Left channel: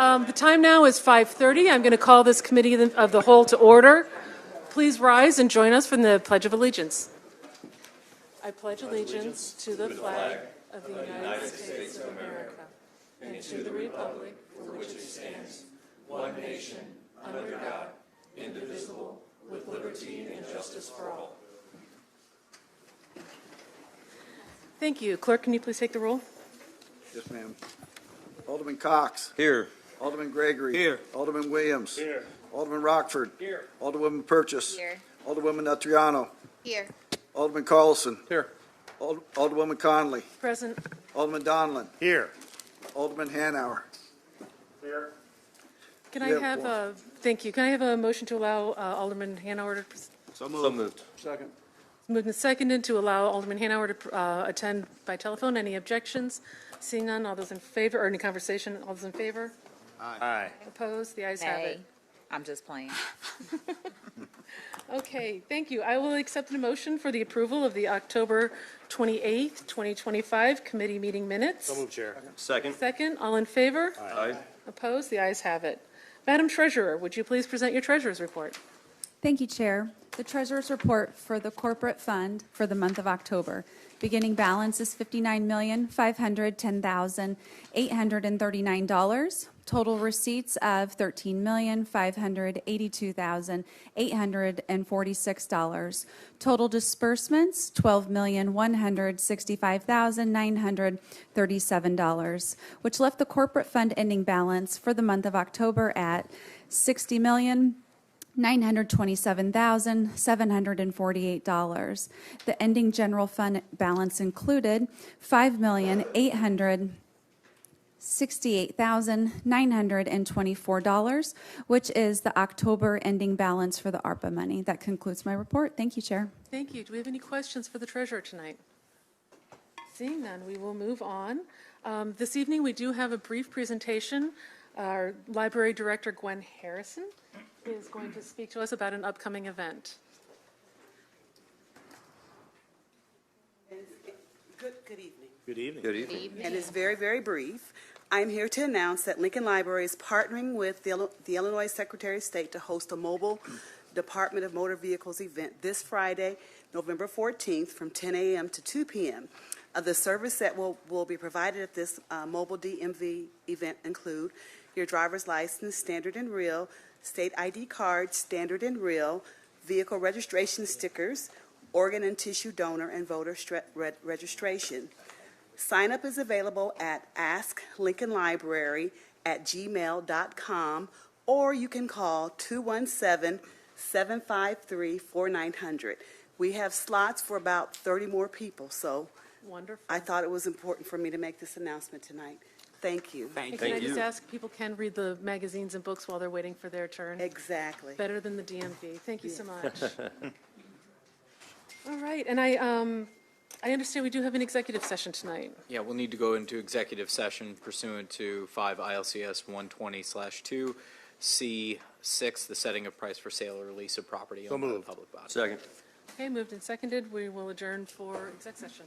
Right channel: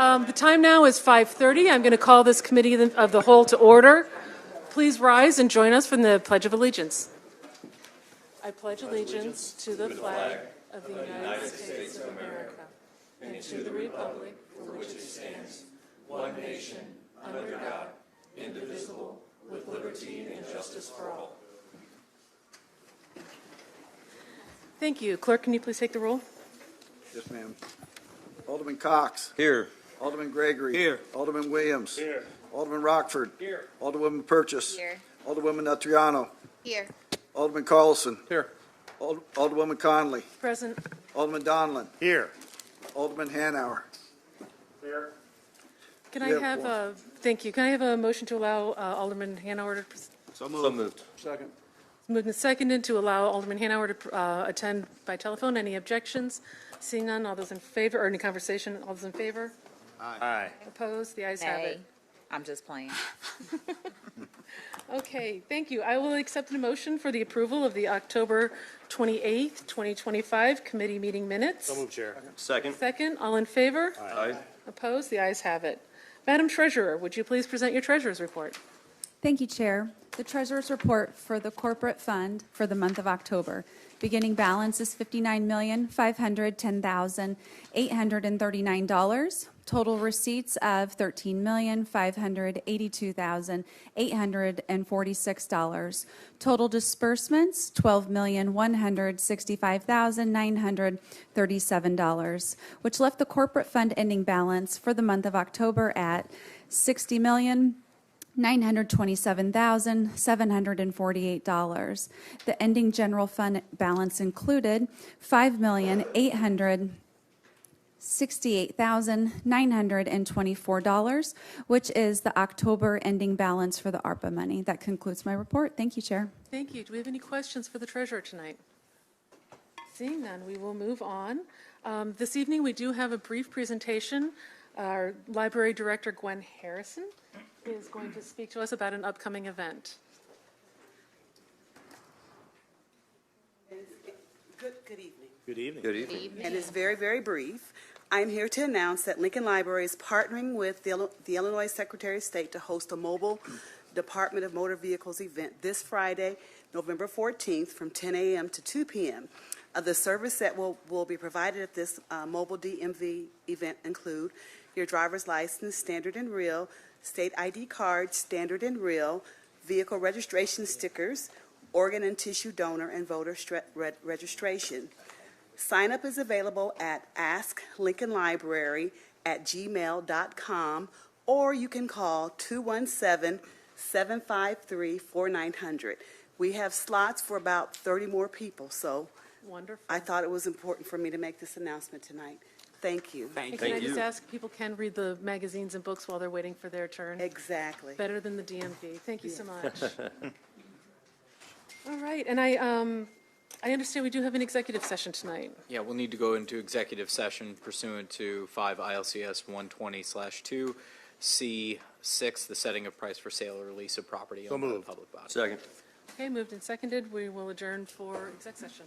The time now is 5:30. I'm going to call this committee of the whole to order. Please rise and join us from the Pledge of Allegiance. I pledge allegiance to the flag of the United States of America and to the republic for which it stands, one nation, under God, indivisible, with liberty and justice for all. Thank you. Clerk, can you please take the roll? Yes, ma'am. Alderman Cox. Here. Alderman Gregory. Here. Alderman Williams. Here. Alderman Rockford. Here. Alderwoman Purchase. Here. Alderwoman Natriano. Here. Alderman Carlson. Here. Alderwoman Conley. Present. Alderman Donlin. Here. Alderman Hanauer. Here. Can I have thank you. Can I have a motion to allow Alderman Hanauer to So moved. Second. moved and seconded to allow Alderman Hanauer to attend by telephone? Any objections? Seeing none, all those in favor, or any conversation? All those in favor? Aye. Opposed? The ayes have it. Hey, I'm just playing. Okay, thank you. I will accept a motion for the approval of the October 28th, 2025 committee meeting minutes. So moved, Chair. Second. Second, all in favor? Aye. Opposed? The ayes have it. Madam Treasurer, would you please present your treasurer's report? Thank you, Chair. The Treasurer's Report for the Corporate Fund for the month of October. Beginning balance is $59,510,839. Total receipts of $13,582,846. Total disbursements, $12,165,937, which left the corporate fund ending balance for the month of October at $60,927,748. The ending general fund balance included $5,868,924, which is the October ending balance for the ARPA money. That concludes my report. Thank you, Chair. Thank you. Do we have any questions for the treasurer tonight? Seeing none, we will move on. This evening, we do have a brief presentation. Our library director, Gwen Harrison, is going to speak to us about an upcoming event. Good evening. Good evening. Good evening. And it's very, very brief. I'm here to announce that Lincoln Library is partnering with the Illinois Secretary of State to host a mobile Department of Motor Vehicles event this Friday, November 14th from 10 a.m. to 2 p.m. The service that will be provided at this mobile DMV event include your driver's license, standard and real, state ID card, standard and real, vehicle registration stickers, organ and tissue donor, and voter registration. Sign up is available at asklincolnlibrary@gmail.com, or you can call 217-753-4900. We have slots for about 30 more people, so Wonderful. I thought it was important for me to make this announcement tonight. Thank you. And can I just ask, people can read the magazines and books while they're waiting for their turn? Exactly. Better than the DMV. Thank you so much. All right, and I understand we do have an executive session tonight. Yeah, we'll need to go into executive session pursuant to 5 ILCS 120/2 C6, the setting of price for sale or release of property owned by the public body. Second. Okay, moved and seconded. We will adjourn for exec session.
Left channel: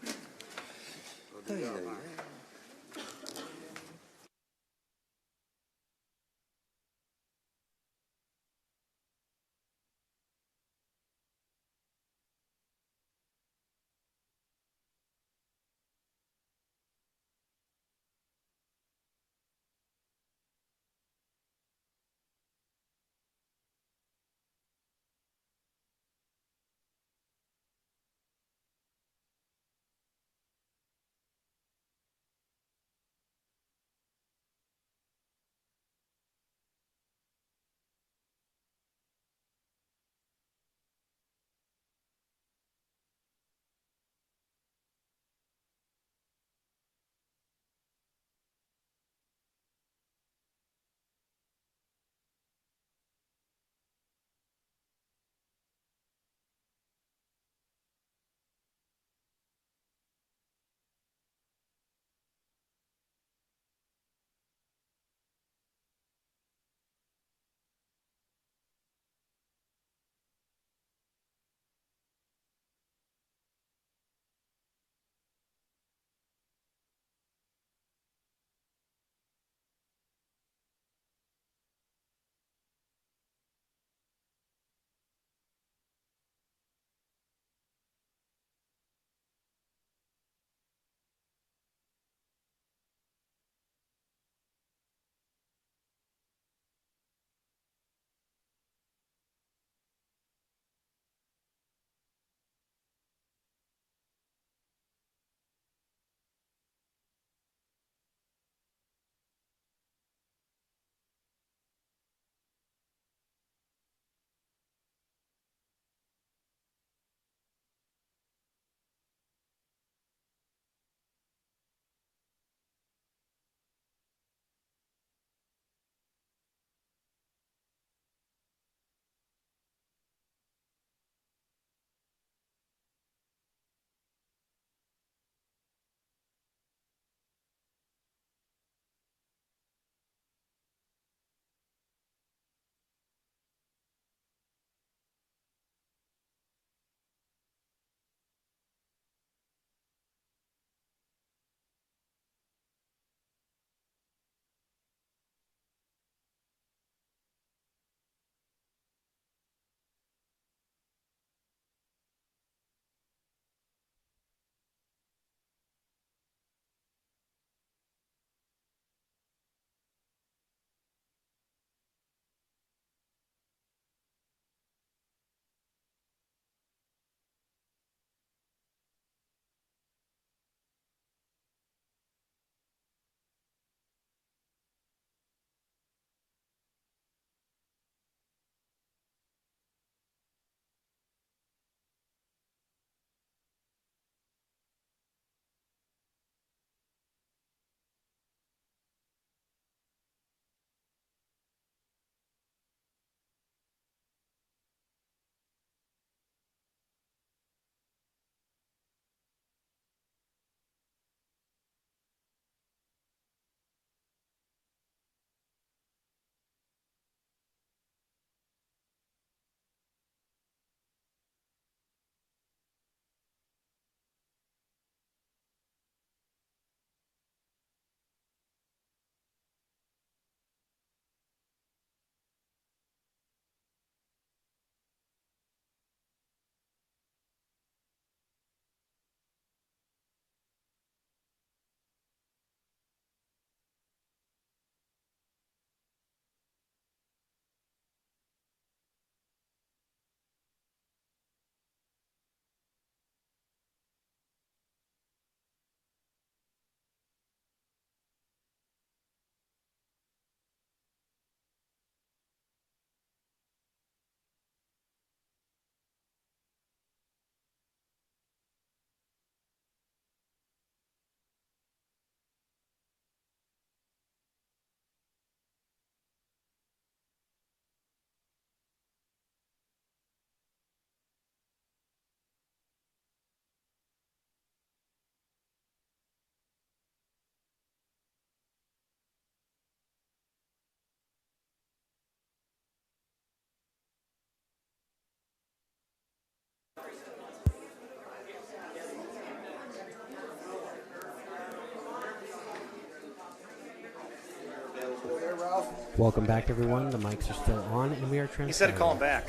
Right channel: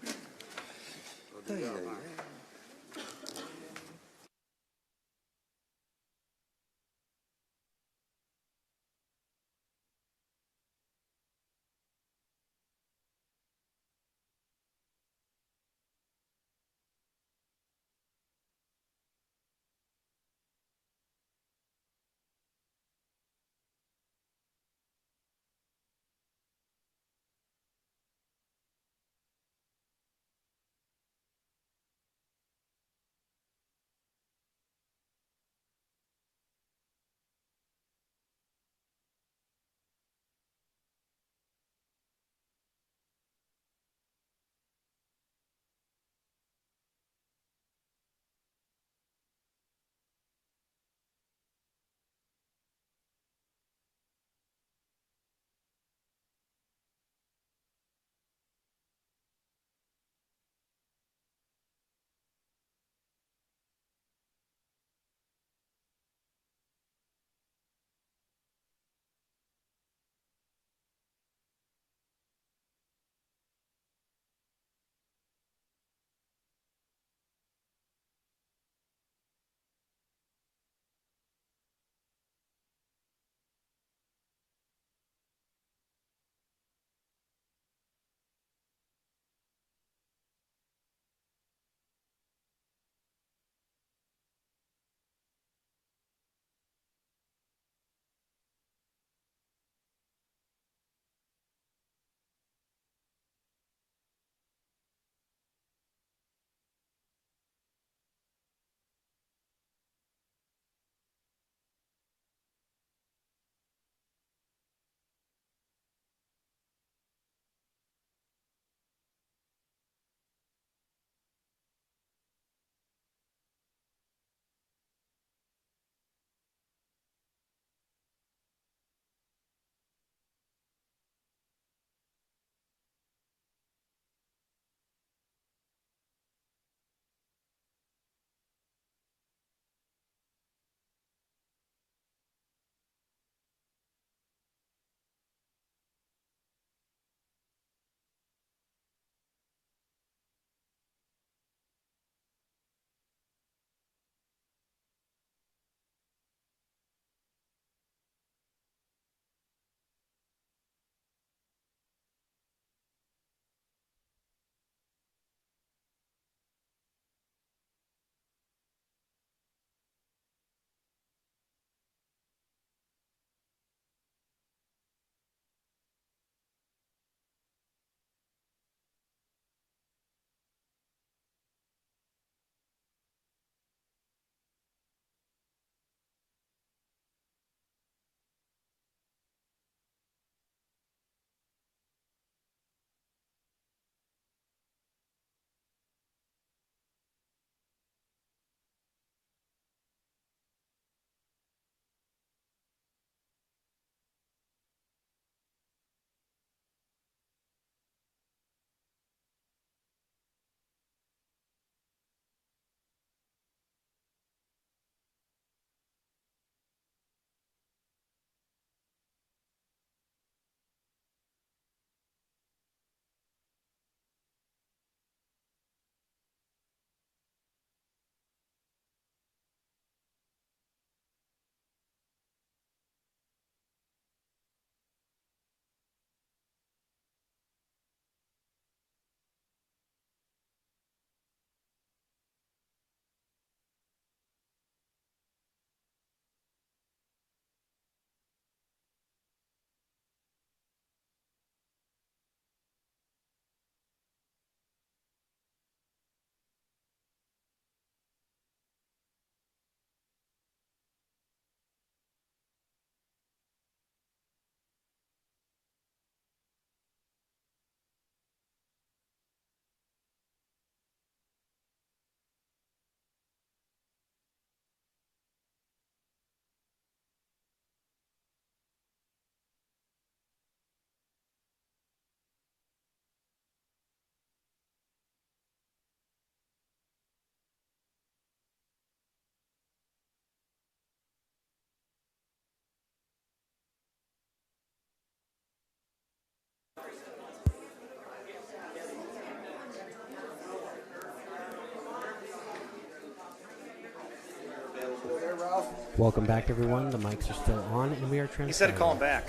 Welcome back, everyone. The mics are still on, and we are transferring. He said to call him back.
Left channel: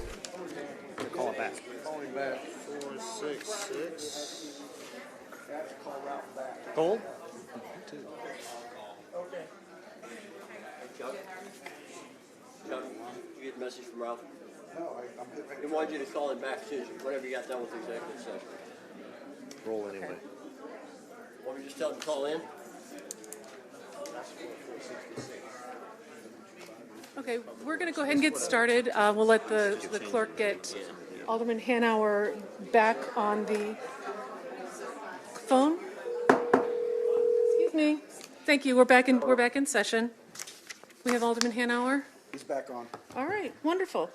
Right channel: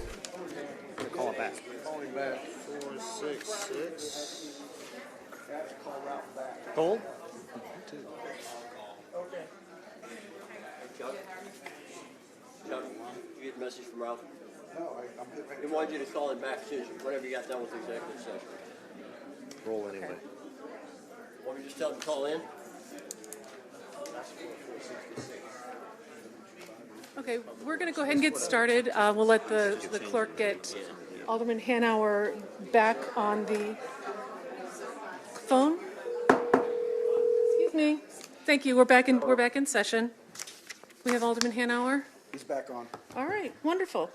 Call him back. Calling back 466. Hold. Chuck, you get the message from Ralph? He wanted you to call him back soon, whenever you got done with the executive session. Roll anyway. Want me to just tell him to call in? Okay, we're going to go ahead and get started. We'll let the clerk get Alderman Hanauer back on the phone. Excuse me. Thank you. We're back in session. We have Alderman Hanauer. He's back on. All right, wonderful.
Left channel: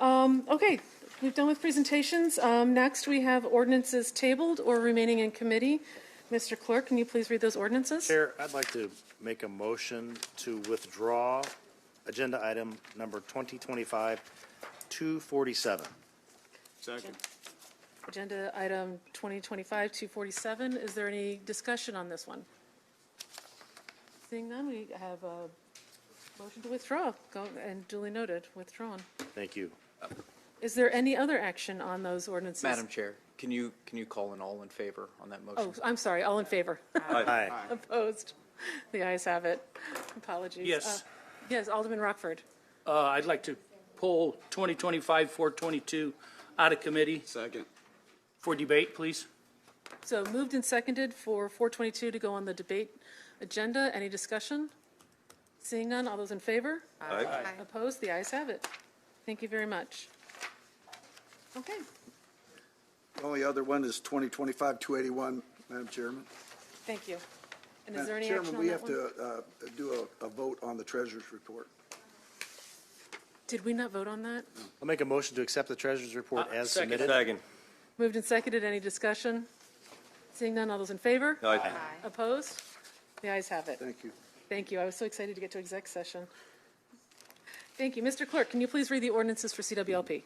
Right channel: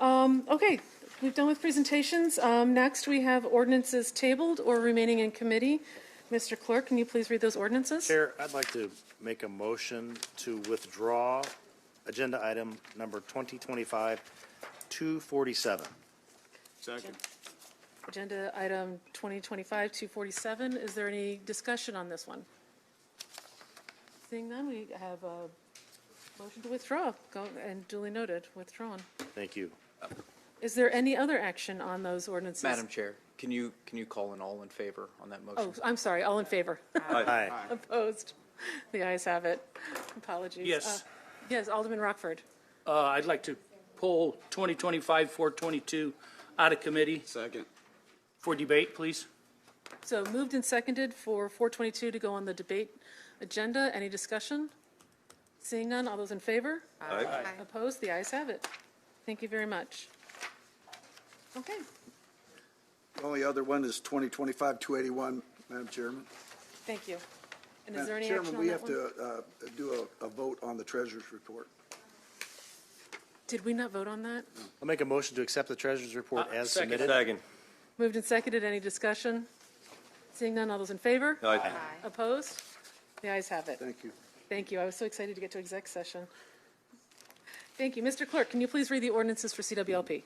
Okay, we've done with presentations. Next, we have ordinances tabled or remaining in committee. Mr. Clerk, can you please read those ordinances? Chair, I'd like to make a motion to withdraw agenda item number 2025-247. Second. Agenda item 2025-247. Is there any discussion on this one? Seeing none, we have a motion to withdraw. Go and duly noted, withdrawn. Thank you. Is there any other action on those ordinances? Madam Chair, can you call an all in favor on that motion? Oh, I'm sorry. All in favor? Aye. Opposed? The ayes have it. Apologies. Yes. Yes, Alderman Rockford. I'd like to pull 2025-422 out of committee Second. for debate, please. So moved and seconded for 422 to go on the debate agenda. Any discussion? Seeing none, all those in favor? Aye. Opposed? The ayes have it. Thank you very much. Okay. The only other one is 2025-281, Madam Chairman. Thank you. And is Madam there any Chairman, action on we that have one? to do a vote on the treasurer's report. Did we not vote on that? I'll make a motion to accept the treasurer's report as second. submitted. Second. Moved and seconded. Any discussion? Seeing none, all those in favor? Aye. Opposed? The ayes have it. Thank you. Thank you. I was so excited to get to exec session. Thank you. Mr. Clerk, can you please read the ordinances for CWLP?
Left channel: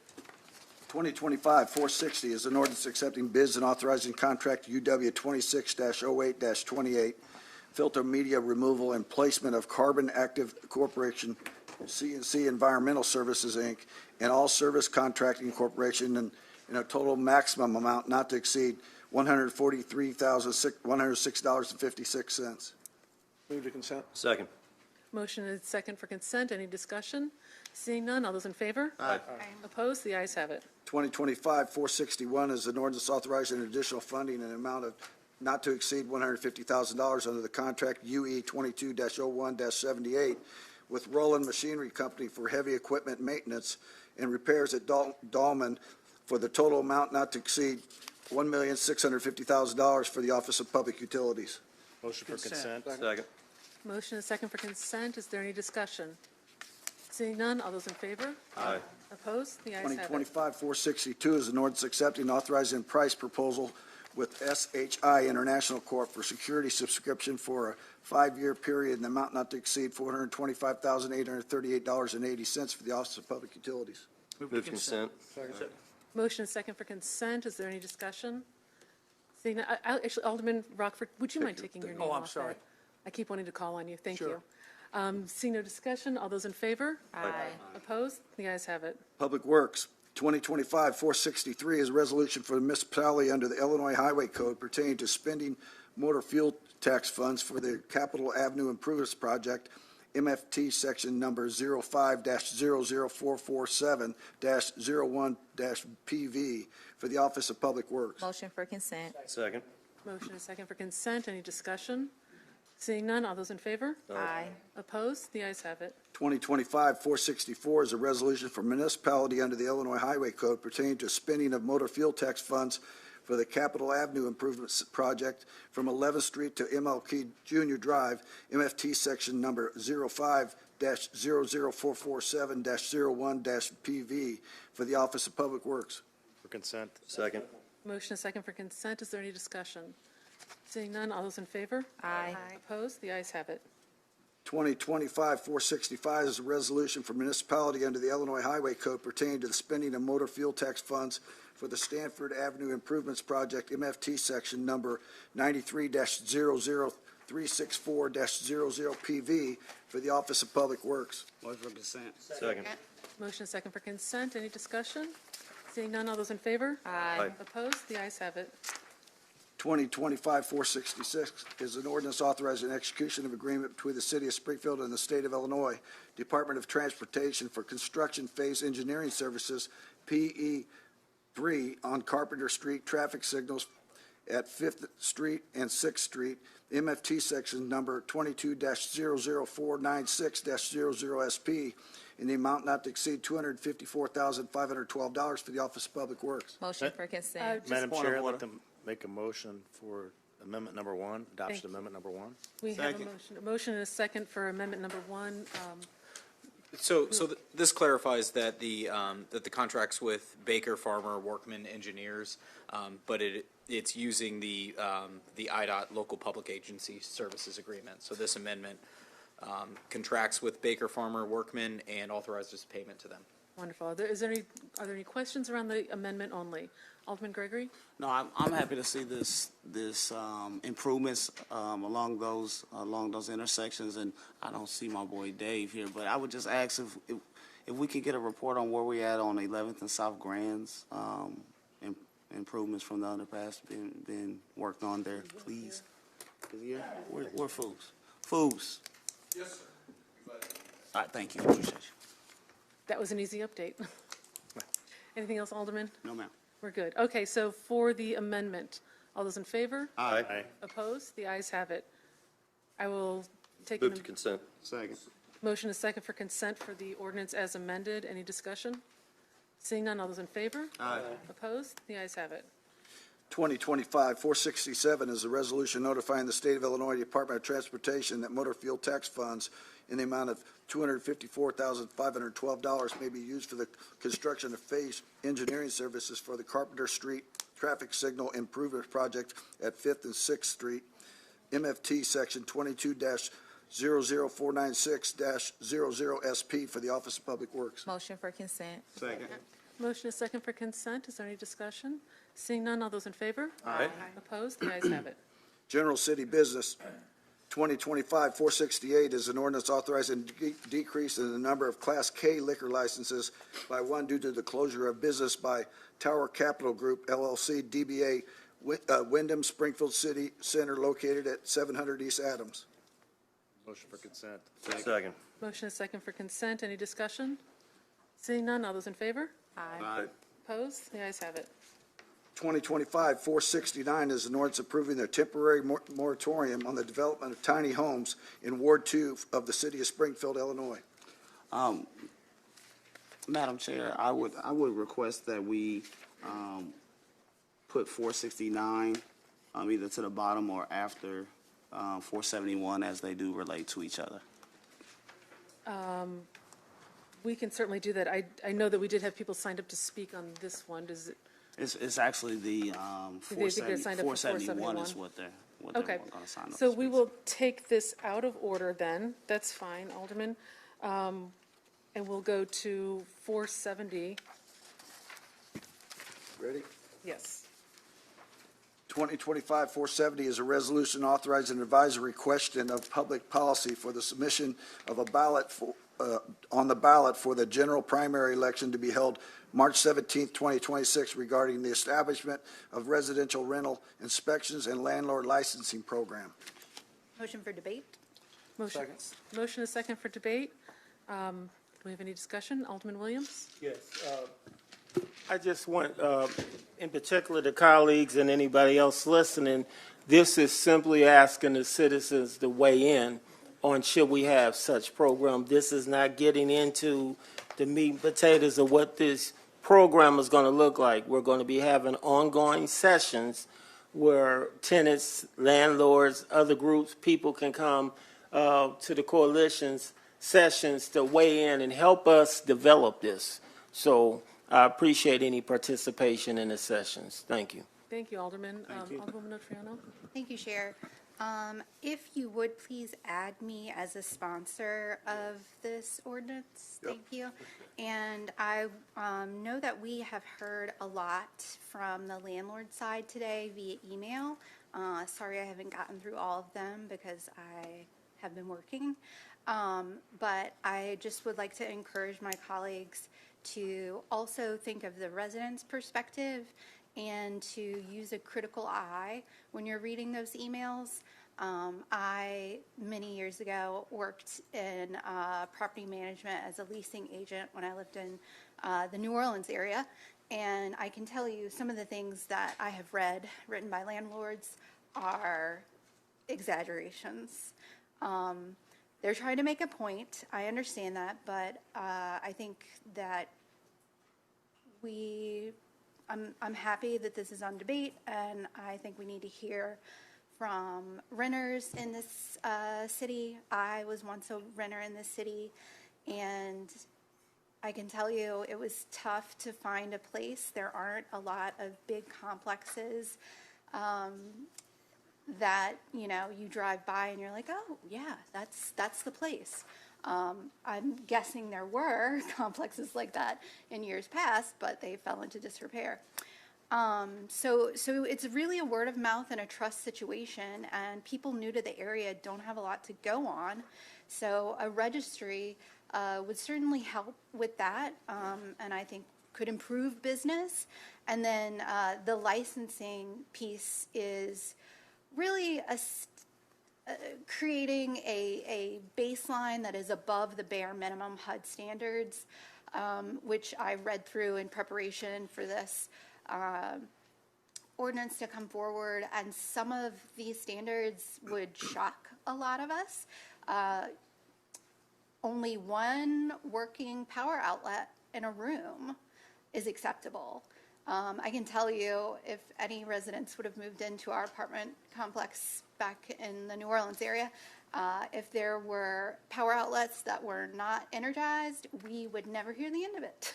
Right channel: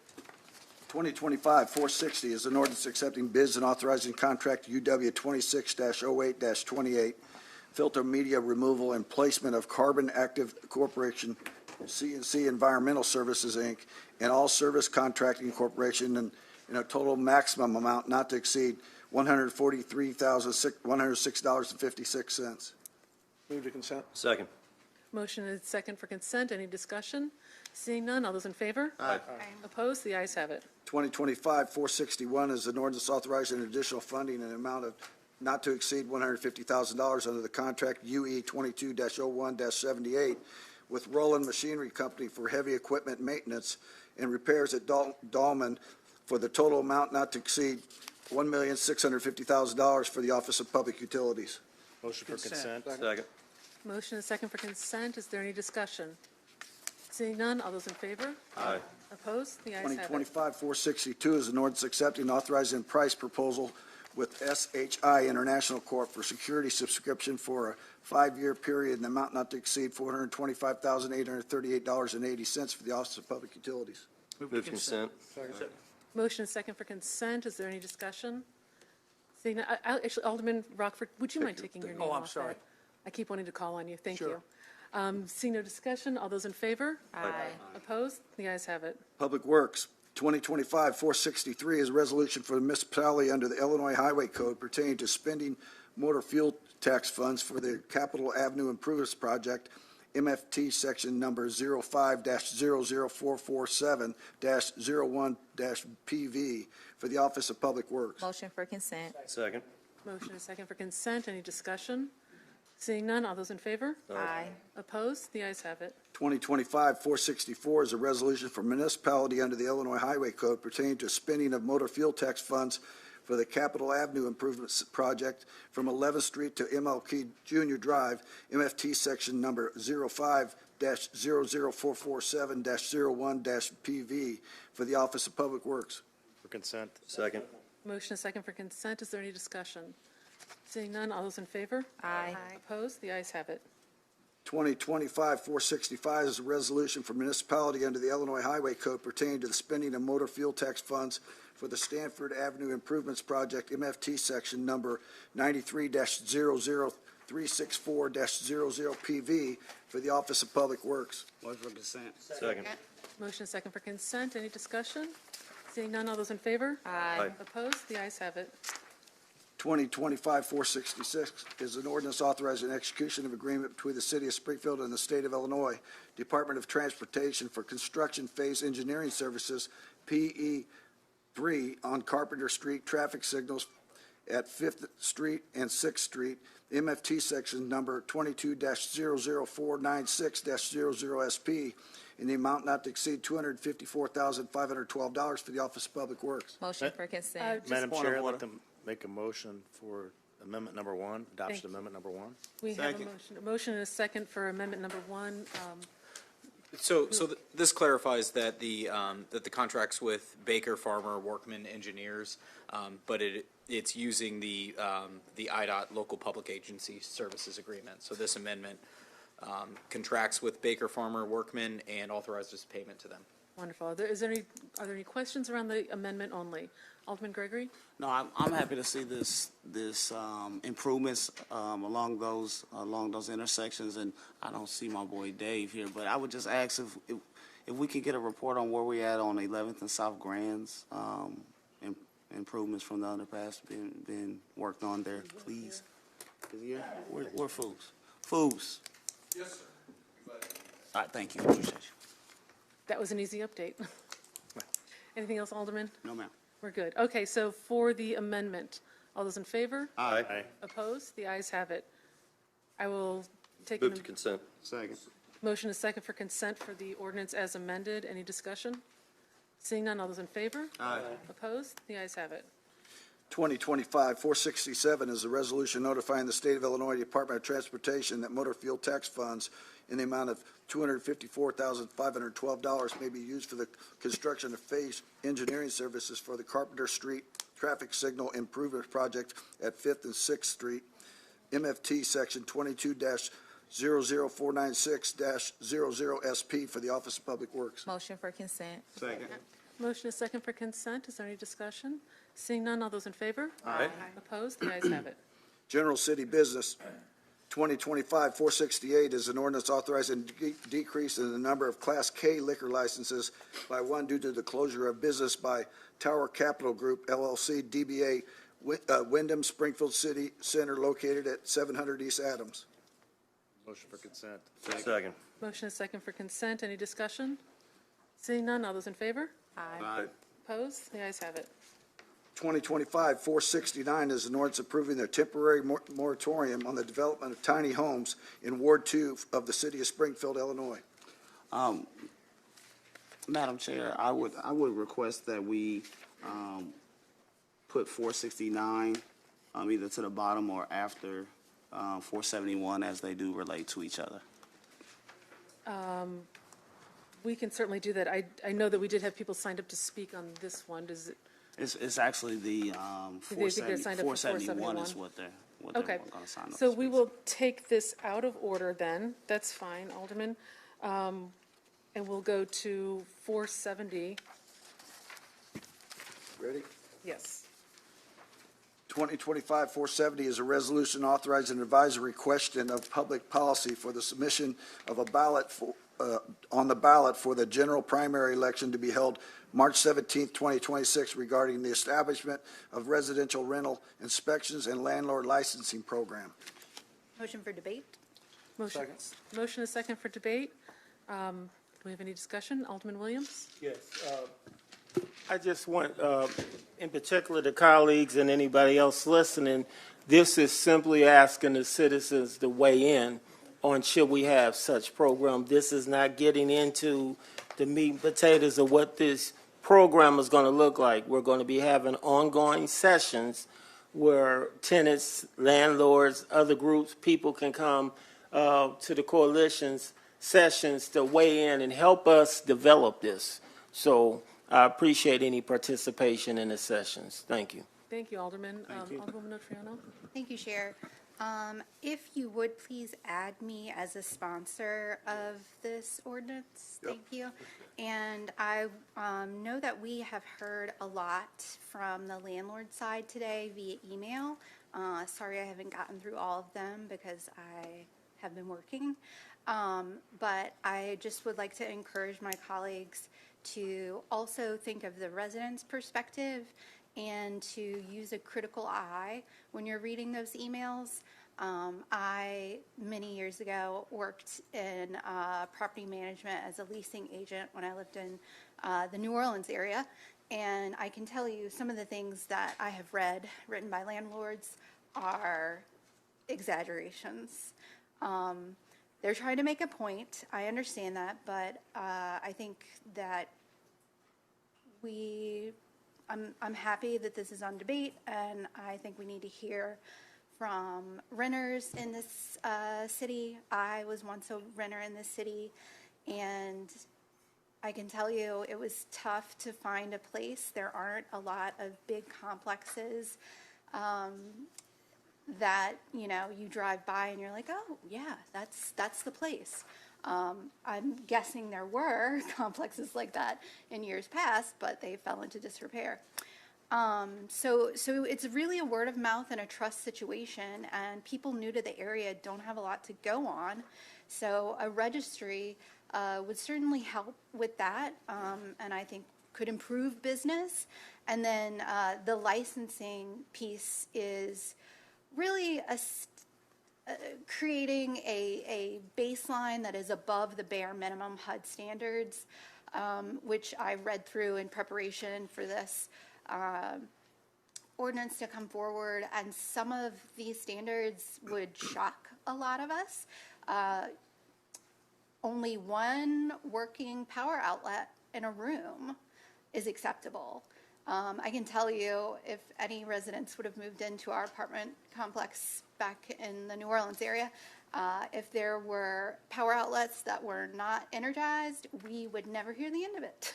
2025-460 is an ordinance accepting bids and authorizing contract UW 26-08-28, filter media removal and placement of Carbon Active Corporation, C&C Environmental Services, Inc., and all service contracting corporation in a total maximum amount not to exceed $143,106.56. Move to consent. Second. Motion is second for consent. Any discussion? Seeing none, all those in favor? Aye. Opposed? The ayes have it. 2025-461 is an ordinance authorizing additional funding in an amount of not to exceed $150,000 under the contract UE 22-01-78 with Roland Machinery Company for heavy equipment maintenance and repairs at Dahlman for the total amount not to exceed $1,650,000 for the Office of Public Utilities. Motion for consent. Second. Motion is second for consent. Is there any discussion? Seeing none, all those in favor? Aye. Opposed? The ayes have it. 2025-462 is an ordinance accepting and authorizing price proposal with SHI International Corp. for security subscription for a 5-year period in the amount not to exceed $425,838.80 for the Office of Public Utilities. Move to consent. Motion is second for consent. Is there any discussion? Seeing none, actually, Alderman Rockford, would you mind taking your name off I'm sorry. that? I keep wanting to call on you. Thank Sure. you. Seeing no discussion, all those in favor? Aye. Opposed? The ayes have it. Public Works, 2025-463 is a resolution for the municipality under the Illinois Highway Code pertaining to spending motor fuel tax funds for the Capitol Avenue Improvements Project, MFT section number 05-00447-01-PV for the Office of Public Works. Motion for consent. Second. Motion is second for consent. Any discussion? Seeing none, all those in favor? Aye. Opposed? The ayes have it. 2025-464 is a resolution for municipality under the Illinois Highway Code pertaining to spending of motor fuel tax funds for the Capitol Avenue Improvements Project from 11th Street to MLK Junior Drive, MFT section number 05-00447-01-PV for the Office of Public Works. For consent. Second. Motion is second for consent. Is there any discussion? Seeing none, all those in favor? Aye. Opposed? The ayes have it. 2025-465 is a resolution for municipality under the Illinois Highway Code pertaining to the spending of motor fuel tax funds for the Stanford Avenue Improvements Project, MFT section number 93-003 364-00PV for the Office of Public Works. Motion for consent. Second. Motion is second for consent. Any discussion? Seeing none, all those in favor? Aye. Opposed? The ayes have it. 2025-466 is an ordinance authorizing execution of agreement between the City of Springfield and the State of Illinois Department of Transportation for construction phase engineering services, PE3, on Carpenter Street traffic signals at 5th Street and 6th Street, MFT section number 22-00496-00SP, in the amount not to exceed $254,512 for the Office of Public Works. Motion for consent. Madam point of Chair, I'd order. like to make a motion for amendment number 1, adoption amendment number 1. We have Second. a motion and a second for amendment number 1. This clarifies that the contract's with Baker, Farmer, Workman, Engineers, but it's using the IDOT Local Public Agency Services Agreement. So this amendment contracts with Baker, Farmer, Workman, and authorizes payment to them. Wonderful. Are there any questions around the amendment only? Alderman Gregory? No, I'm happy to see this improvements along those intersections, and I don't see my boy Dave here, but I would just ask if we could get a report on where we at on 11th and South Grands, improvements from the underpass being worked on there, please. We're fools. Yes, sir. All right, thank you. Appreciate you. That was an easy update. Anything else, Alderman? No, ma'am. We're good. Okay, so for the amendment, all those in favor? Aye. Opposed? The ayes have it. I will take Move to consent. Second. motion is second for consent for the ordinance as amended. Any discussion? Seeing none, all those in favor? Aye. Opposed? The ayes have it. 2025-467 is a resolution notifying the State of Illinois Department of Transportation that motor fuel tax funds in the amount of $254,512 may be used for the construction of phase engineering services for the Carpenter Street traffic signal improvement project at 5th and 6th Street, MFT section 22-00496-00SP for the Office of Public Works. Motion for consent. Second. Motion is second for consent. Is there any discussion? Seeing none, all those in favor? Aye. Opposed? The ayes have it. General City Business, 2025-468 is an ordinance authorizing decrease in the number of Class K liquor licenses by one due to the closure of business by Tower Capital Group, LLC, DBA Wyndham Springfield City Center located at 700 East Adams. Motion for consent. Second. Motion is second for consent. Any discussion? Seeing none, all those in favor? Aye. Opposed? The ayes have it. 2025-469 is an ordinance approving a temporary moratorium on the development of tiny homes in Ward 2 of the City of Springfield, Illinois. Madam Chair, I would request that we put 469 either to the bottom or after 471 as they do relate to each other. We can certainly do that. I know that we did have people signed up to speak on this one. Does it? It's actually the 471 is what they're Okay. going to sign up. So we will take this out of order then. That's fine, Alderman. And we'll go to 470. Ready? Yes. 2025-470 is a resolution authorizing an advisory question of public policy for the submission of a ballot on the ballot for the general primary election to be held March 17th, 2026, regarding the establishment of residential rental inspections and landlord licensing program. Motion for debate. Motion is second for debate. Do we have any discussion? Alderman Williams? Yes. I just want, in particular, the colleagues and anybody else listening, this is simply asking the citizens to weigh in on should we have such program. This is not getting into the meat and potatoes of what this program is going to look like. We're going to be having ongoing sessions where tenants, landlords, other groups, people can come to the coalition's sessions to weigh in and help us develop this. So I appreciate any participation in the sessions. Thank you. Thank you, Alderman. Alderwoman Otriano? Thank you, Chair. If you would please add me as a sponsor of this ordinance, thank you. And I know that we have heard a lot from the landlord side today via email, Sorry I haven't gotten through all of them because I have been working. But I just would like to encourage my colleagues to also think of the residents' perspective and to use a critical eye when you're reading those emails. I, many years ago, worked in property management as a leasing agent when I lived in the New Orleans area. And I can tell you some of the things that I have read written by landlords are exaggerations. They're trying to make a point. I understand that, but I think that I'm happy that this is on debate, and I think we need to hear from renters in this city. I was once a renter in this city, and I can tell you it was tough to find a place. There aren't a lot of big complexes that, you know, you drive by and you're like, oh, yeah, that's the place. I'm guessing there were complexes like that in years past, but they fell into disrepair. So it's really a word of mouth and a trust situation, and people new to the area don't have a lot to go on. So a registry would certainly help with that, and I think could improve business. And then the licensing piece is really creating a baseline that is above the bare minimum HUD standards, which I read through in preparation for this ordinance to come forward, and some of these standards would shock a lot of us. Only one working power outlet in a room is acceptable. I can tell you, if any residents would have moved into our apartment complex back in the New Orleans area, if there were power outlets that were not energized, we would never hear the end of it.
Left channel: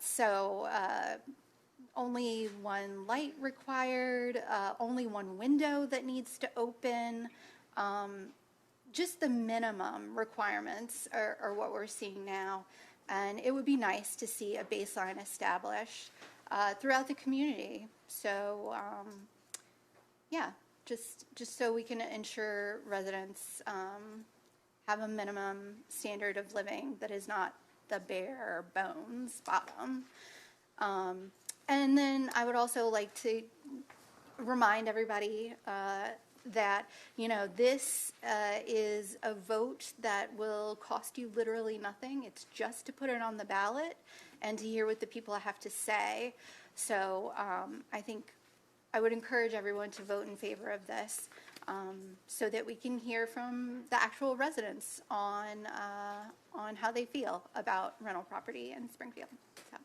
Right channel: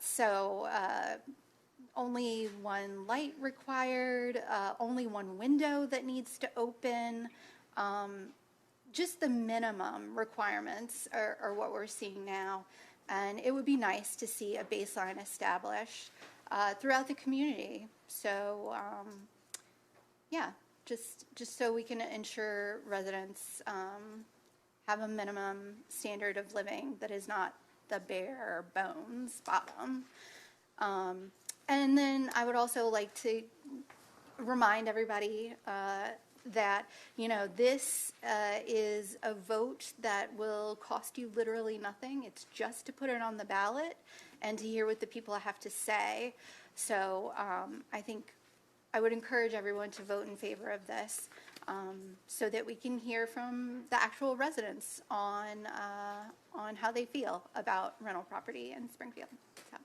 So only one light required, only one window that needs to open. Just the minimum requirements are what we're seeing now. And it would be nice to see a baseline established throughout the community. So, just so we can ensure residents have a minimum standard of living that is not the bare bones bottom. And then I would also like to remind everybody that, you know, this is a vote that will cost you literally nothing. It's just to put it on the ballot and to hear what the people have to say. So I think I would encourage everyone to vote in favor of this so that we can hear from the actual residents on how they feel about rental property in Springfield. So,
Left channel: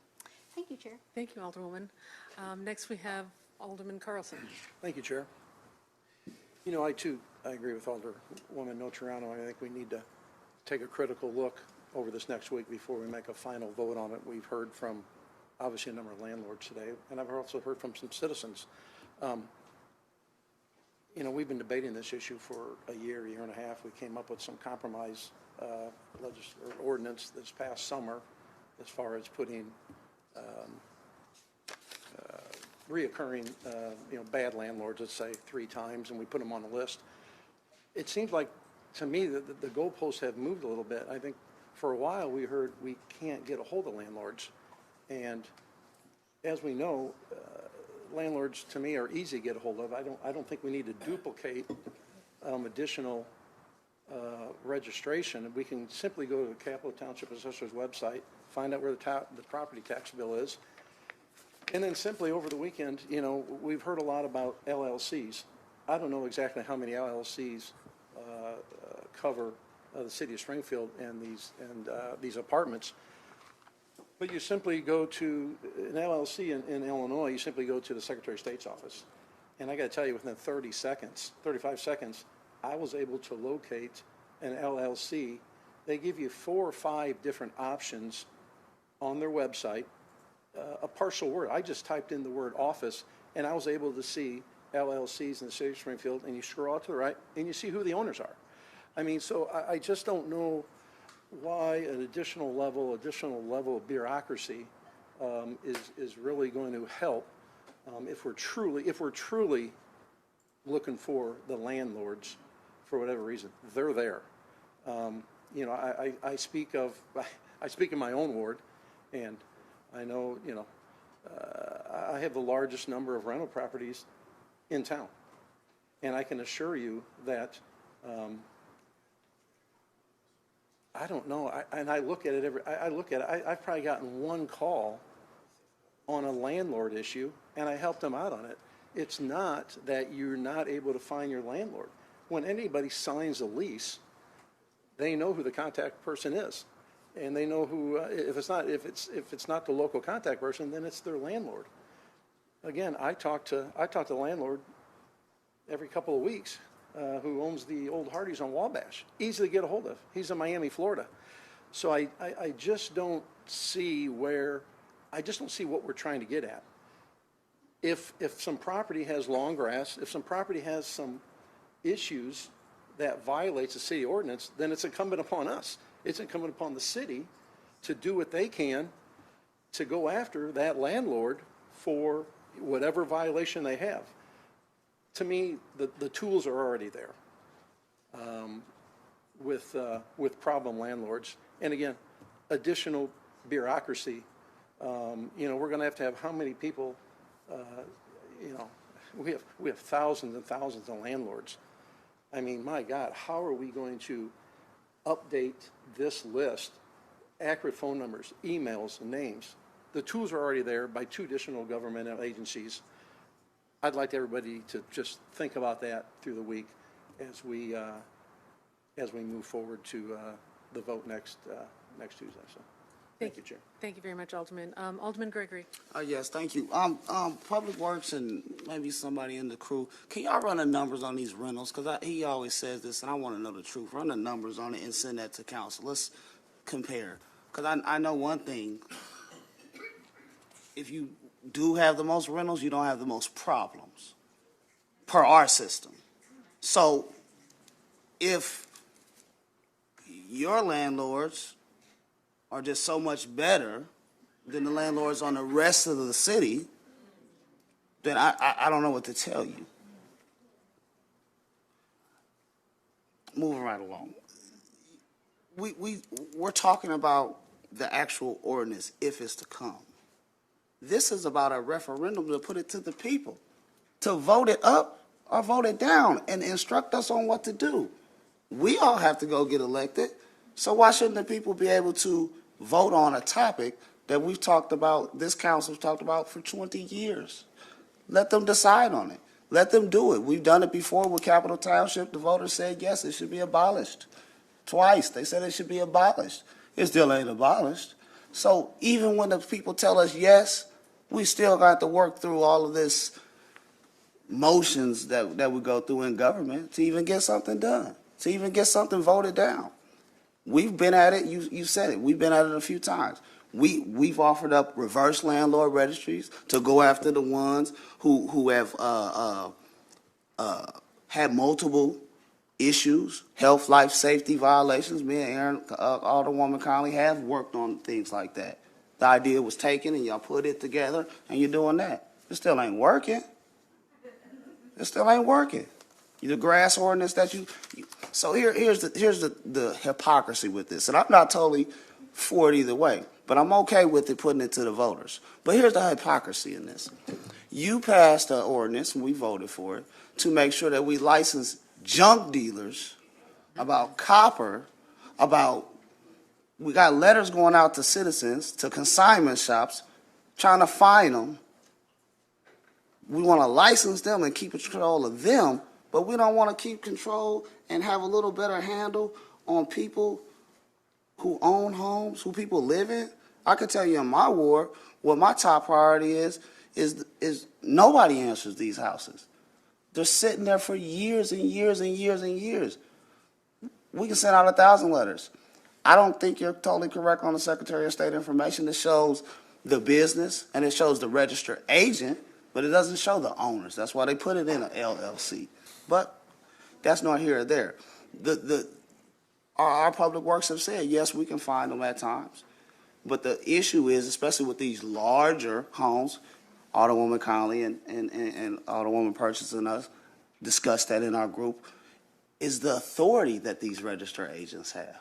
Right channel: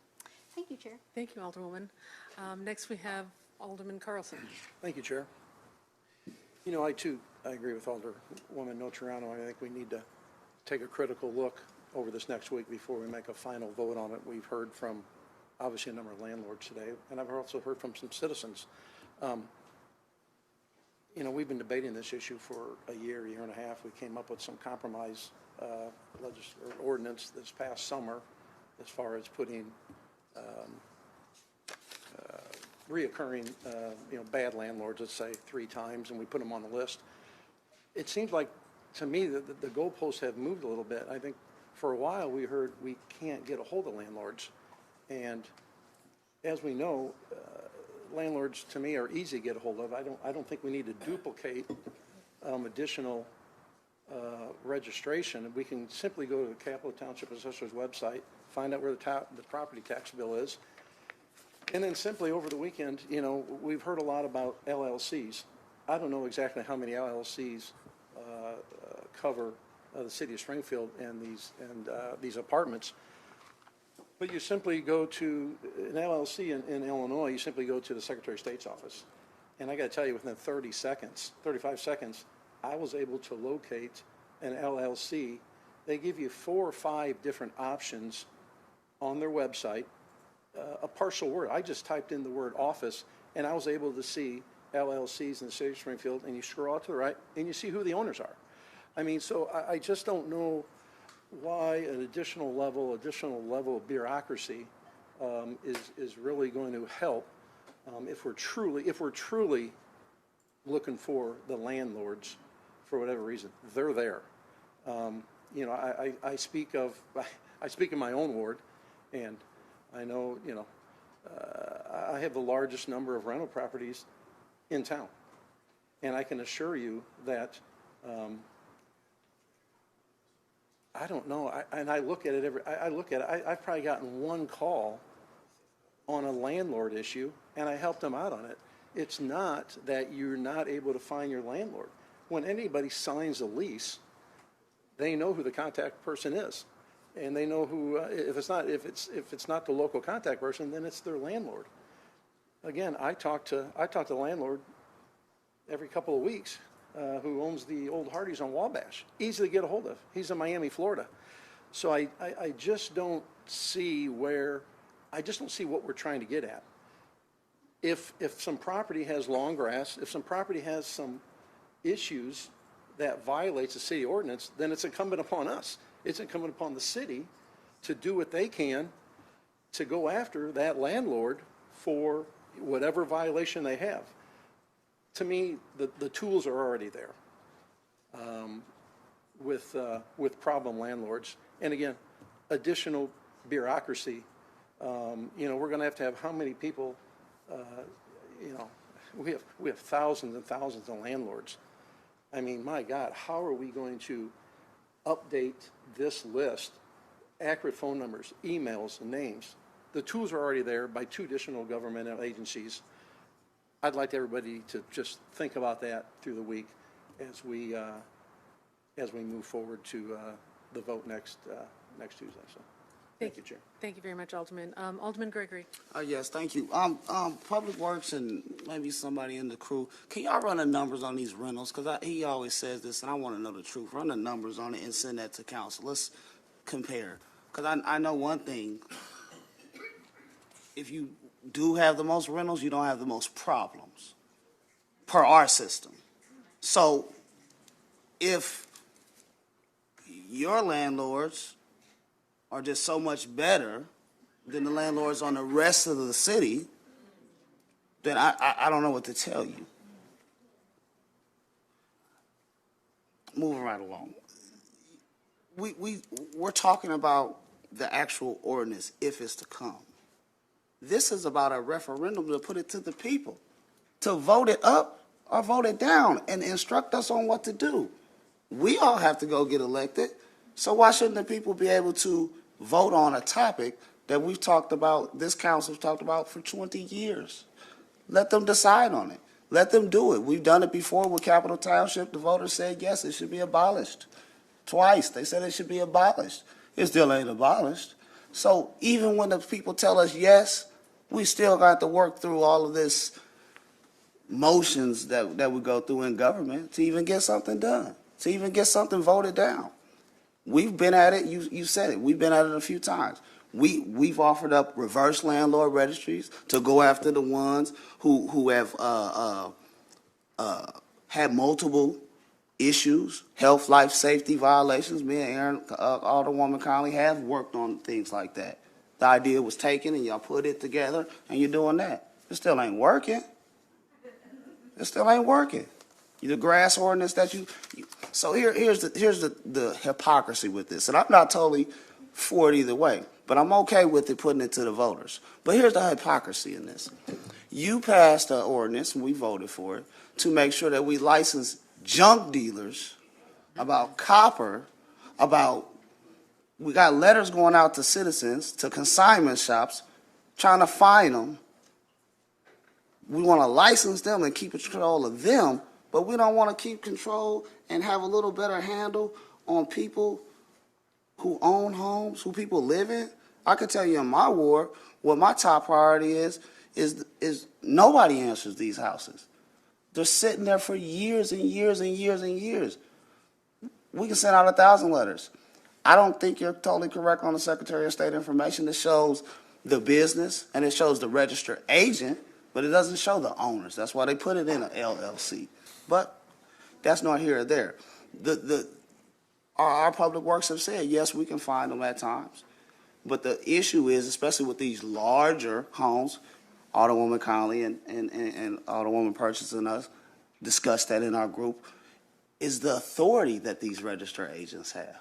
thank you, Chair. Thank you, Alderwoman. Next we have Alderman Carlson. Thank you, Chair. You know, I agree with Alderwoman Notarano. I think we need to take a critical look over this next week before we make a final vote on it. We've heard from, obviously, a number of landlords today, and I've also heard from some citizens. You know, we've been debating this issue for a year and a half. We came up with some compromise ordinance this past summer as far as putting reoccurring, bad landlords, let's say 3 times, and we put them on the list. It seems like, to me, that the goalposts have moved a little bit. I think for a while we heard we can't get a hold of landlords, and as we know, landlords to me are easy to get a hold of. I don't think we need to duplicate additional registration. We can simply go to the Capitol Township Assessor's website, find out where the property tax bill is. And then simply over the weekend, you know, we've heard a lot about LLCs. I don't know exactly how many LLCs cover the city of Springfield and these apartments. But you simply go to an LLC in Illinois. You simply go to the Secretary of State's office, and I got to tell you, within 35 seconds, I was able to locate an LLC. They give you 4 or 5 different options on their website. A partial word. I just typed in the word office, and I was able to see LLCs in the city of Springfield, and you scroll out to the right, and you see who the owners are. I mean, so I just don't know why an additional level of bureaucracy is really going to help if we're truly looking for the landlords, for whatever reason, they're there. I speak in my own ward, and I know, I have the largest number of rental properties in town. And I can assure you that, I don't know, I look at it I've probably gotten one call on a landlord issue, and I helped them out on it. It's not that you're not able to find your landlord. When anybody signs a lease, they know who the contact person is, and they know who. If it's not the local contact person, then it's their landlord. Again, I talk to the landlord every couple of weeks, who owns the old Hardee's on Wabash. Easy to get a hold of. He's in Miami, Florida. So I just don't see what we're trying to get at. If some property has long grass, if some property has some issues that violates the city ordinance, then it's incumbent upon us. It's incumbent upon the city to do what they can to go after that landlord for whatever violation they have. To me, the tools are already there with problem landlords. And again, additional bureaucracy. We're going to have how many people? We have thousands and thousands of landlords. I mean, my God, how are we going to update this list? Accurate phone numbers, emails, and names. The tools are already there by 2 additional governmental agencies. I'd like everybody to just think about that through the week as we move forward to the vote next Tuesday. So, thank you, Chair. Thank you very much, Alderman. Alderman Gregory. Yes, thank you. Public Works and maybe somebody in the crew, can y'all run the numbers on these rentals? Because he always says this, and I want to know the truth. Run the numbers on it and send that to council. Let's compare. Because I know one thing. If you do have the most rentals, you don't have the most problems per our system. So if your landlords are just so much better than the landlords on the rest of the city, then I don't know what to tell you. Moving right along. We're talking about the actual ordinance if it's to come. This is about a referendum to put it to the people, to vote it up or vote it down and instruct us on what to do. We all have to go get elected, so why shouldn't the people be able to vote on a topic that we've talked about, this council's talked about for 20 years? Let them decide on it. Let them do it. We've done it before with Capital Township. The voters said, yes, it should be abolished. Twice, they said it should be abolished. It still ain't abolished. So even when the people tell us yes, we still got to work through all of this motions that we go through in government to even get something done, to even get something voted down. We've been at it. You said it. We've been at it a few times. We've offered up reverse landlord registries to go after the ones who have had multiple issues, health, life, safety violations. Me and Aaron, Alderwoman Conley, have worked on things like that. The idea was taken, and y'all put it together, and you're doing that. It still ain't working. It still ain't working. The grass ordinance that so here's the hypocrisy with this, and I'm not totally for it either way, but I'm okay with it putting it to the voters. But here's the hypocrisy in this. You passed an ordinance, and we voted for it, to make sure that we license junk dealers, about copper, we got letters going out to citizens, to consignment shops, trying to fine them. We want to license them and keep control of them, but we don't want to keep control and have a little better handle on people who own homes, who people live in. I can tell you in my ward, what my top priority is nobody answers these houses. They're sitting there for years and years and years and years. We can send out 1,000 letters. I don't think you're totally correct on the Secretary of State information. It shows the business and it shows the registered agent, but it doesn't show the owners. That's why they put it in an LLC. But that's not here or there. Our public works have said, yes, we can find them at times. But the issue is, especially with these larger homes, Alderwoman Conley and Alderwoman Purchase and us discussed that in our group, is the authority that these registered agents have.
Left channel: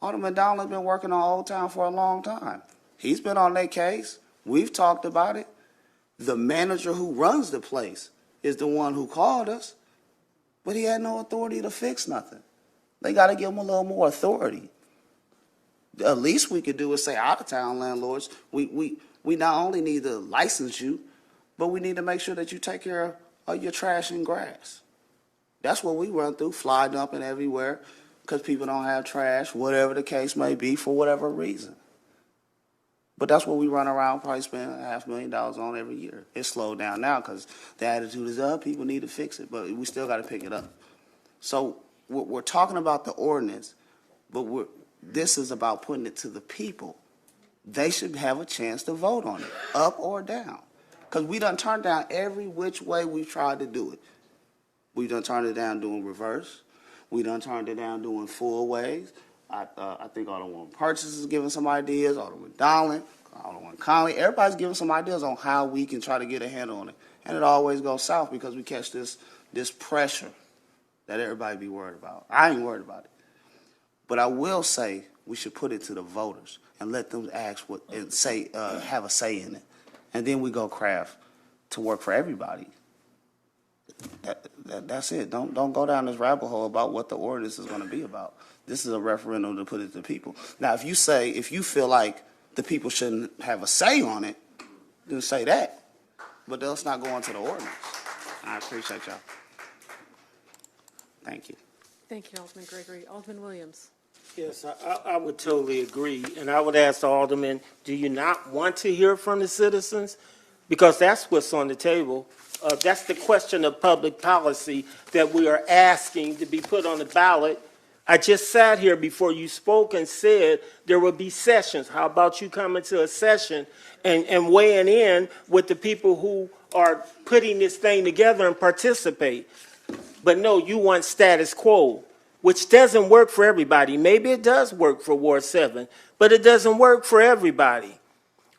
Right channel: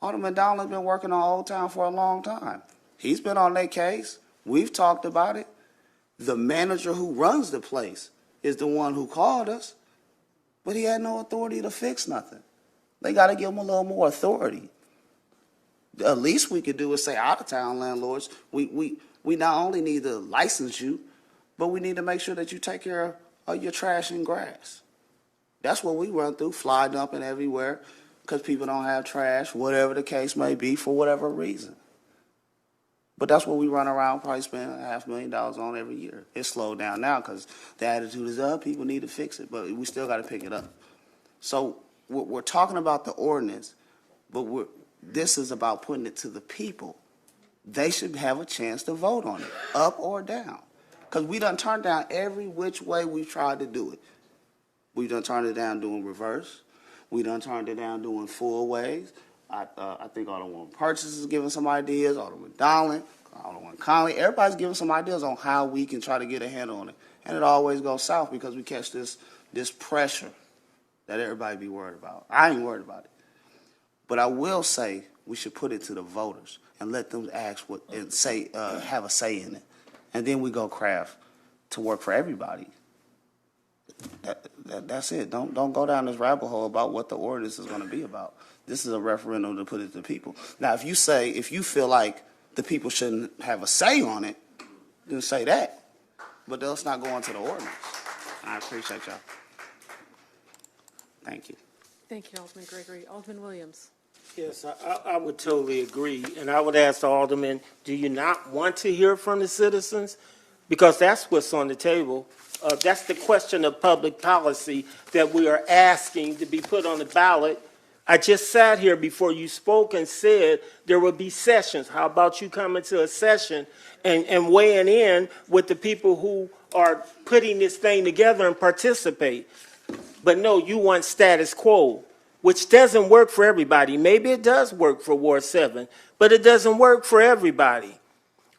Alderman Donald's been working on Old Town for a long time. He's been on their case. We've talked about it. The manager who runs the place is the one who called us, but he had no authority to fix nothing. They got to give him a little more authority. The least we could do is say, out-of-town landlords, we not only need to license you, but we need to make sure that you take care of your trash and grass. That's what we run through, fly dumping everywhere because people don't have trash, whatever the case may be, for whatever reason. But that's what we run around, probably spend $500,000 on every year. It's slowed down now because the attitude is up. People need to fix it, but we still got to pick it up. So we're talking about the ordinance, but this is about putting it to the people. They should have a chance to vote on it, up or down. Because we done turned down every which way we've tried to do it. We done turned it down doing reverse. We done turned it down doing full ways. I think Alderwoman Purchase is giving some ideas, Alderman Donald, Alderwoman Conley. Everybody's giving some ideas on how we can try to get a handle on it. And it always goes south because we catch this pressure that everybody be worried about. I ain't worried about it. But I will say we should put it to the voters and let them ask what and say, have a say in it. And then we go craft to work for everybody. That's it. Don't go down this rabbit hole about what the ordinance is going to be about. This is a referendum to put it to people. Now, if you feel like the people shouldn't have a say on it, then say that. But let's not go into the ordinance. I appreciate y'all. Thank you. Thank you, Alderman Gregory. Alderman Williams. Yes, I would totally agree. And I would ask the Alderman, do you not want to hear from the citizens? Because that's what's on the table. That's the question of public policy that we are asking to be put on the ballot. I just sat here before you spoke and said there would be sessions. How about you coming to a session and weighing in with the people who are putting this thing together and participate? But no, you want status quo, which doesn't work for everybody. Maybe it does work for Ward 7, but it doesn't work for everybody.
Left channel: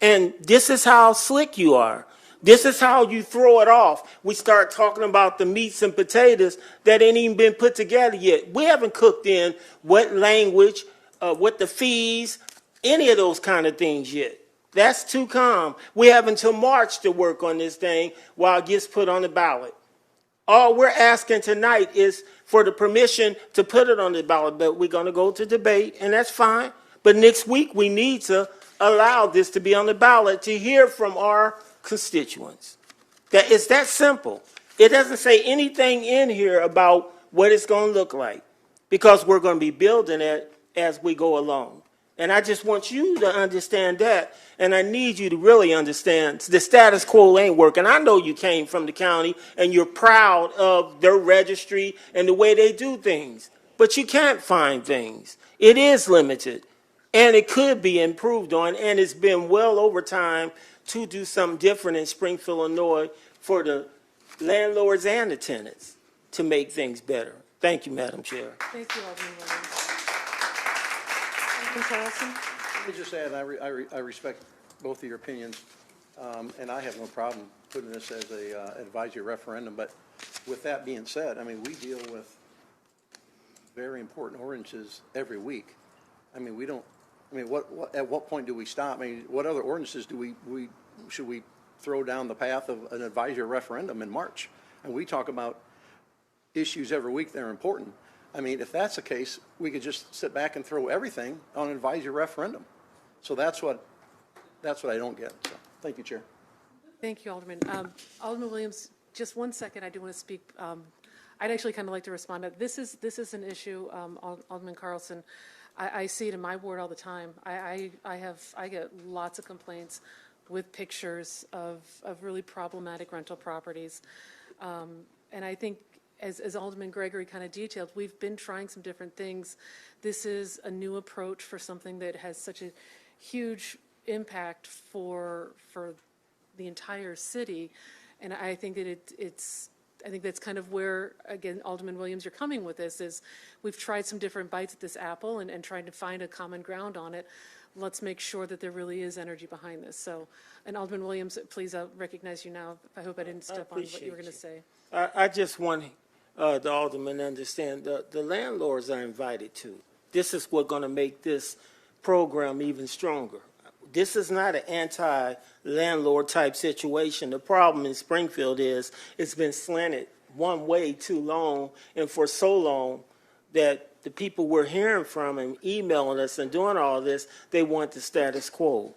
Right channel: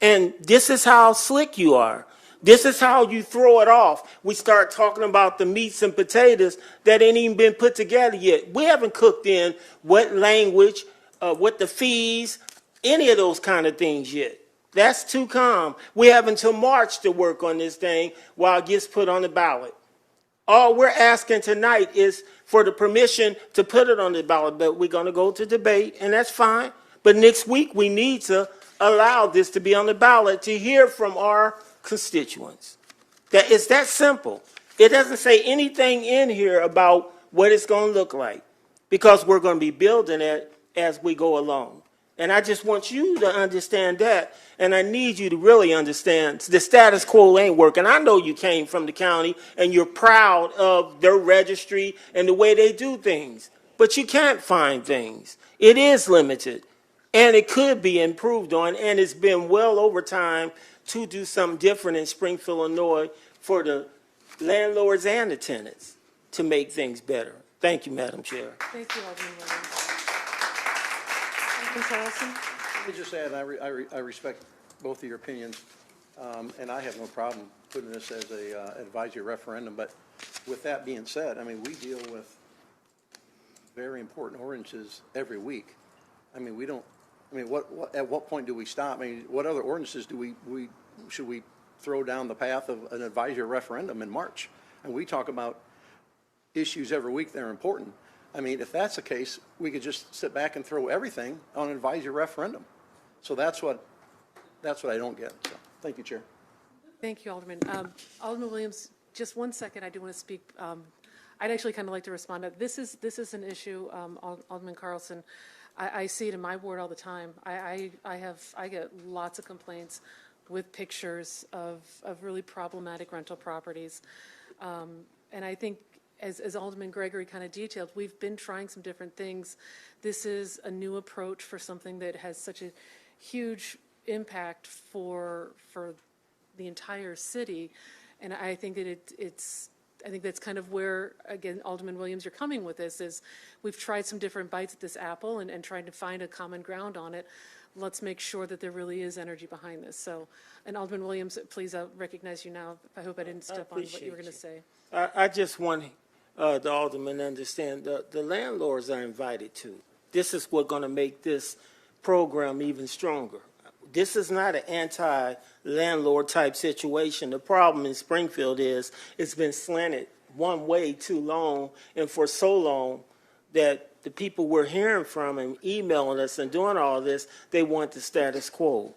And this is how slick you are. This is how you throw it off. We start talking about the meats and potatoes that ain't even been put together yet. We haven't cooked in what language, what the fees, any of those kind of things yet. That's too calm. We have until March to work on this thing while it gets put on the ballot. All we're asking tonight is for the permission to put it on the ballot, but we're going to go to debate, and that's fine. But next week, we need to allow this to be on the ballot to hear from our constituents. It's that simple. It doesn't say anything in here about what it's going to look like because we're going to be building it as we go along. And I just want you to understand that. And I need you to really understand the status quo ain't working. I know you came from the county and you're proud of their registry and the way they do things, but you can't find things. It is limited and it could be improved on. And it's been well over time to do something different in Springfield, Illinois for the landlords and the tenants to make things better. Thank you, Madam Chair. Thank you, Alderman Williams. Alderman Carlson? Let me just add, I respect both of your opinions, and I have no problem putting this as a advisory referendum. But with that being said, I mean, we deal with very important ordinances every week. I mean, we don't. I mean, at what point do we stop? I mean, what other ordinances should we throw down the path of an advisory referendum in March? And we talk about issues every week that are important. I mean, if that's the case, we could just sit back and throw everything on an advisory referendum. So that's what I don't get. So, thank you, Chair. Thank you, Alderman. Alderman Williams, just 1 second. I do want to speak. I'd actually kind of like to respond. This is an issue, Alderman Carlson. I see it in my ward all the time. I get lots of complaints with pictures of really problematic rental properties, and I think as Alderman Gregory kind of detailed, we've been trying some different things. This is a new approach for something that has such a huge impact for the entire city, and I think that I think that's kind of where, again, Alderman Williams, you're coming with this, is we've tried some different bites at this apple and trying to find a common ground on it. let's make sure that there really is energy behind this. So, and Alderman Williams, please, I'll recognize you now. I hope I didn't step on what you were going to say. I just want the alderman to understand the landlords are invited to. This is what's going to make this program even stronger. This is not an anti-landlord type situation. The problem in Springfield is it's been slanted one way too long and for so long that the people we're hearing from and emailing us and doing all this, they want the status quo.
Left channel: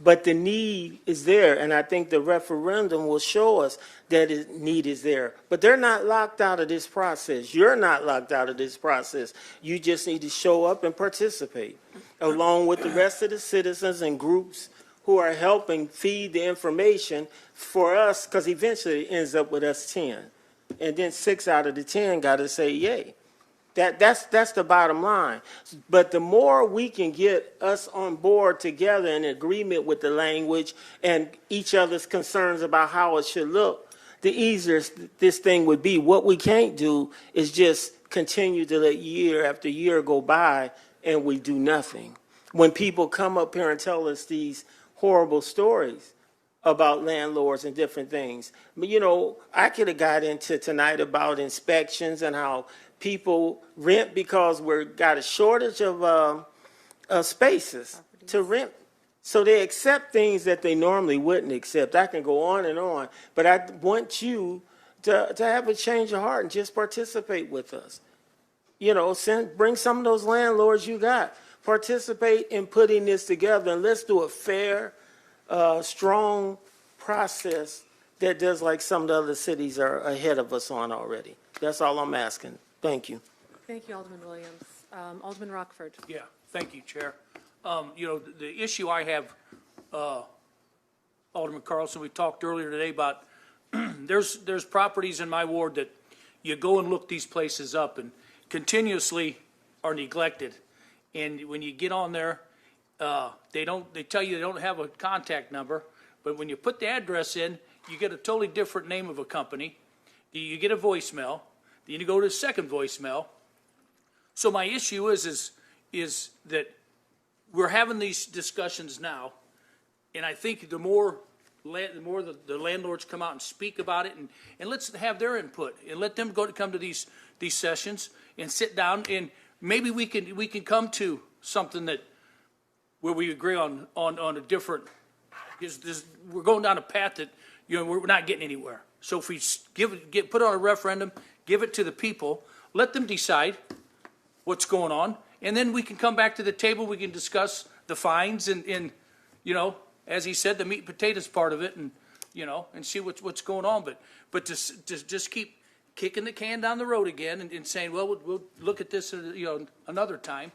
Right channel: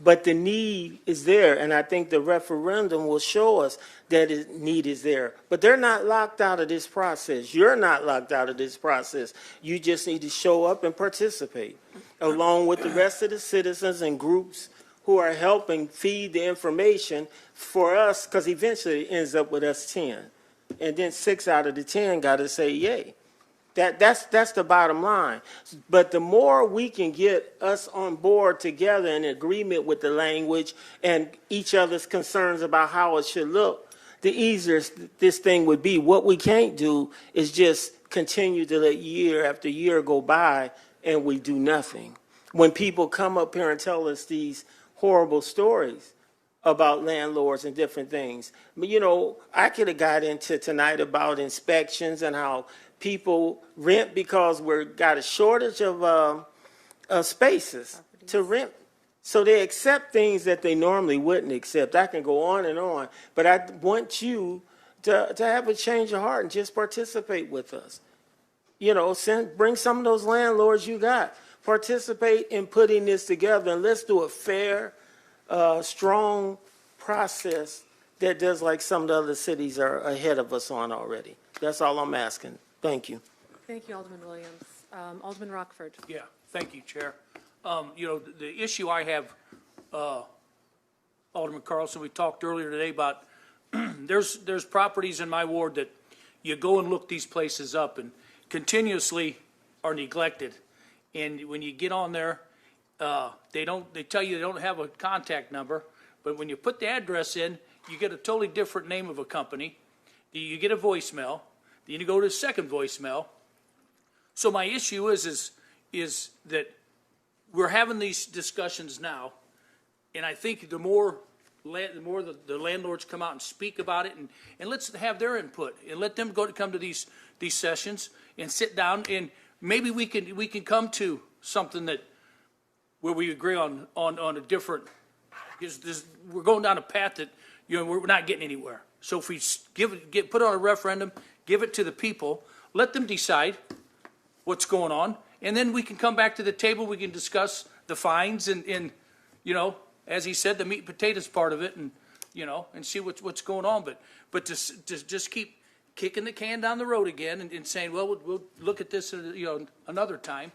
But the need is there, and I think the referendum will show us that the need is there. But they're not locked out of this process. You're not locked out of this process. You just need to show up and participate, along with the rest of the citizens and groups who are helping feed the information for us, because eventually it ends up with us 10. And then 6 out of the 10 got to say yay. That's the bottom line. But the more we can get us on board together in agreement with the language and each other's concerns about how it should look, the easier this thing would be. What we can't do is just continue to let year after year go by and we do nothing. When people come up here and tell us these horrible stories about landlords and different things. But, you know, I could have got into tonight about inspections and how people rent because we've got a shortage of spaces to rent. So they accept things that they normally wouldn't accept. I can go on, but I want you to have a change of heart and just participate with us. You know, bring some of those landlords you got. Participate in putting this together, and let's do a fair, strong process that does like some of the other cities are ahead of us on already. That's all I'm asking. Thank you. Thank you, Alderman Williams. Alderman Rockford. Yeah, thank you, Chair. You know, the issue I have, Alderman Carlson, we talked earlier today about there's properties in my ward that you go and look these places up and continuously are neglected. And when you get on there, they tell you they don't have a contact number, but when you put the address in, you get a totally different name of a company. You get a voicemail. Then you go to a second voicemail. So my issue is that we're having these discussions now, and I think the more the landlords come out and speak about it, and let's have their input and let them come to these sessions and sit down, and maybe we can come to something where we agree on a different. Because we're going down a path that we're not getting anywhere. So if we put it on a referendum, give it to the people, let them decide what's going on, and then we can come back to the table. We can discuss the fines and as he said, the meat and potatoes part of it, and and see what's going on. But to just keep kicking the can down the road again and saying, well, we'll look at this another time.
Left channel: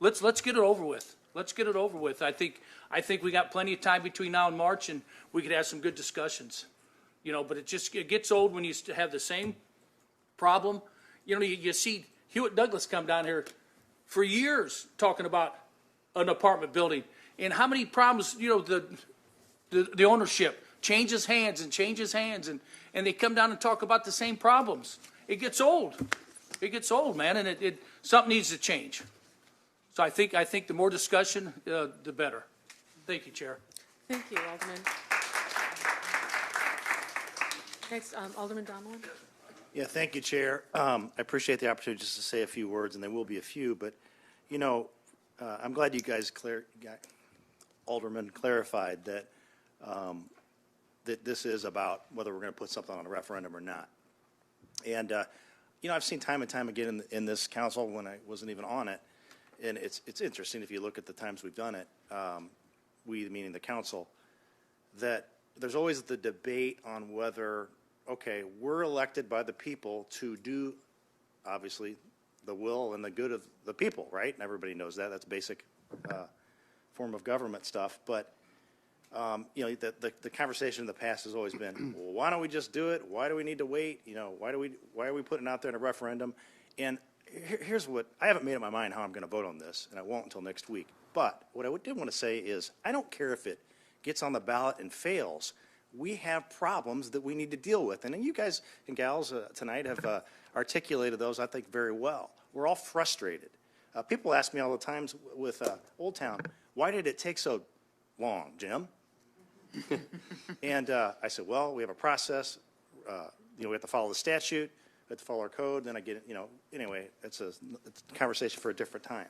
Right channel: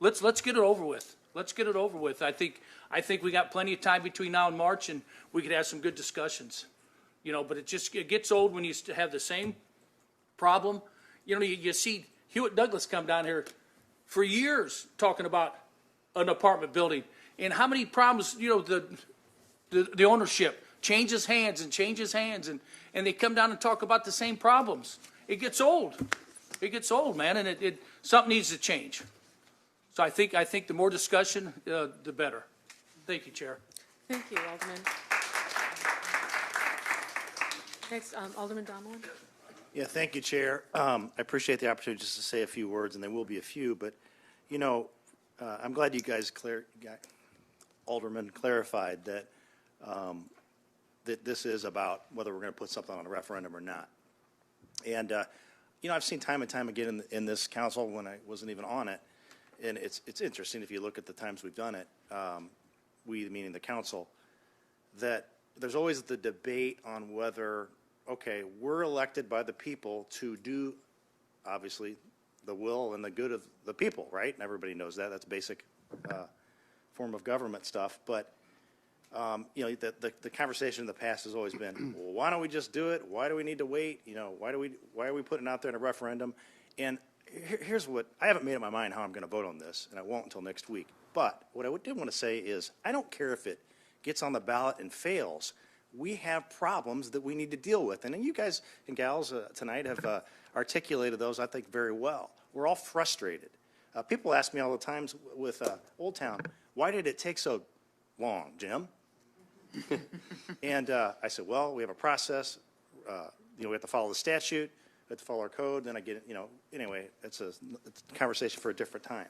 Let's get it over with. Let's get it over with. I think we got plenty of time between now and March, and we could have some good discussions. But it gets old when you have the same problem. You see Hewitt Douglas come down here for years talking about an apartment building and how many problems, the ownership changes hands, and they come down and talk about the same problems. It gets old. It gets old, man, and something needs to change. So I think the more discussion, the better. Thank you, Chair. Thank you, Alderman. Next, Alderman Donlin. Yeah, thank you, Chair. I appreciate the opportunity just to say a few words, and there will be a few, but, I'm glad you guys Alderman clarified that that this is about whether we're going to put something on a referendum or not. And, I've seen time and time again in this council when I wasn't even on it, and it's interesting if you look at the times we've done it, we, meaning the council, that there's always the debate on whether, okay, we're elected by the people to do, obviously, the will and the good of the people, right? And everybody knows that. That's basic form of government stuff. But, the conversation in the past has always been, well, why don't we just do it? Why do we need to wait? Why are we putting it out there in a referendum? And here's what, I haven't made up my mind how I'm going to vote on this, and I won't until next week. But what I did want to say is, I don't care if it gets on the ballot and fails. We have problems that we need to deal with. And then you guys and gals tonight have articulated those, I think, very well. We're all frustrated. People ask me all the times with Old Town, why did it take so long, Jim? And I said, well, we have a process. We have to follow the statute. We have to follow our code. Then I get, anyway, it's a conversation for a different time.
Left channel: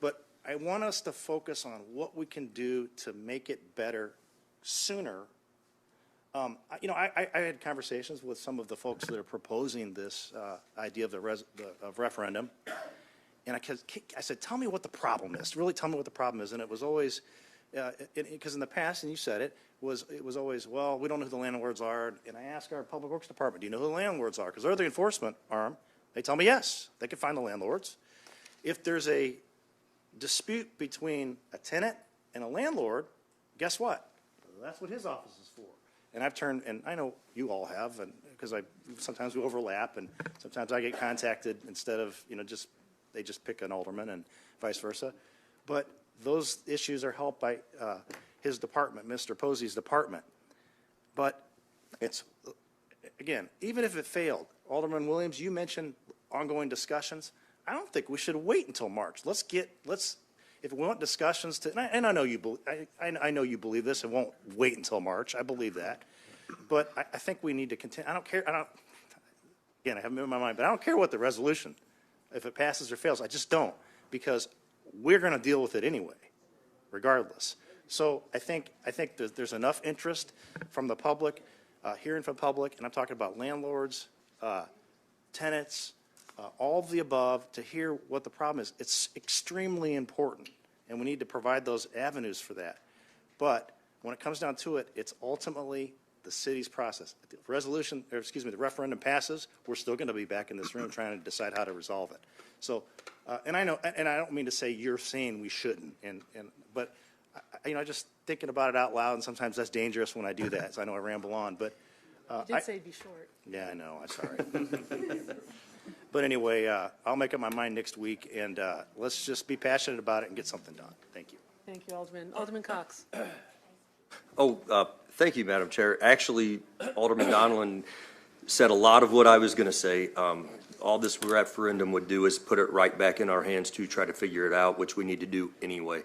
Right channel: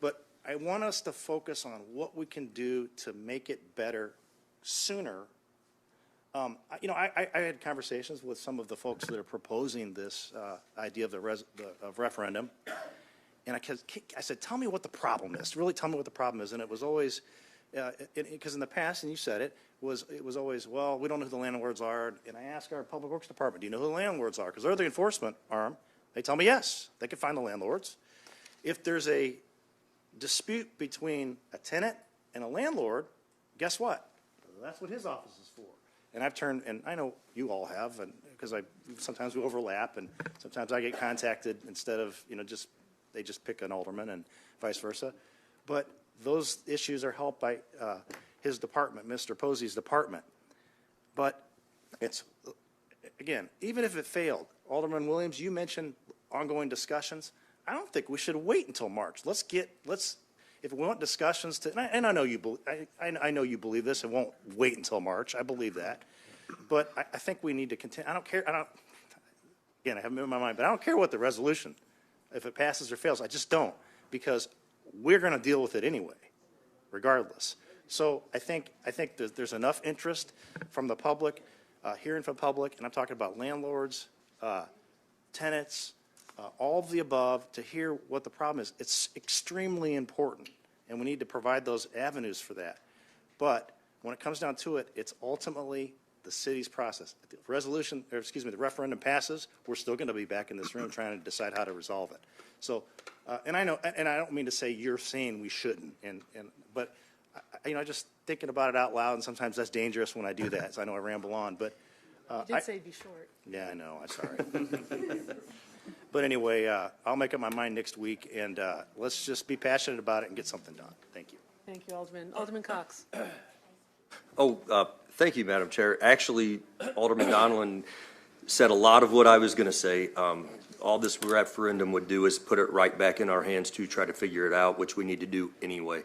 But I want us to focus on what we can do to make it better sooner. I had conversations with some of the folks that are proposing this idea of of referendum. And I said, tell me what the problem is. Really tell me what the problem is. And it was always, because in the past, and you said it was always, well, we don't know who the landlords are. And I asked our public works department, do you know who the landlords are? Because they're the enforcement arm. They tell me yes, they can find the landlords. If there's a dispute between a tenant and a landlord, guess what? That's what his office is for. And I've turned, and I know you all have, and because sometimes we overlap, and sometimes I get contacted instead of, they just pick an alderman and vice versa. But those issues are helped by his department, Mr. Posey's department. But it's, again, even if it failed, Alderman Williams, you mentioned ongoing discussions. I don't think we should wait until March. If we want discussions and I know I know you believe this, it won't wait until March. I believe that. But I think we need to continue. Again, I haven't made my mind, but I don't care what the resolution, if it passes or fails. I just don't, because we're going to deal with it anyway, regardless. So I think that there's enough interest from the public, hearing from public, and I'm talking about landlords, tenants, all of the above, to hear what the problem is. It's extremely important, and we need to provide those avenues for that. But when it comes down to it, it's ultimately the city's process. If the referendum passes, we're still going to be back in this room trying to decide how to resolve it. So, and I know, and I don't mean to say you're saying we shouldn't, but just thinking about it out loud, and sometimes that's dangerous when I do that. So I know I ramble on, but You did say be short. yeah, I know. I'm sorry. But anyway, I'll make up my mind next week, and let's just be passionate about it and get something done. Thank you. Thank you, Alderman. Alderman Cox. Thank you, Madam Chair. Actually, Alderman Donlin said a lot of what I was going to say. All this referendum would do is put it right back in our hands to try to figure it out, which we need to do anyway.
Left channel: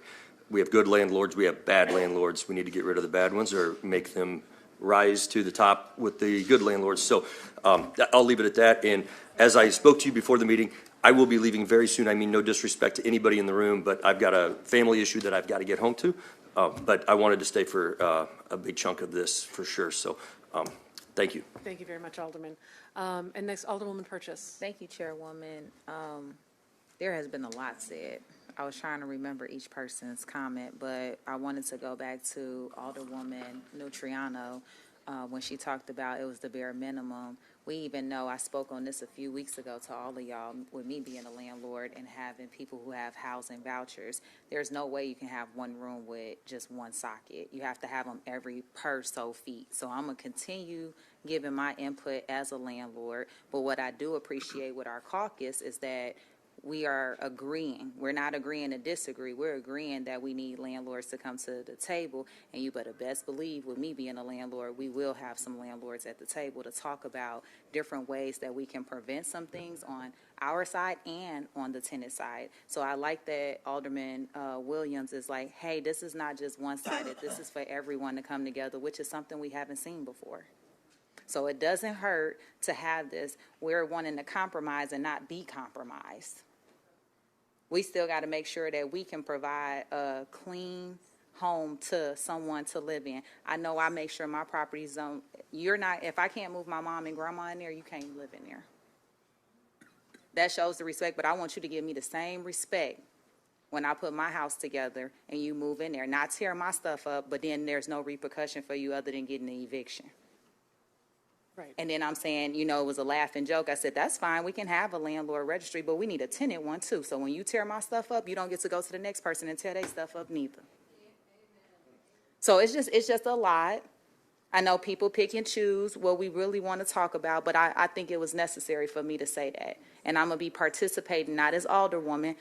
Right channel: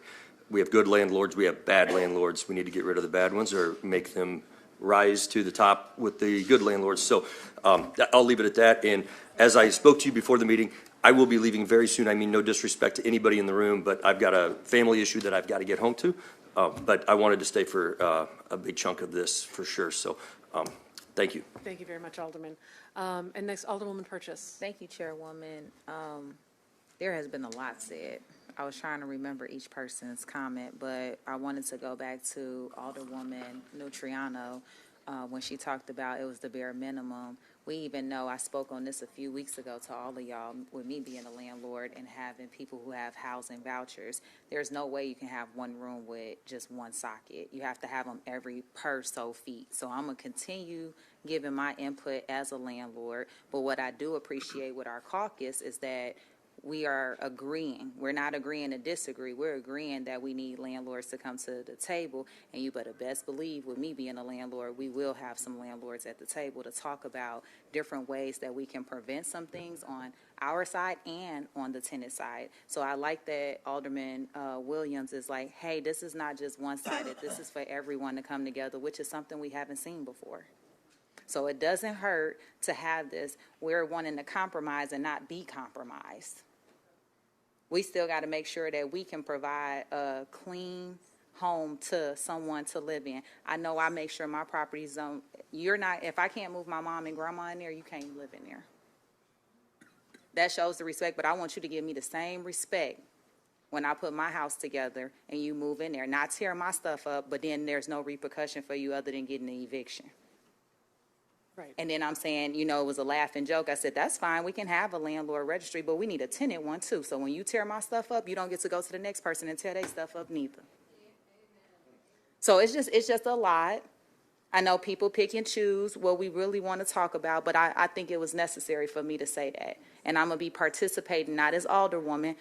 We have good landlords. We have bad landlords. We need to get rid of the bad ones or make them rise to the top with the good landlords. So I'll leave it at that. And as I spoke to you before the meeting, I will be leaving very soon. I mean, no disrespect to anybody in the room, but I've got a family issue that I've got to get home to. But I wanted to stay for a big chunk of this for sure. So thank you. Thank you very much, Alderman. And next, Alderwoman Purchase. Thank you, Chairwoman. There has been a lot said. I was trying to remember each person's comment, but I wanted to go back to Alderwoman Nutriano when she talked about it was the bare minimum. We even know, I spoke on this a few weeks ago to all of y'all, with me being a landlord and having people who have housing vouchers, there's no way you can have one room with just one socket. You have to have them every per so feet. So I'm going to continue giving my input as a landlord. But what I do appreciate with our caucus is that we are agreeing. We're not agreeing to disagree. We're agreeing that we need landlords to come to the table. And you better best believe, with me being a landlord, we will have some landlords at the table to talk about different ways that we can prevent some things on our side and on the tenant side. So I like that Alderman Williams is like, hey, this is not just one-sided. This is for everyone to come together, which is something we haven't seen before. So it doesn't hurt to have this. We're wanting to compromise and not be compromised. We still got to make sure that we can provide a clean home to someone to live in. I know I make sure my properties don't, if I can't move my mom and grandma in there, you can't live in there. That shows the respect, but I want you to give me the same respect when I put my house together and you move in there. Not tear my stuff up, but then there's no repercussion for you other than getting an eviction. Right. And then I'm saying, it was a laughing joke. I said, that's fine. We can have a landlord registry, but we need a tenant one too. So when you tear my stuff up, you don't get to go to the next person and tear their stuff up neither. So it's just a lot. I know people pick and choose what we really want to talk about, but I think it was necessary for me to say that. And I'm going to be participating, not as alderwoman.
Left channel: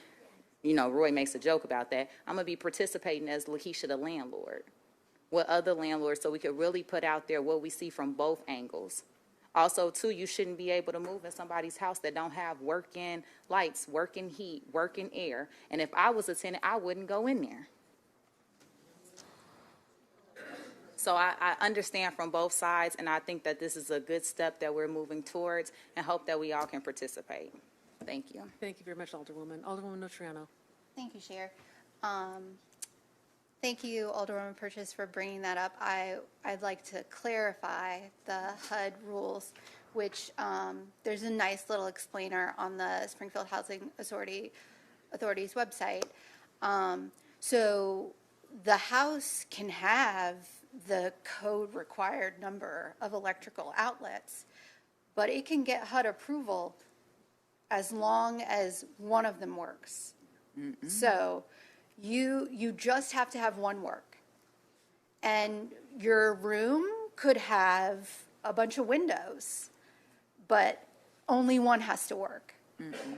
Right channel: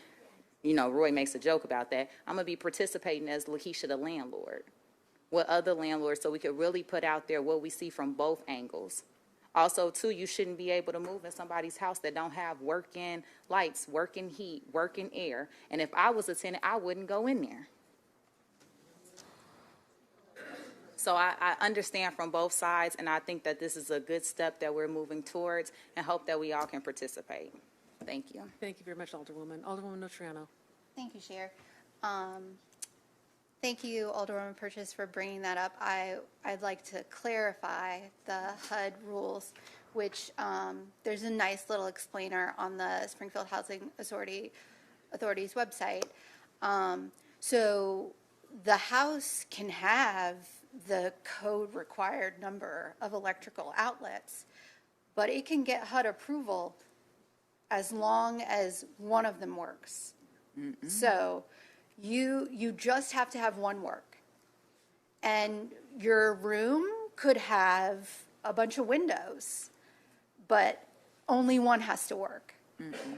Roy makes a joke about that. I'm going to be participating as Lakeisha the landlord with other landlords so we could really put out there what we see from both angles Also, too, you shouldn't be able to move in somebody's house that don't have working lights, working heat, working air. And if I was a tenant, I wouldn't go in there. So I understand from both sides, and I think that this is a good step that we're moving towards, and hope that we all can participate. Thank you. Thank you very much, Alderwoman. Alderwoman Notriano. Thank you, Chair. Thank you, Alderwoman Purchase, for bringing that up. I'd like to clarify the HUD rules, which there's a nice little explainer on the Springfield Housing Authority's website. So the house can have the code required number of electrical outlets, but it can get HUD approval as long as one of them works. Mm-hmm. So you just have to have one work. And your room could have a bunch of windows, but only one has to work. Mm-hmm.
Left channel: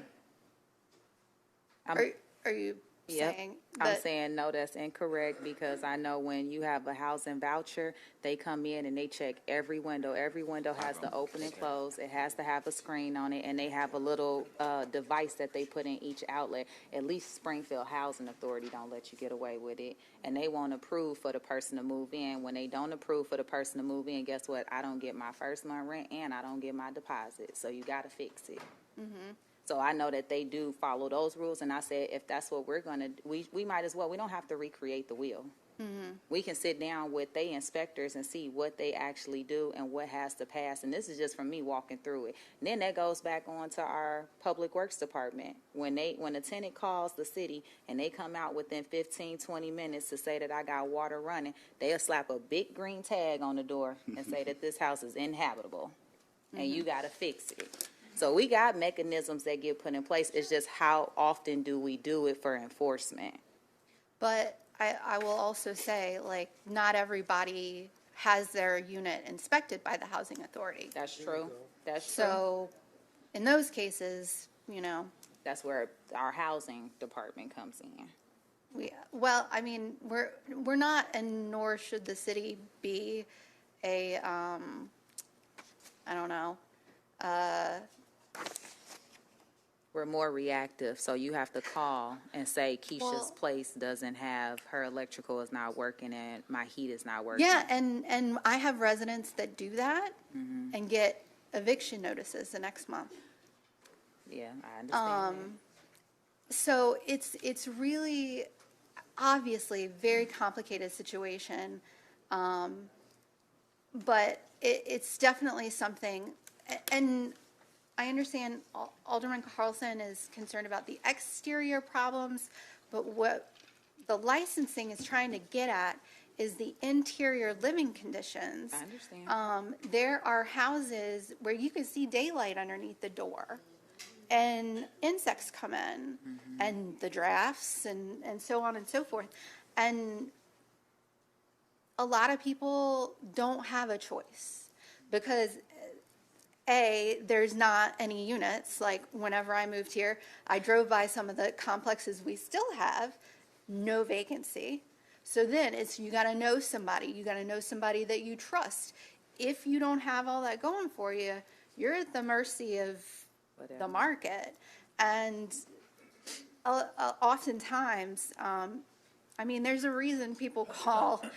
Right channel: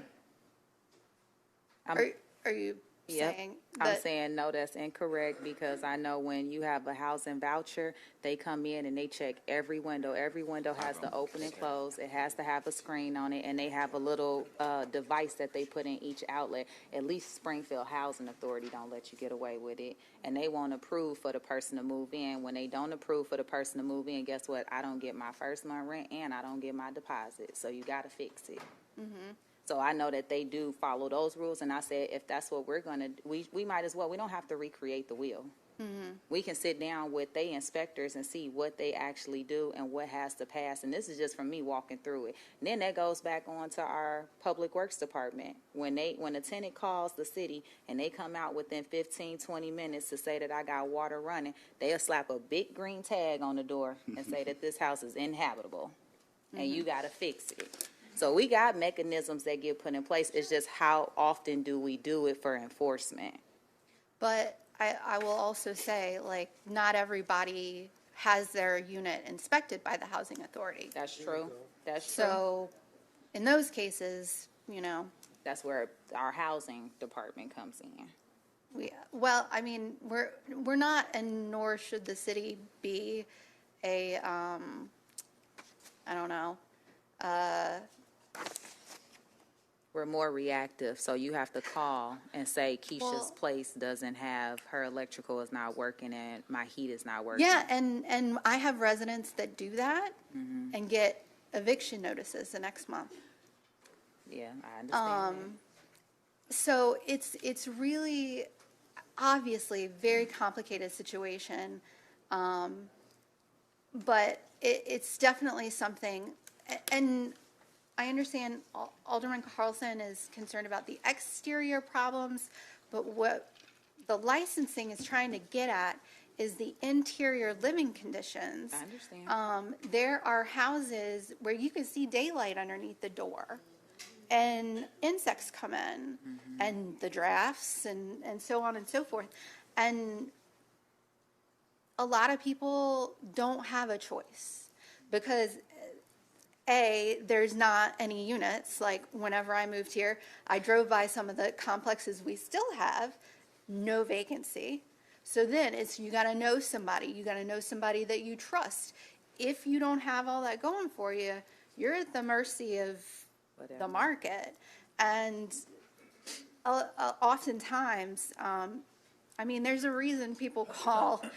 Are you saying that? I'm saying no, that's incorrect, because I know when you have a housing voucher, they come in and they check every window. Every window has to open and close. It has to have a screen on it, and they have a little device that they put in each outlet. At least Springfield Housing Authority don't let you get away with it, and they won't approve for the person to move in. When they don't approve for the person to move in, guess what? I don't get my first month rent and I don't get my deposit. So you got to fix it. Mm-hmm. So I know that they do follow those rules, and I said, if that's what we're going to, we might as well. We don't have to recreate the wheel. Mm-hmm. We can sit down with the inspectors and see what they actually do and what has to pass. And this is just from me walking through it. And then that goes back on to our public works department. When a tenant calls the city and they come out within 15, 20 minutes to say that I got water running, they'll slap a big green tag on the door and say that this house is inhabitable, and you got to fix it. So we got mechanisms that get put in place. It's just how often do we do it for enforcement? But I will also say, like, not everybody has their unit inspected by the housing authority. That's true. That's true. So in those cases, that's where our housing department comes in. Well, I mean, we're not, and nor should the city be a, I don't know, we're more reactive, so you have to call and say Keisha's place doesn't have, her electrical is not working and my heat is not working. Yeah, and I have residents that do that and get eviction notices the next month. Yeah, I understand that. So it's really obviously a very complicated situation, but it's definitely something, and I understand Alderman Carlson is concerned about the exterior problems, but what the licensing is trying to get at is the interior living conditions. I understand. There are houses where you can see daylight underneath the door, and insects come in, and the drafts, and so on and so forth. And a lot of people don't have a choice because there's not any units. Like whenever I moved here, I drove by some of the complexes we still have, no vacancy. So then you got to know somebody. You got to know somebody that you trust. If you don't have all that going for you, you're at the mercy of the market. And oftentimes, I mean, there's a reason people call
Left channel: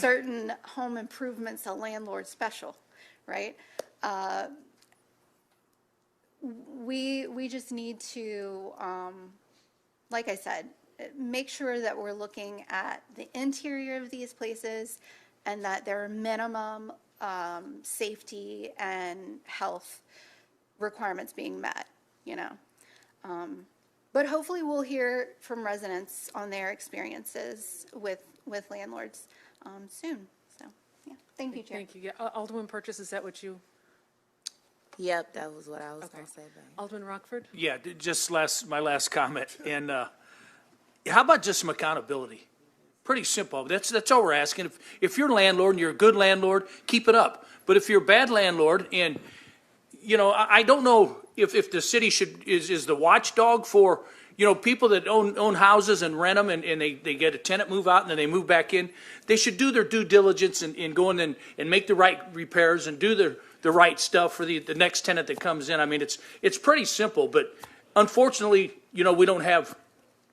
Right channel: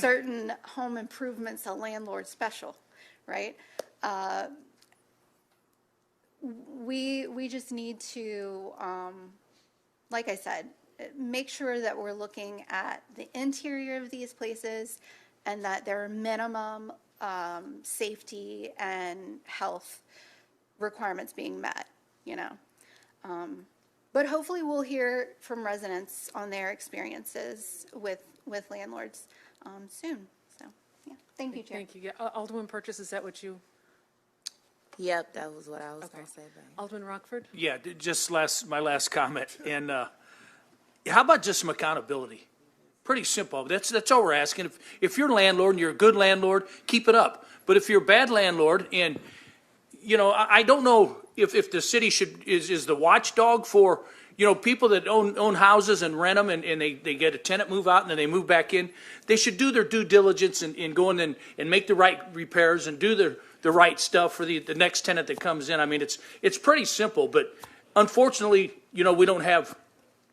certain home improvements a landlord special, right? We just need to, like I said, make sure that we're looking at the interior of these places and that there are minimum safety and health requirements being met, But hopefully we'll hear from residents on their experiences with landlords soon. So, yeah. Thank you, Chair. Thank you. Yeah. Alderman Purchase, is that what you... Yep, that was what I was going to say. Alderman Rockford? Yeah, just my last comment. And how about just some accountability? Pretty simple. That's all we're asking. If you're a landlord and you're a good landlord, keep it up. But if you're a bad landlord, and I don't know if the city is the watchdog for people that own houses and rent them, and they get a tenant move out and then they move back in. They should do their due diligence and go in and make the right repairs and do the right stuff for the next tenant that comes in. I mean, it's pretty simple, but unfortunately, we don't have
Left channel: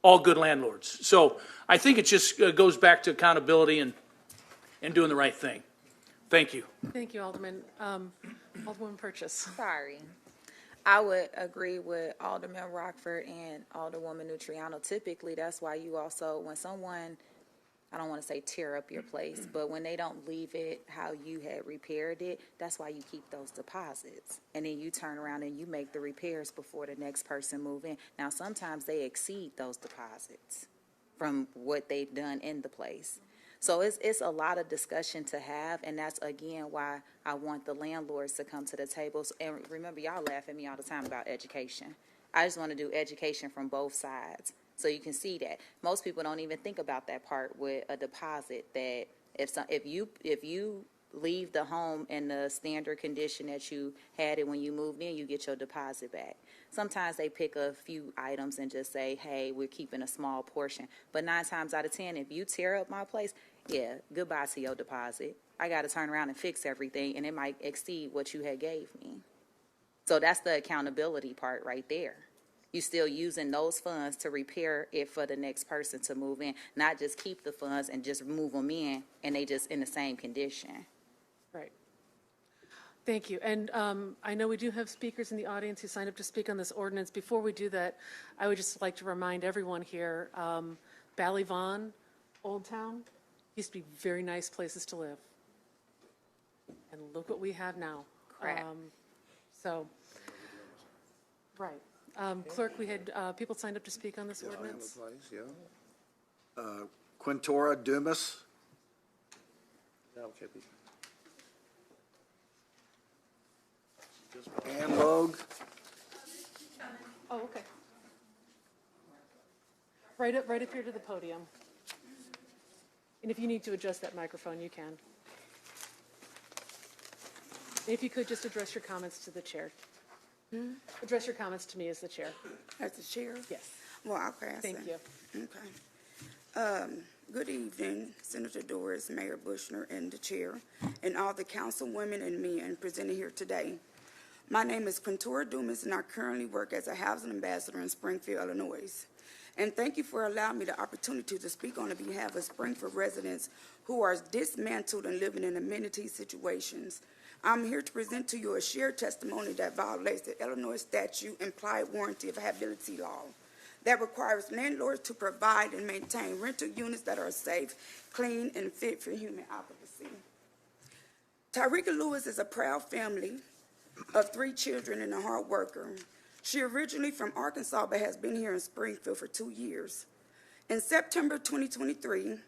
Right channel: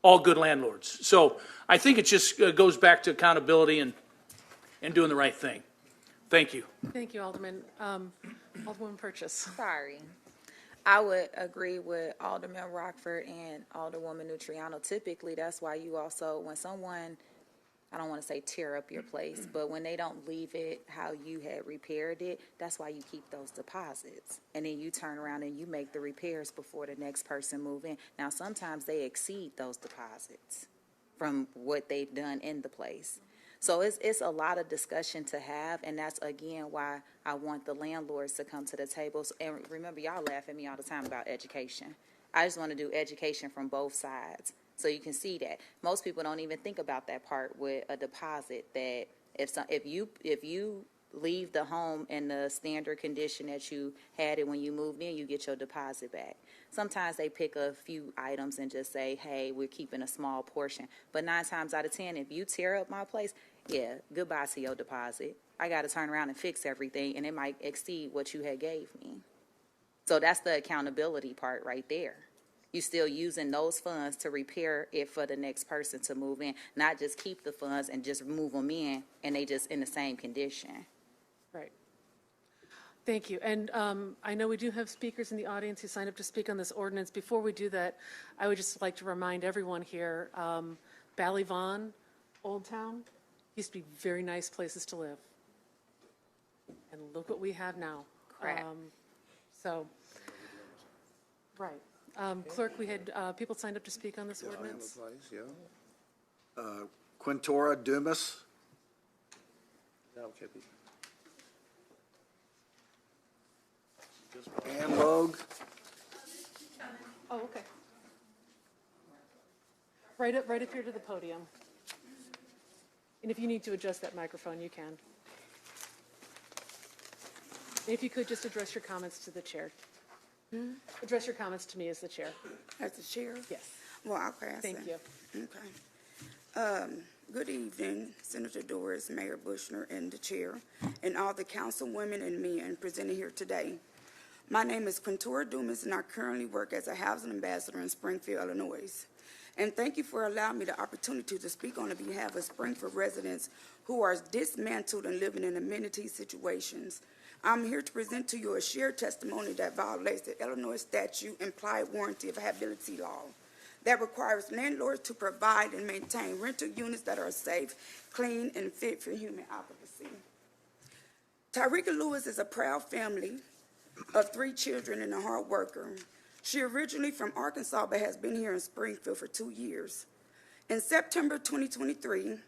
all good landlords. So I think it just goes back to accountability and doing the right thing. Thank you. Thank you, Alderman. Alderwoman Purchase. Sorry. I would agree with Alderman Rockford and Alderwoman Nutriano. Typically, that's why you also, when someone, I don't want to say tear up your place, but when they don't leave it how you had repaired it, that's why you keep those deposits. And then you turn around and you make the repairs before the next person move in. Now, sometimes they exceed those deposits from what they've done in the place. So it's a lot of discussion to have, and that's, again, why I want the landlords to come to the tables. And remember, y'all laugh at me all the time about education. I just want to do education from both sides. So you can see that most people don't even think about that part with a deposit, that if you leave the home in the standard condition that you had it when you moved in, you get your deposit back. Sometimes they pick a few items and just say, hey, we're keeping a small portion. But 9 times out of 10, if you tear up my place, yeah, goodbye to your deposit. I got to turn around and fix everything, and it might exceed what you had gave me. So that's the accountability part right there. You're still using those funds to repair it for the next person to move in, not just keep the funds and just move them in, and they just in the same condition. Right. Thank you. And I know we do have speakers in the audience who signed up to speak on this ordinance. Before we do that, I would just like to remind everyone here, Ballyvaughan, Old Town, used to be very nice places to live. And look what we have now. Correct. Right. Clerk, we had people signed up to speak on this ordinance. Quintora Dumas. Ann Logue. Oh, okay. Right up here to the podium. And if you need to adjust that microphone, you can. If you could just address your comments to the chair. Address your comments to me as the chair. As the chair? Yes. Well, I'll pass Thank it. you. Okay. Good evening, Senator Doris, Mayor Bushner, and the chair, and all the councilwomen and men presented here today. My name is Quintora Dumas, and I currently work as a housing ambassador in Springfield, Illinois. And thank you for allowing me the opportunity to speak on behalf of Springfield residents who are dismantled and living in amenity situations. I'm here to present to you a shared testimony that violates the Illinois statute implied warranty of habitability law that requires landlords to provide and maintain rental units that are safe, clean, and fit for human occupancy. Tyreka Lewis is a proud family of 3 children and a hard worker. She originally from Arkansas but has been here in Springfield for 2 years. In September 2023,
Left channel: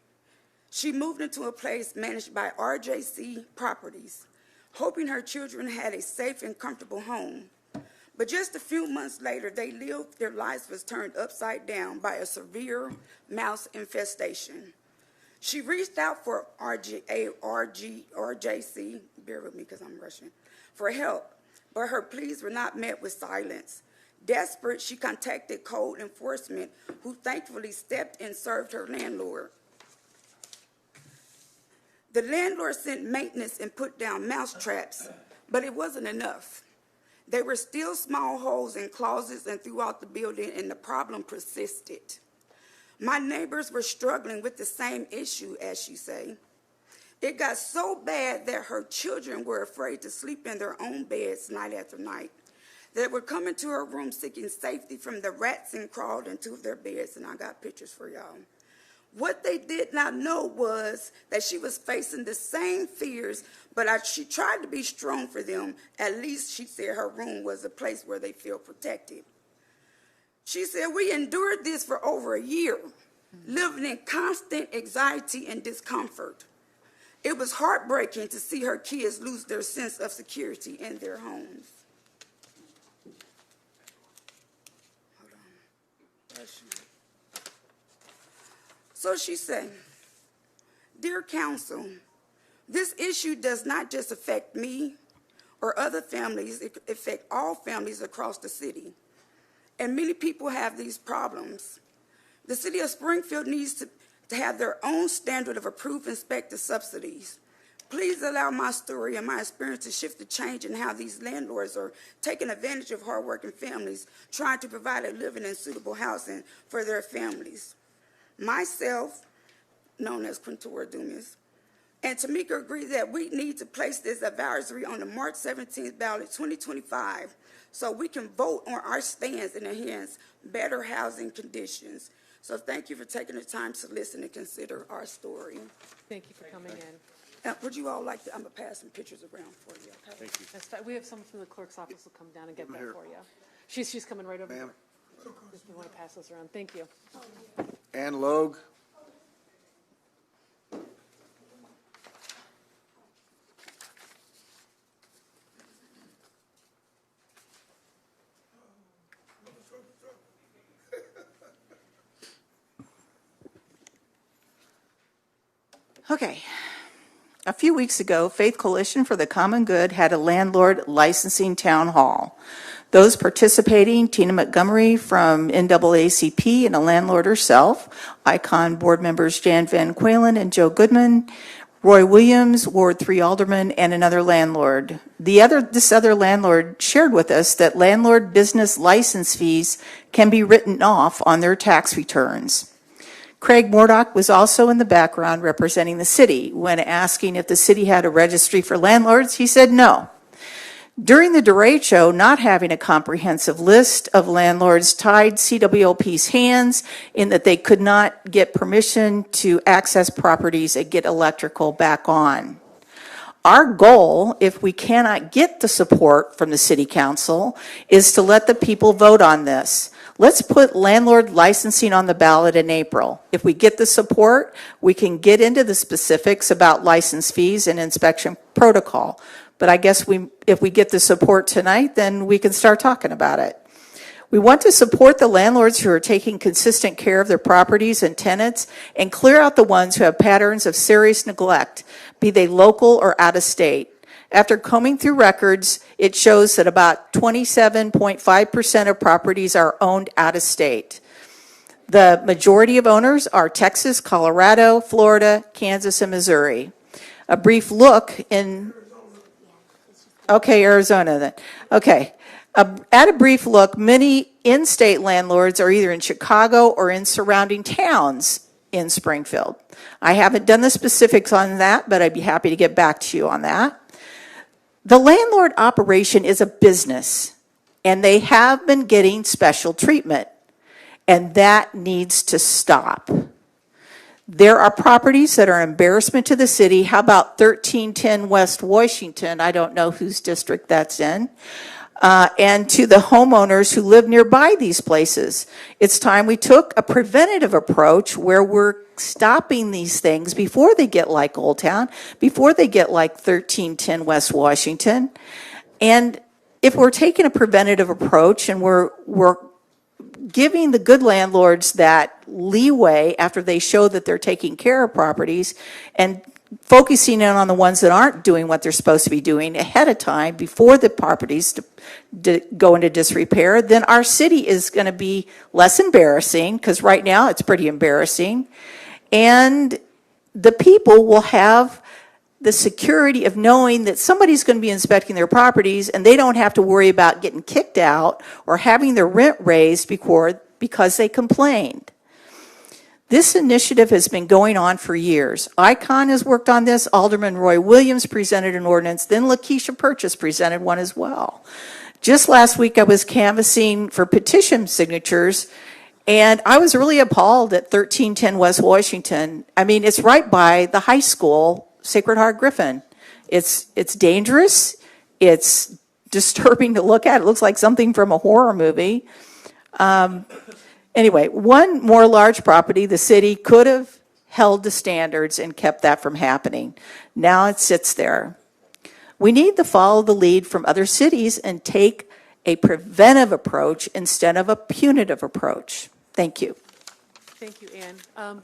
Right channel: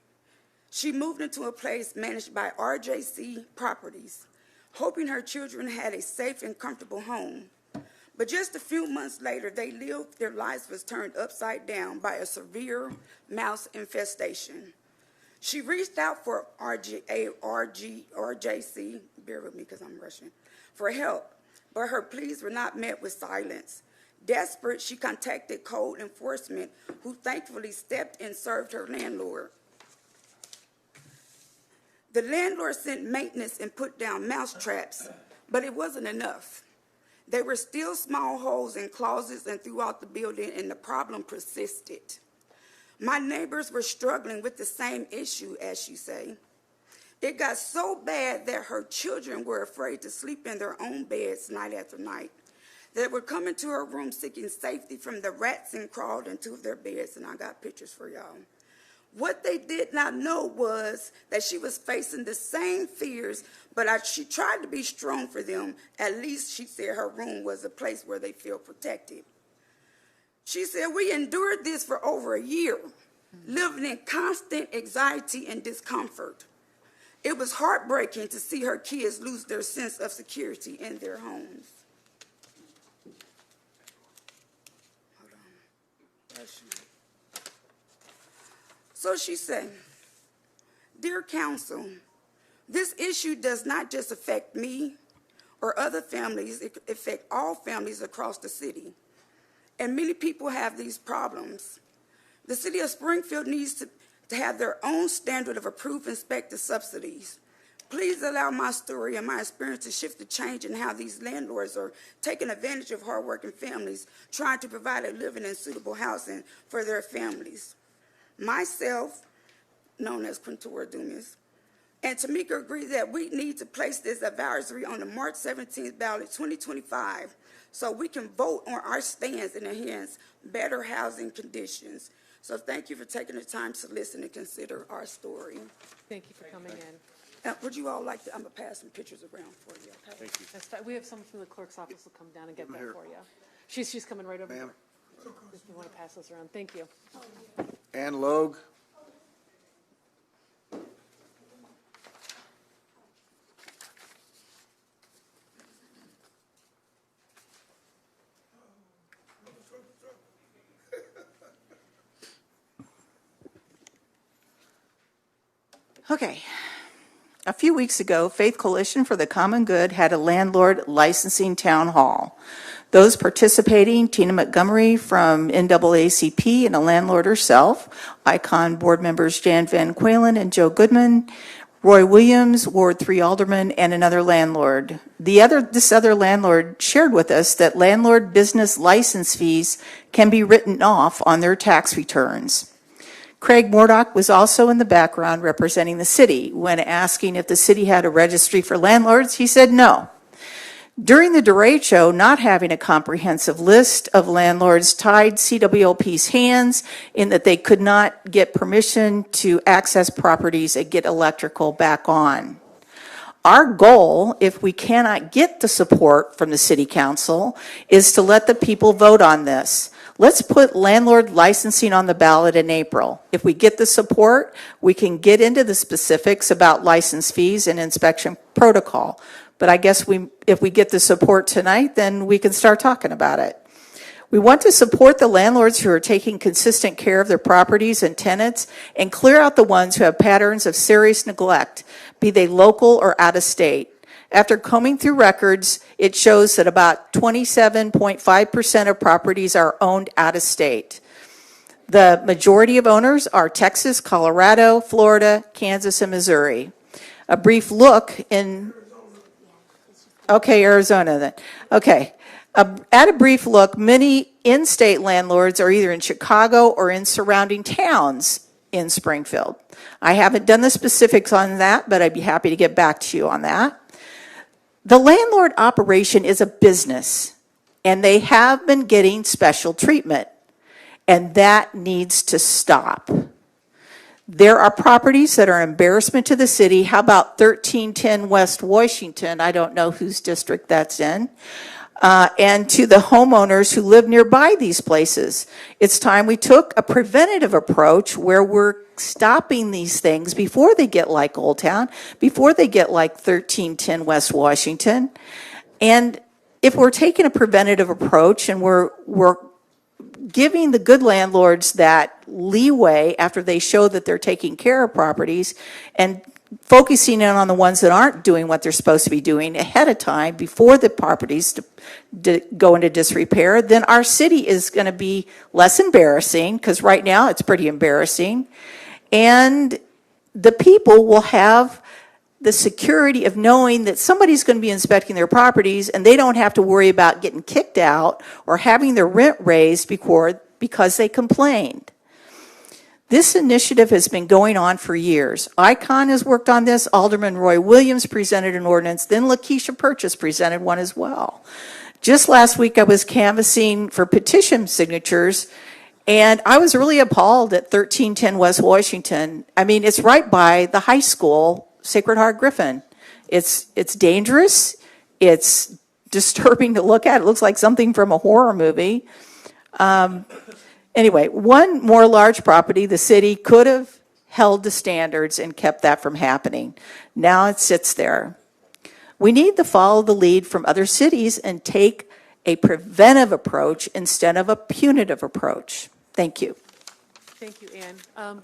she moved into a place managed by RJC Properties, hoping her children had a safe and comfortable home. But just a few months later, their lives was turned upside down by a severe mouse infestation. She reached out for RJC, bear with me because I'm rushing, for help, but her pleas were not met with silence. Desperate, she contacted code enforcement, who thankfully stepped and served her landlord. The landlord sent maintenance and put down mouse traps, but it wasn't enough. There were still small holes in closets and throughout the building, and the problem persisted. My neighbors were struggling with the same issue, as she say. It got so bad that her children were afraid to sleep in their own beds night after night. They were coming to her room seeking safety from the rats and crawled into their beds, and I got pictures for y'all. What they did not know was that she was facing the same fears, but she tried to be strong for them. At least she said her room was a place where they feel protected. She said, we endured this for over a year, living in constant anxiety and discomfort. It was heartbreaking to see her kids lose their sense of security in their homes. So she said, dear council, this issue does not just affect me or other families, it affects all families across the city. And many people have these problems. The city of Springfield needs to have their own standard of approved inspector subsidies. Please allow my story and my experience to shift the change in how these landlords are taking advantage of hardworking families trying to provide a living and suitable housing for their families. Myself, known as Quintora Dumas, and Tamika agree that we need to place this advisory on the March 17th ballot 2025 so we can vote on our stands and enhance better housing conditions. So thank you for taking the time to listen and consider our story. Thank you for coming in. Would you all like to, I'm going to pass some pictures around for you, okay? Thank you. We have someone from the clerk's office will come down and get that for you. She's coming right over here. Ma'am. If you want to pass those around. Thank you. Ann Logue. Okay. A few weeks ago, Faith Coalition for the Common Good had a landlord licensing town hall. Those participating, Tina Montgomery from NAACP and a landlord herself, Icon board members Jan Van Qualen and Joe Goodman, Roy Williams, Ward 3 alderman, and another landlord. This other landlord shared with us that landlord business license fees can be written off on their tax returns. Craig Murdoch was also in the background representing the city. When asking if the city had a registry for landlords, he said no. During the derecho, not having a comprehensive list of landlords tied CWLP's hands in that they could not get permission to access properties and get electrical back on. Our goal, if we cannot get the support from the city council, is to let the people vote on this. Let's put landlord licensing on the ballot in April. If we get the support, we can get into the specifics about license fees and inspection protocol. But I guess if we get the support tonight, then we can start talking about it. We want to support the landlords who are taking consistent care of their properties and tenants and clear out the ones who have patterns of serious neglect, be they local or out of state. After combing through records, it shows that about 27.5% of properties are owned out of state. The majority of owners are Texas, Colorado, Florida, Kansas, and Missouri. A brief look in, okay, Arizona then. Okay. At a brief look, many in-state landlords are either in Chicago or in surrounding towns in Springfield. I haven't done the specifics on that, but I'd be happy to get back to you on that. The landlord operation is a business, and they have been getting special treatment, and that needs to stop. There are properties that are an embarrassment to the city. How about 1310 West Washington? I don't know whose district that's in. And to the homeowners who live nearby these places. It's time we took a preventative approach where we're stopping these things before they get like Old Town, before they get like 1310 West Washington. And if we're taking a preventative approach and we're giving the good landlords that leeway after they show that they're taking care of properties and focusing in on the ones that aren't doing what they're supposed to be doing ahead of time before the properties go into disrepair, then our city is going to be less embarrassing, because right now it's pretty embarrassing. And the people will have the security of knowing that somebody's going to be inspecting their properties and they don't have to worry about getting kicked out or having their rent raised because they complained. This initiative has been going on for years. Icon has worked on this. Alderman Roy Williams presented an ordinance. Then Lakeisha Purchase presented one as well. Just last week, I was canvassing for petition signatures, and I was really appalled at 1310 West Washington. I mean, it's right by the high school, Sacred Heart Griffin. It's dangerous. It's disturbing to look at. It looks like something from a horror movie. Anyway, one more large property, the city could have held the standards and kept that from happening. Now it sits there. We need to follow the lead from other cities and take a preventive approach instead of a punitive approach. Thank you. Thank you, Ann.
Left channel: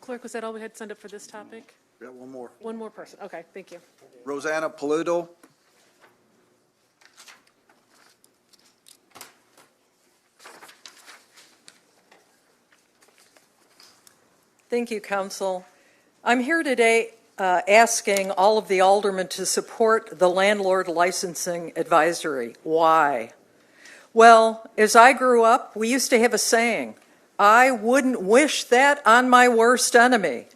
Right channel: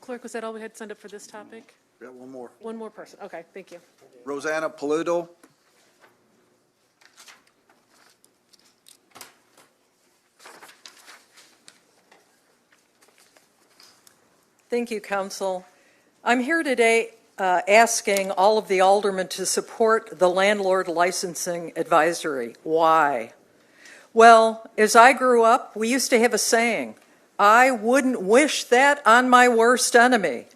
Clerk, was that all we had to send up for this topic? Got one more. One more person. Okay, thank you. Rosanna Paludo. Thank you, Council. I'm here today asking all of the aldermen to support the Landlord Licensing Advisory. Why? Well, as I grew up, we used to have a saying, I wouldn't wish that on my worst enemy.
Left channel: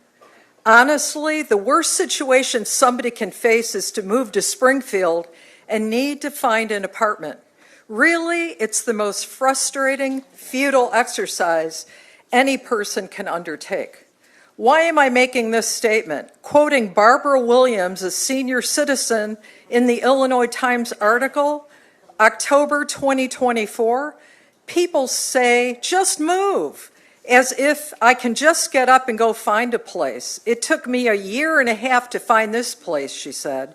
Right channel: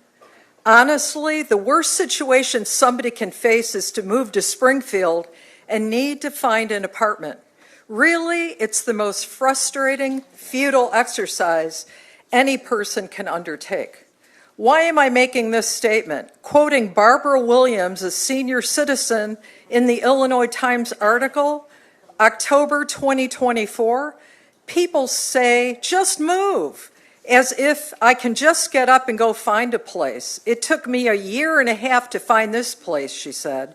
Honestly, the worst situation somebody can face is to move to Springfield and need to find an apartment. Really, it's the most frustrating, futile exercise any person can undertake. Why am I making this statement? Quoting Barbara Williams, a senior citizen in the Illinois Times article, October 2024, people say, just move, as if I can just get up and go find a place. It took me a year and a half to find this place, she said.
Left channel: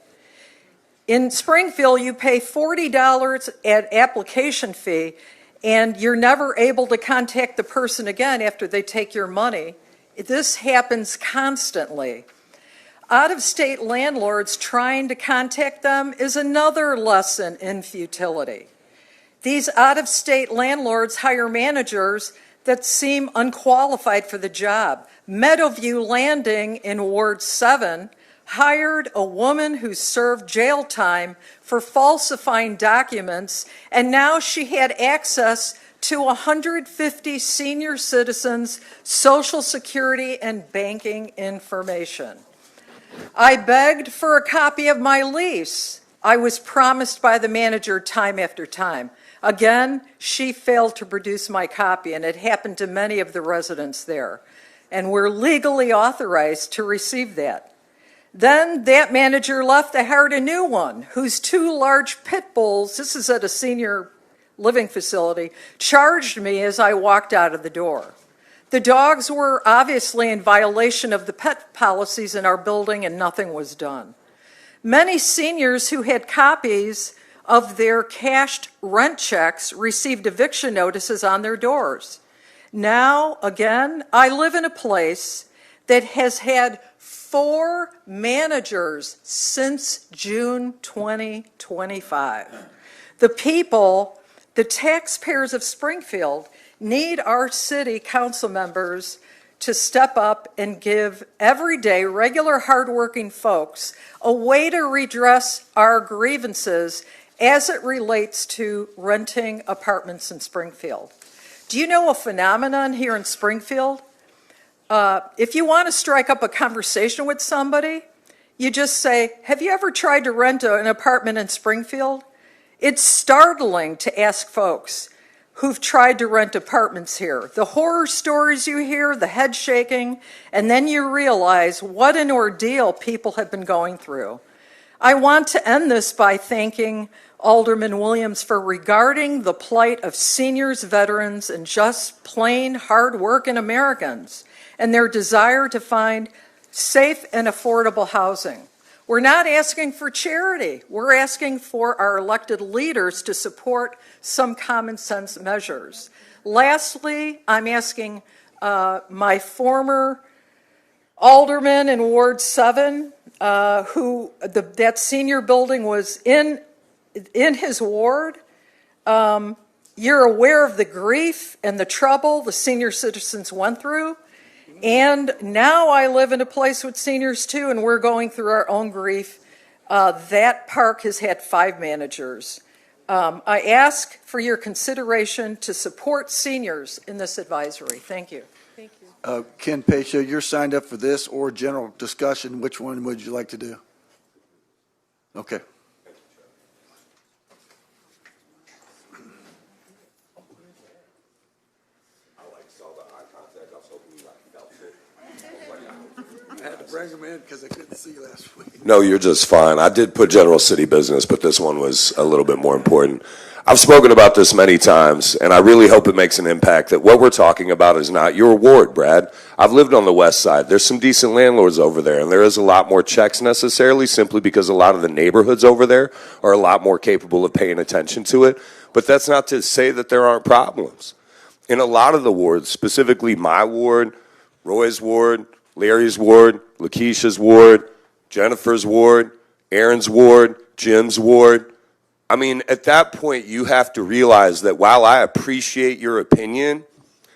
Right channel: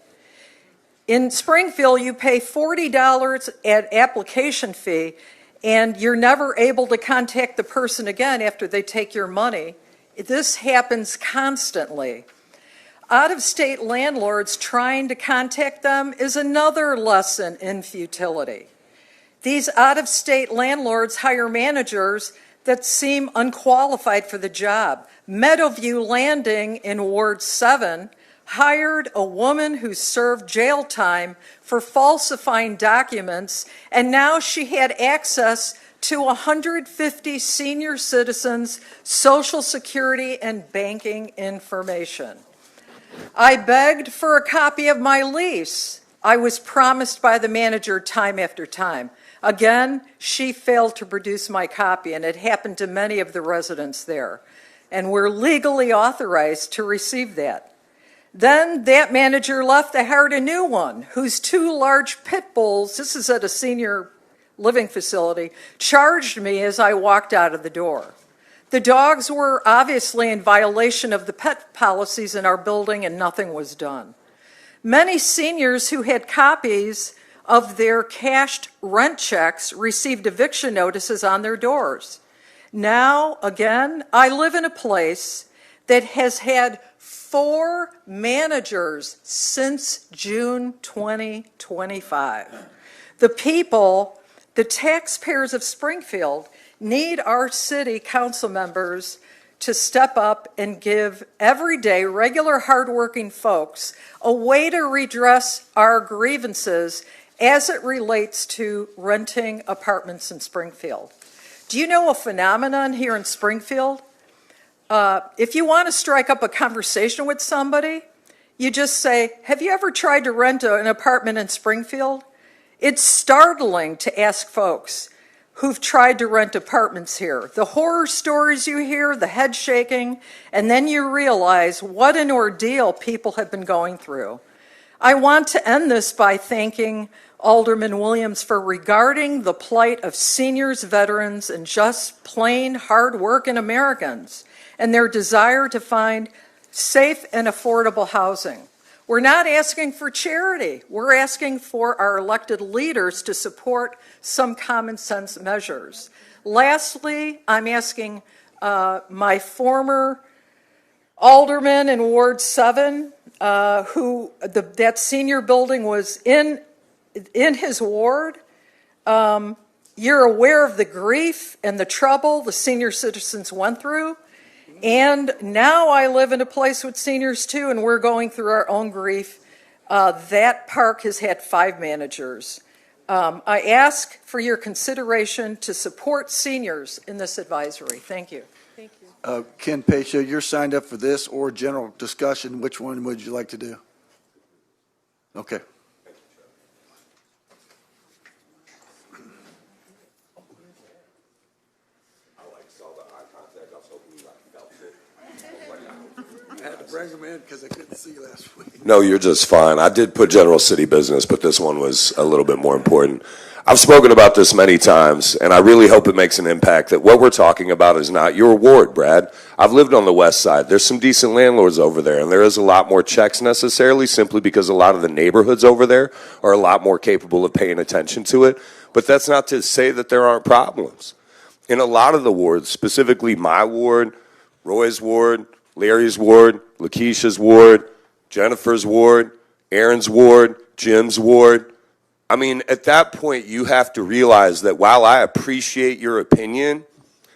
In Springfield, you pay $40 at application fee, and you're never able to contact the person again after they take your money. This happens constantly. Out-of-state landlords trying to contact them is another lesson in futility. These out-of-state landlords hire managers that seem unqualified for the job. Meadowview Landing in Ward 7 hired a woman who served jail time for falsifying documents, and now she had access to 150 senior citizens' Social Security and banking information. I begged for a copy of my lease. I was promised by the manager time after time. Again, she failed to produce my copy, and it happened to many of the residents there. And we're legally authorized to receive that. Then that manager left. I hired a new one whose 2 large pit bulls, this is at a senior living facility, charged me as I walked out of the door. The dogs were obviously in violation of the pet policies in our building, and nothing was done. Many seniors who had copies of their cashed rent checks received eviction notices on their doors. Now, again, I live in a place that has had 4 managers since June 2025. The people, the taxpayers of Springfield, need our city council members to step up and give everyday, regular, hardworking folks a way to redress our grievances as it relates to renting apartments in Springfield. Do you know a phenomenon here in Springfield? If you want to strike up a conversation with somebody, you just say, have you ever tried to rent an apartment in Springfield? It's startling to ask folks who've tried to rent apartments here. The horror stories you hear, the head shaking, and then you realize what an ordeal people have been going through. I want to end this by thanking Alderman Williams for regarding the plight of seniors, veterans, and just plain hard-working Americans and their desire to find safe and affordable housing. We're not asking for charity. We're asking for our elected leaders to support some common sense measures. Lastly, I'm asking my former alderman in Ward 7, that senior building was in his ward. You're aware of the grief and the trouble the senior citizens went through. And now I live in a place with seniors too, and we're going through our own grief. That park has had 5 managers. I ask for your consideration to support seniors in this advisory. Thank you. Thank you. Ken Pacho, you're signed up for this or general discussion. Which one would you like to do? Okay. I had to bring him in because I couldn't see last week. No, you're just fine. I did put general city business, but this one was a little bit more important. I've spoken about this many times, and I really hope it makes an impact that what we're talking about is not your ward, Brad. I've lived on the west side. There's some decent landlords over there, and there is a lot more checks necessarily simply because a lot of the neighborhoods over there are a lot more capable of paying attention to it. But that's not to say that there aren't problems. In a lot of the wards, specifically my ward, Roy's ward, Larry's ward, Lakeisha's ward, Jennifer's ward, Aaron's ward, Jim's ward. I mean, at that point, you have to realize that while I appreciate your opinion,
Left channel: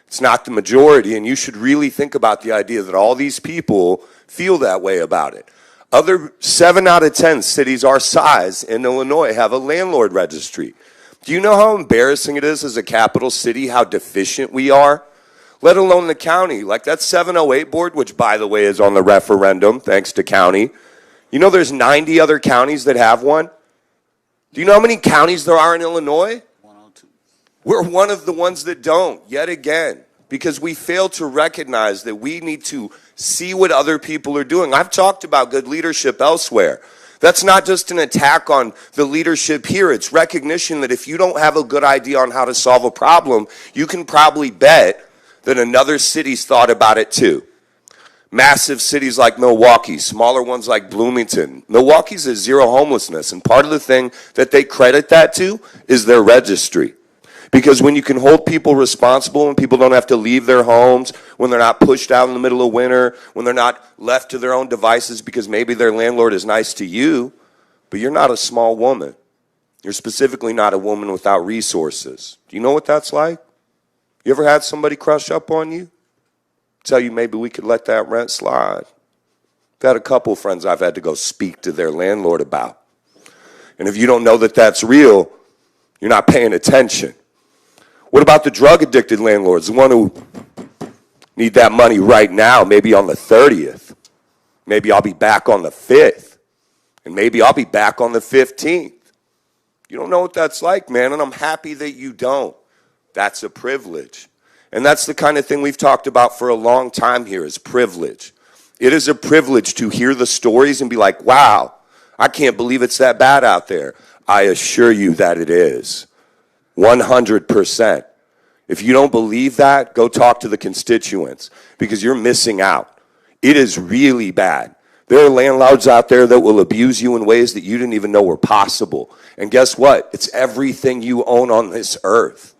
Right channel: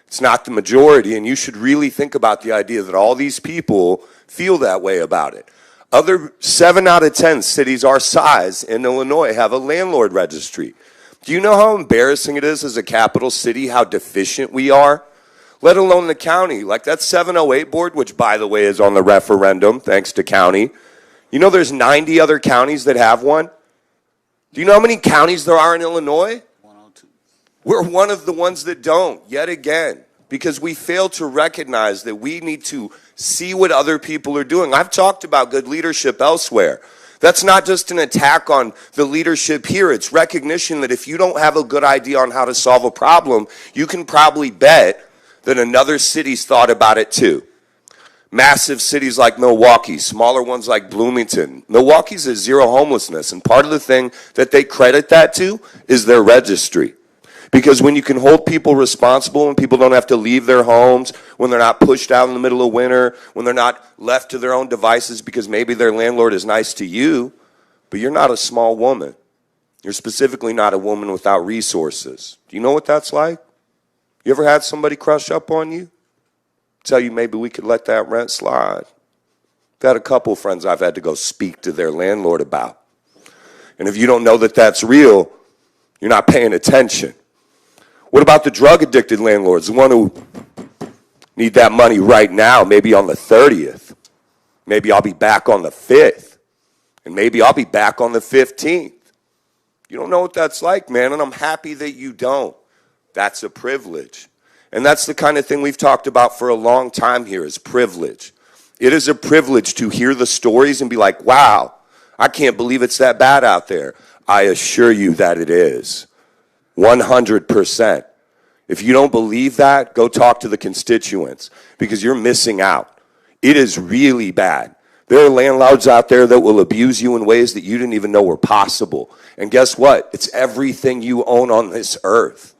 it's not the majority, and you should really think about the idea that all these people feel that way about it. Other 7 out of 10 cities our size in Illinois have a landlord registry. Do you know how embarrassing it is as a capital city, how deficient we are? Let alone the county. Like that 708 board, which by the way is on the referendum, thanks to county. You know there's 90 other counties that have one? Do you know how many counties there are in Illinois? 102. We're one of the ones that don't, yet again, because we fail to recognize that we need to see what other people are doing. I've talked about good leadership elsewhere. That's not just an attack on the leadership here. It's recognition that if you don't have a good idea on how to solve a problem, you can probably bet that another city's thought about it too. Massive cities like Milwaukee, smaller ones like Bloomington. Milwaukee's is zero homelessness, and part of the thing that they credit that to is their registry. Because when you can hold people responsible and people don't have to leave their homes, when they're not pushed out in the middle of winter, when they're not left to their own devices because maybe their landlord is nice to you, but you're not a small woman. You're specifically not a woman without resources. Do you know what that's like? You ever had somebody crush up on you? Tell you maybe we could let that rent slide. I've had a couple of friends I've had to go speak to their landlord about. And if you don't know that that's real, you're not paying attention. What about the drug-addicted landlords, the one who need that money right now, maybe on the 30th? Maybe I'll be back on the 5th. And maybe I'll be back on the 15th. You don't know what that's like, man, and I'm happy that you don't. That's a privilege. And that's the kind of thing we've talked about for a long time here is privilege. It is a privilege to hear the stories and be like, wow, I can't believe it's that bad out there. I assure you that it is. 100%. If you don't believe that, go talk to the constituents because you're missing out. It is really bad. There are landlords out there that will abuse you in ways that you didn't even know were possible. And guess what? It's everything you own on this earth.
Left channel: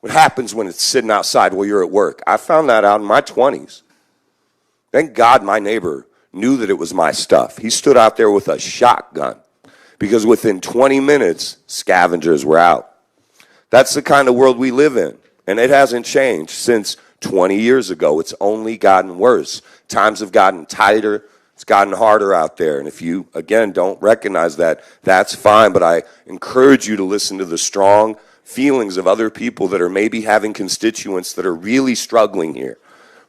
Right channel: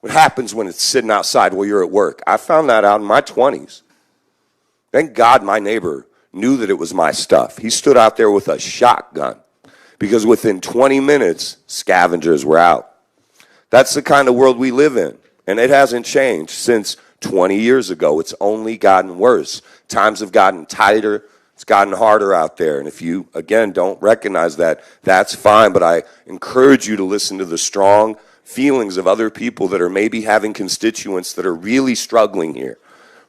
What happens when it's sitting outside while you're at work? I found that out in my 20s. Thank God my neighbor knew that it was my stuff. He stood out there with a shotgun because within 20 minutes, scavengers were out. That's the kind of world we live in, and it hasn't changed since 20 years ago. It's only gotten worse. Times have gotten tighter. It's gotten harder out there, and if you, again, don't recognize that, that's fine, but I encourage you to listen to the strong feelings of other people that are maybe having constituents that are really struggling here,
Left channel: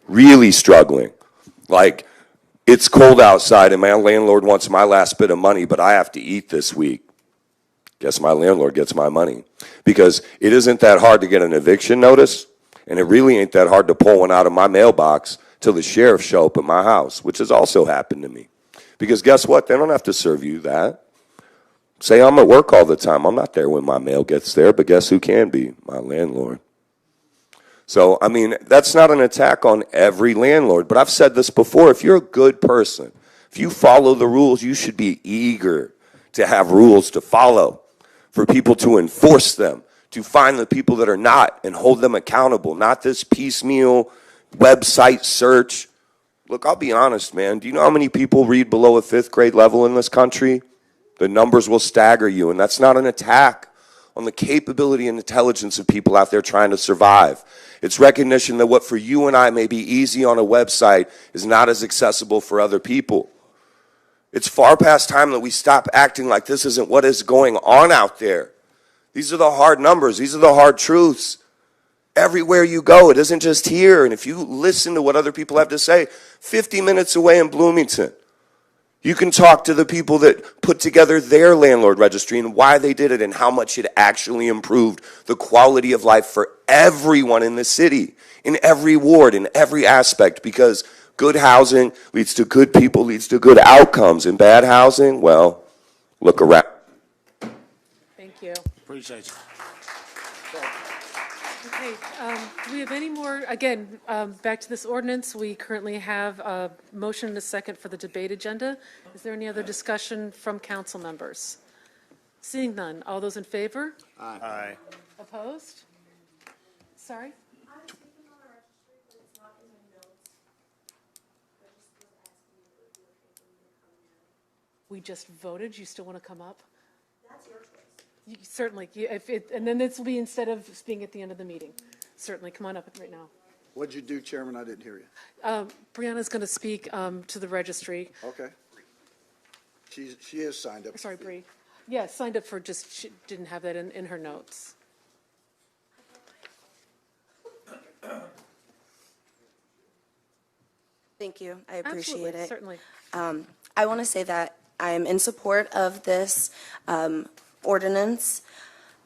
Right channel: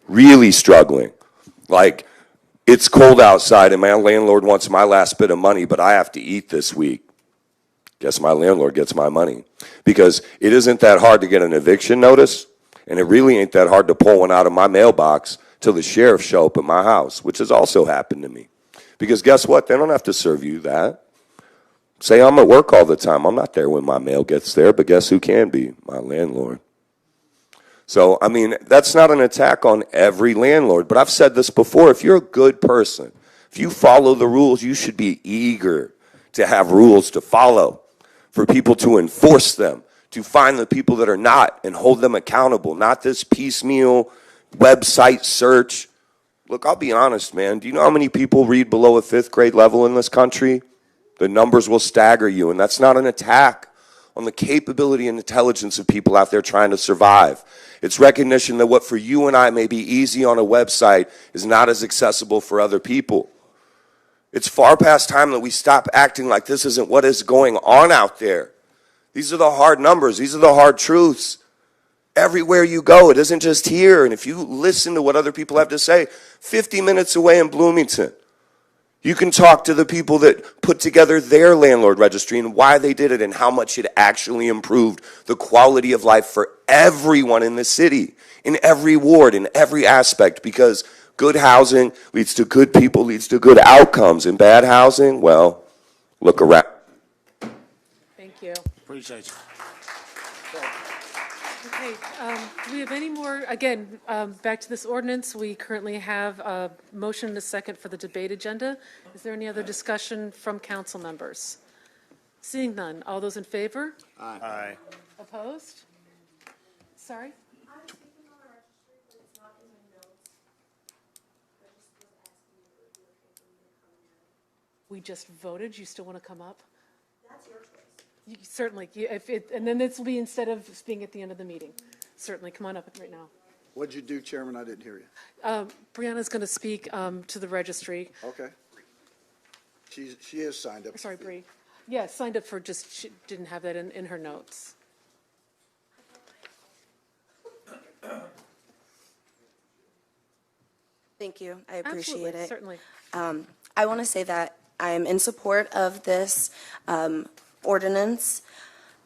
really struggling. Like, it's cold outside and my landlord wants my last bit of money, but I have to eat this week. Guess my landlord gets my money. Because it isn't that hard to get an eviction notice, and it really ain't that hard to pull one out of my mailbox till the sheriff show up at my house, which has also happened to me. Because guess what? They don't have to serve you that. Say I'm at work all the time. I'm not there when my mail gets there, but guess who can be? My landlord. So, I mean, that's not an attack on every landlord, but I've said this before. If you're a good person, if you follow the rules, you should be eager to have rules to follow, for people to enforce them, to find the people that are not and hold them accountable, not this piecemeal website search. Look, I'll be honest, man. Do you know how many people read below a 5th grade level in this country? The numbers will stagger you, and that's not an attack on the capability and intelligence of people out there trying to survive. It's recognition that what for you and I may be easy on a website is not as accessible for other people. It's far past time that we stop acting like this isn't what is going on out there. These are the hard numbers. These are the hard truths. Everywhere you go, it isn't just here. And if you listen to what other people have to say, 50 minutes away in Bloomington, you can talk to the people that put together their landlord registry and why they did it and how much it actually improved the quality of life for everyone in the city, in every ward, in every aspect, because good housing leads to good people, leads to good outcomes. And bad housing, well, look around. Thank you. Appreciate you. Okay, do we have any more, again, back to this ordinance, we currently have a motion and a second for the debate agenda. Is there any other discussion from council members? Seeing none, all those in favor? Aye. Opposed? Sorry? We just voted, you still want to come up? Certainly, and then this will be instead of being at the end of the meeting. Certainly, come on up right now. What'd you do, Chairman? I didn't hear you. Brianna's going to speak to the registry. Okay. She is signed up. Sorry, Bree. Yeah, signed up for just, she didn't have that in her notes. Thank you. I appreciate Absolutely, it. certainly. I want to say that I am in support of this ordinance.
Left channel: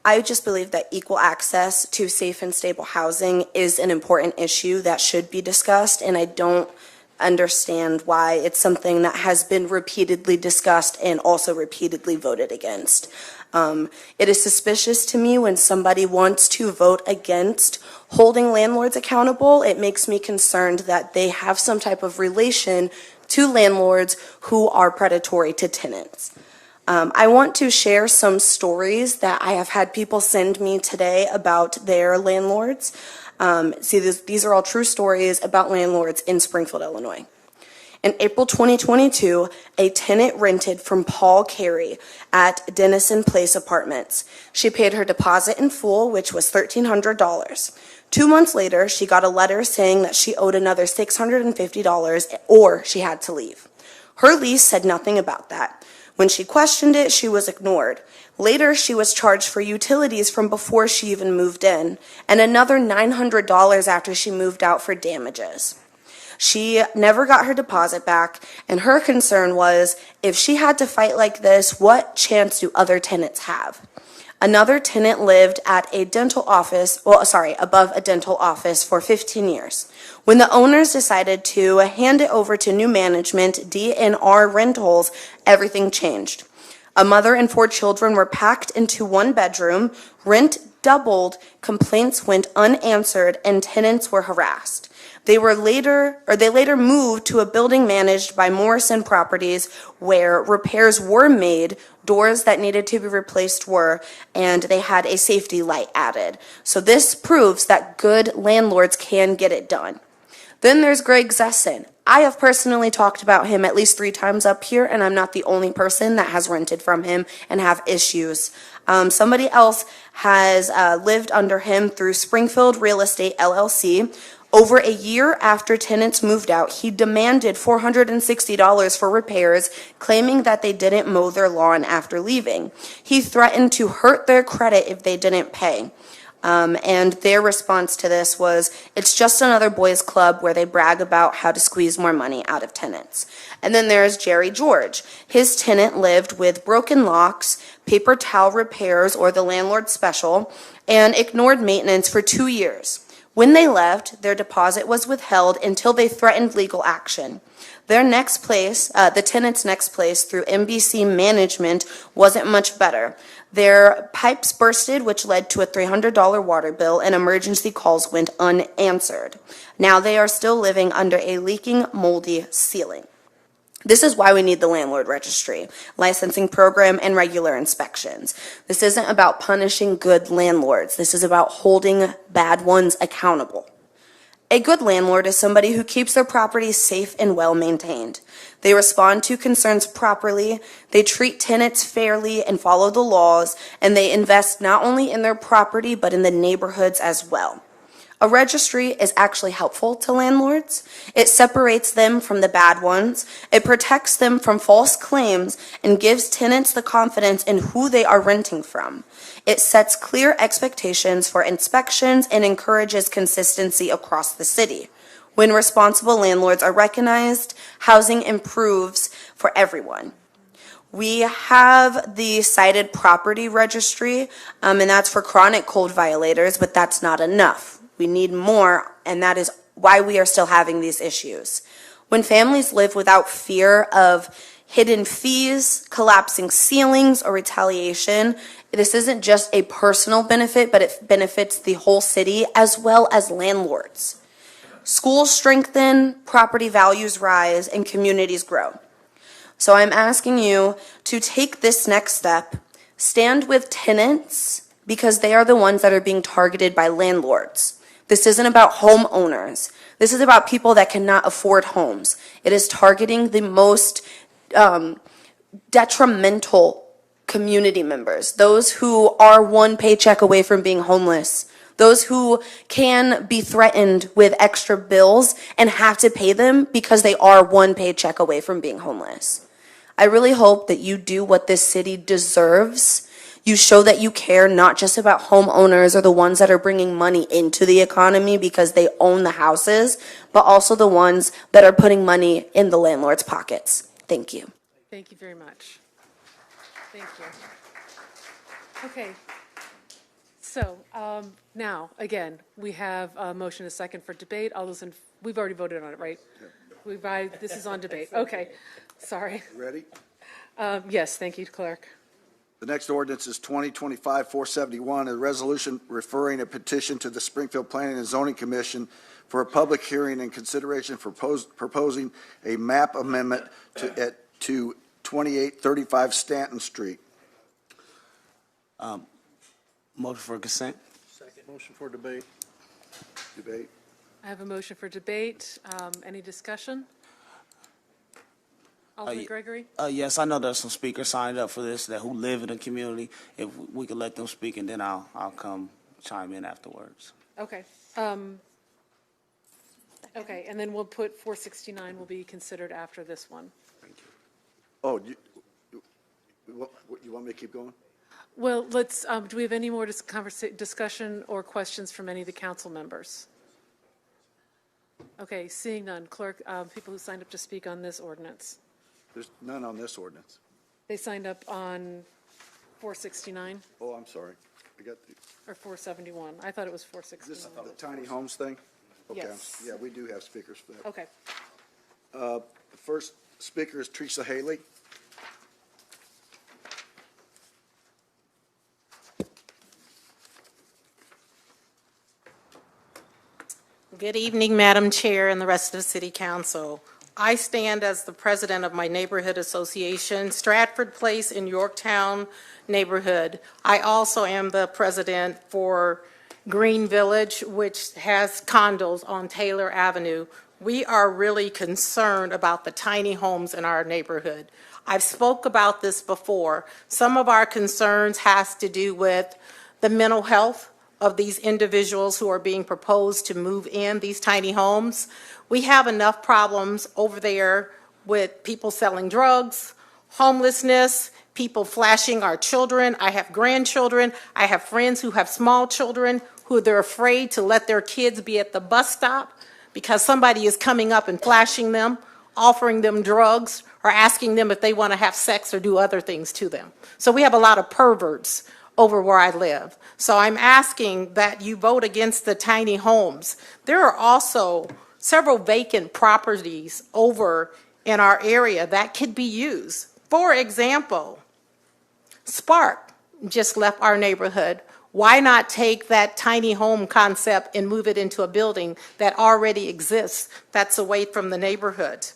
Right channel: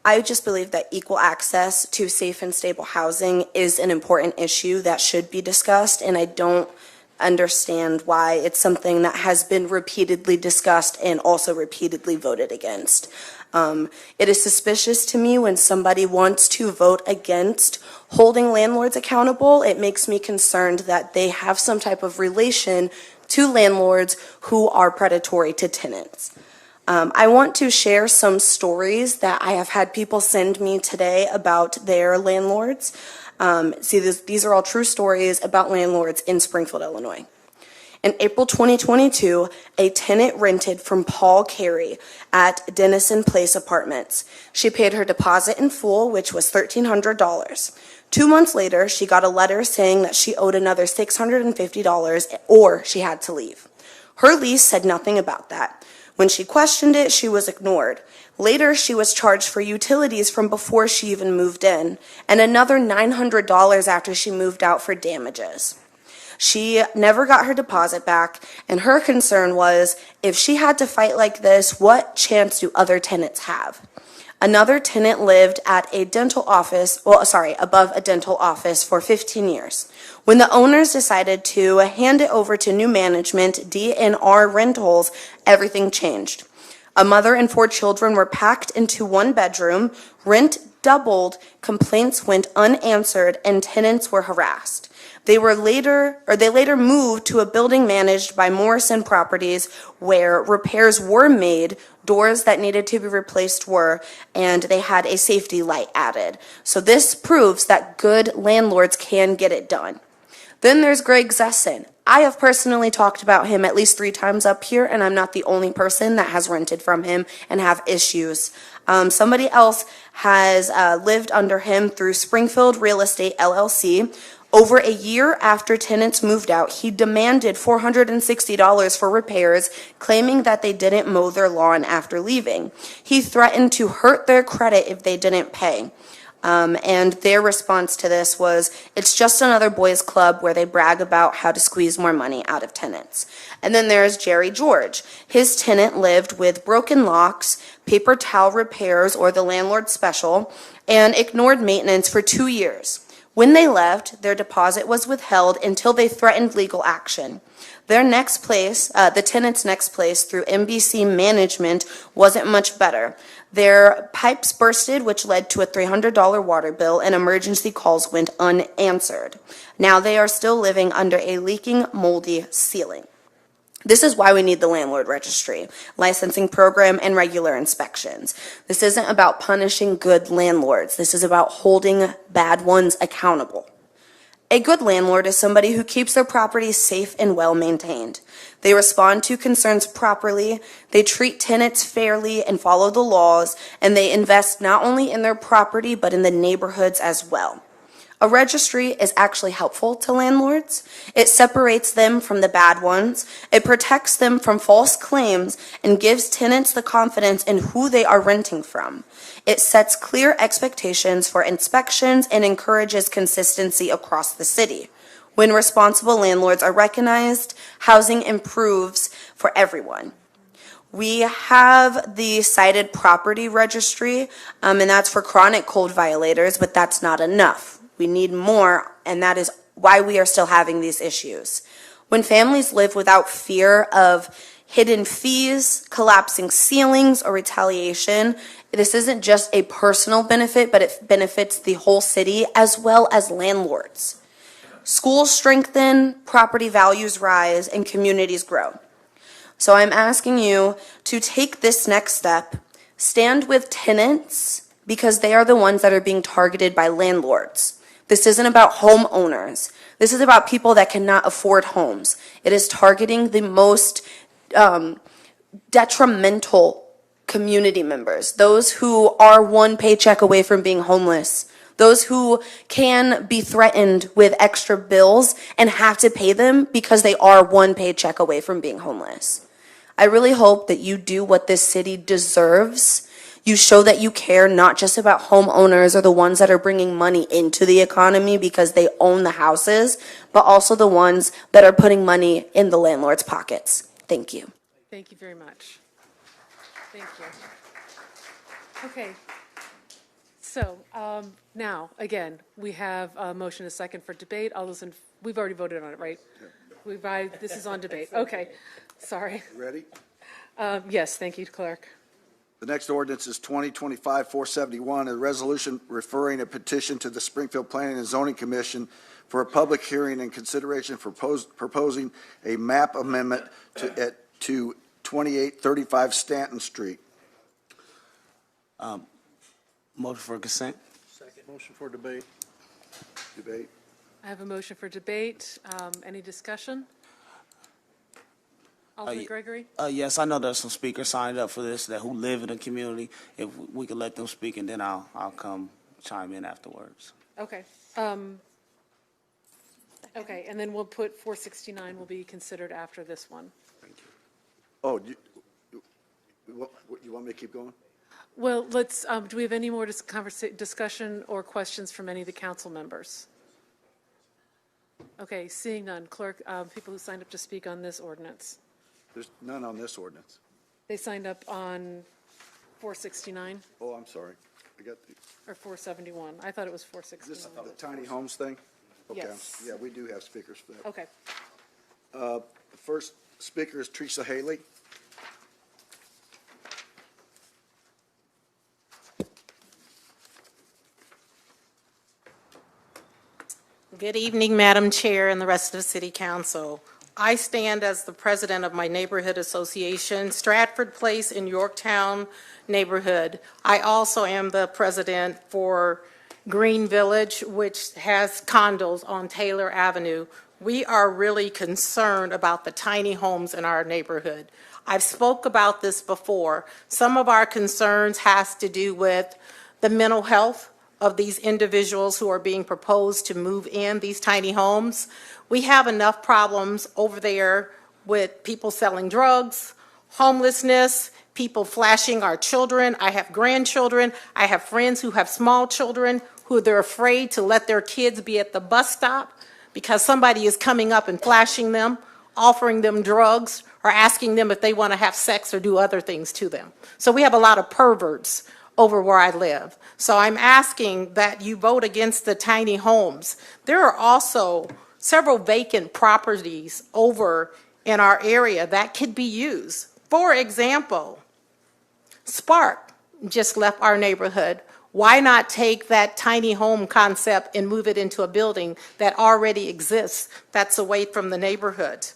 I just believe that equal access to safe and stable housing is an important issue that should be discussed, and I don't understand why it's something that has been repeatedly discussed and also repeatedly voted against. It is suspicious to me when somebody wants to vote against holding landlords accountable. It makes me concerned that they have some type of relation to landlords who are predatory to tenants. I want to share some stories that I have had people send me today about their landlords. These are all true stories about landlords in Springfield, Illinois. In April 2022, a tenant rented from Paul Carey at Denison Place Apartments. She paid her deposit in full, which was $1,300. 2 months later, she got a letter saying that she owed another $650 or she had to leave. Her lease said nothing about that. When she questioned it, she was ignored. Later, she was charged for utilities from before she even moved in, and another $900 after she moved out for damages. She never got her deposit back, and her concern was, if she had to fight like this, what chance do other tenants have? Another tenant lived at a dental office, above a dental office for 15 years. When the owners decided to hand it over to new management, DNR Rentals, everything changed. A mother and 4 children were packed into one bedroom, rent doubled, complaints went unanswered, and tenants were harassed. They later moved to a building managed by Morrison Properties where repairs were made, doors that needed to be replaced were, and they had a safety light added. So this proves that good landlords can get it done. Then there's Greg Zesson. I have personally talked about him at least 3 times up here, and I'm not the only person that has rented from him and have issues. Somebody else has lived under him through Springfield Real Estate LLC. Over a year after tenants moved out, he demanded $460 for repairs, claiming that they didn't mow their lawn after leaving. He threatened to hurt their credit if they didn't pay. And their response to this was, it's just another boys' club where they brag about how to squeeze more money out of tenants. And then there's Jerry George. His tenant lived with broken locks, paper towel repairs or the landlord special, and ignored maintenance for 2 years. When they left, their deposit was withheld until they threatened legal action. Their next place, the tenant's next place through MBC management wasn't much better. Their pipes bursted, which led to a $300 water bill, and emergency calls went unanswered. Now they are still living under a leaking, moldy ceiling. This is why we need the landlord registry, licensing program, and regular inspections. This isn't about punishing good landlords. This is about holding bad ones accountable. A good landlord is somebody who keeps their properties safe and well maintained. They respond to concerns properly, they treat tenants fairly and follow the laws, and they invest not only in their property but in the neighborhoods as well. A registry is actually helpful to landlords. It separates them from the bad ones. It protects them from false claims and gives tenants the confidence in who they are renting from. It sets clear expectations for inspections and encourages consistency across the city. When responsible landlords are recognized, housing improves for everyone. We have the cited property registry, and that's for chronic code violators, but that's not enough. We need more, and that is why we are still having these issues. When families live without fear of hidden fees, collapsing ceilings, or retaliation, this isn't just a personal benefit, but it benefits the whole city as well as landlords. Schools strengthen, property values rise, and communities grow. So I'm asking you to take this next step, stand with tenants, because they are the ones that are being targeted by landlords. This isn't about homeowners. This is about people that cannot afford homes. It is targeting the most detrimental community members, those who are one paycheck away from being homeless, those who can be threatened with extra bills and have to pay them because they are one paycheck away from being homeless. I really hope that you do what this city deserves. You show that you care not just about homeowners or the ones that are bringing money into the economy because they own the houses, but also the ones that are putting money in the landlord's pockets. Thank you. Thank you very much. Thank you. Okay. So now, again, we have a motion and a second for debate. All those we've already voted on it, right? This is on debate. Okay. Sorry. Ready? Yes, thank you, Clerk. The next ordinance is 2025-471, a resolution referring a petition to the Springfield Planning and Zoning Commission for a public hearing and consideration for proposing a map amendment to 2835 Stanton Street. Motion for consent. Second. Motion for debate. Debate. I have a motion for debate. Any discussion? Alderman Gregory? Yes, I know there's some speakers signed up for this who live in the community. If we could let them speak, and then I'll come chime in afterwards. Okay. Okay, and then we'll put 469 will be considered after this one. Thank you. Oh, you want me to keep going? Well, let's. Do we have any more discussion or questions from any of the council members? Okay, seeing none. Clerk, people who signed up to speak on this ordinance. There's none on this ordinance. They signed up on 469? Oh, I'm sorry. I got or 471? I thought it was 469. Is this the tiny homes thing? Okay. Yes. Yeah, we do have speakers for that. Okay. The first speaker is Teresa Haley. Good evening, Madam Chair and the rest of the City Council. I stand as the president of my neighborhood association, Stratford Place in Yorktown neighborhood. I also am the president for Green Village, which has condos on Taylor Avenue. We are really concerned about the tiny homes in our neighborhood. I've spoke about this before. Some of our concerns has to do with the mental health of these individuals who are being proposed to move in these tiny homes. We have enough problems over there with people selling drugs, homelessness, people flashing our children. I have grandchildren. I have friends who have small children who they're afraid to let their kids be at the bus stop because somebody is coming up and flashing them, offering them drugs, or asking them if they want to have sex or do other things to them. So we have a lot of perverts over where I live. So I'm asking that you vote against the tiny homes. There are also several vacant properties over in our area that could be used. For example, Spark just left our neighborhood. Why not take that tiny home concept and move it into a building that already exists that's away from the neighborhood?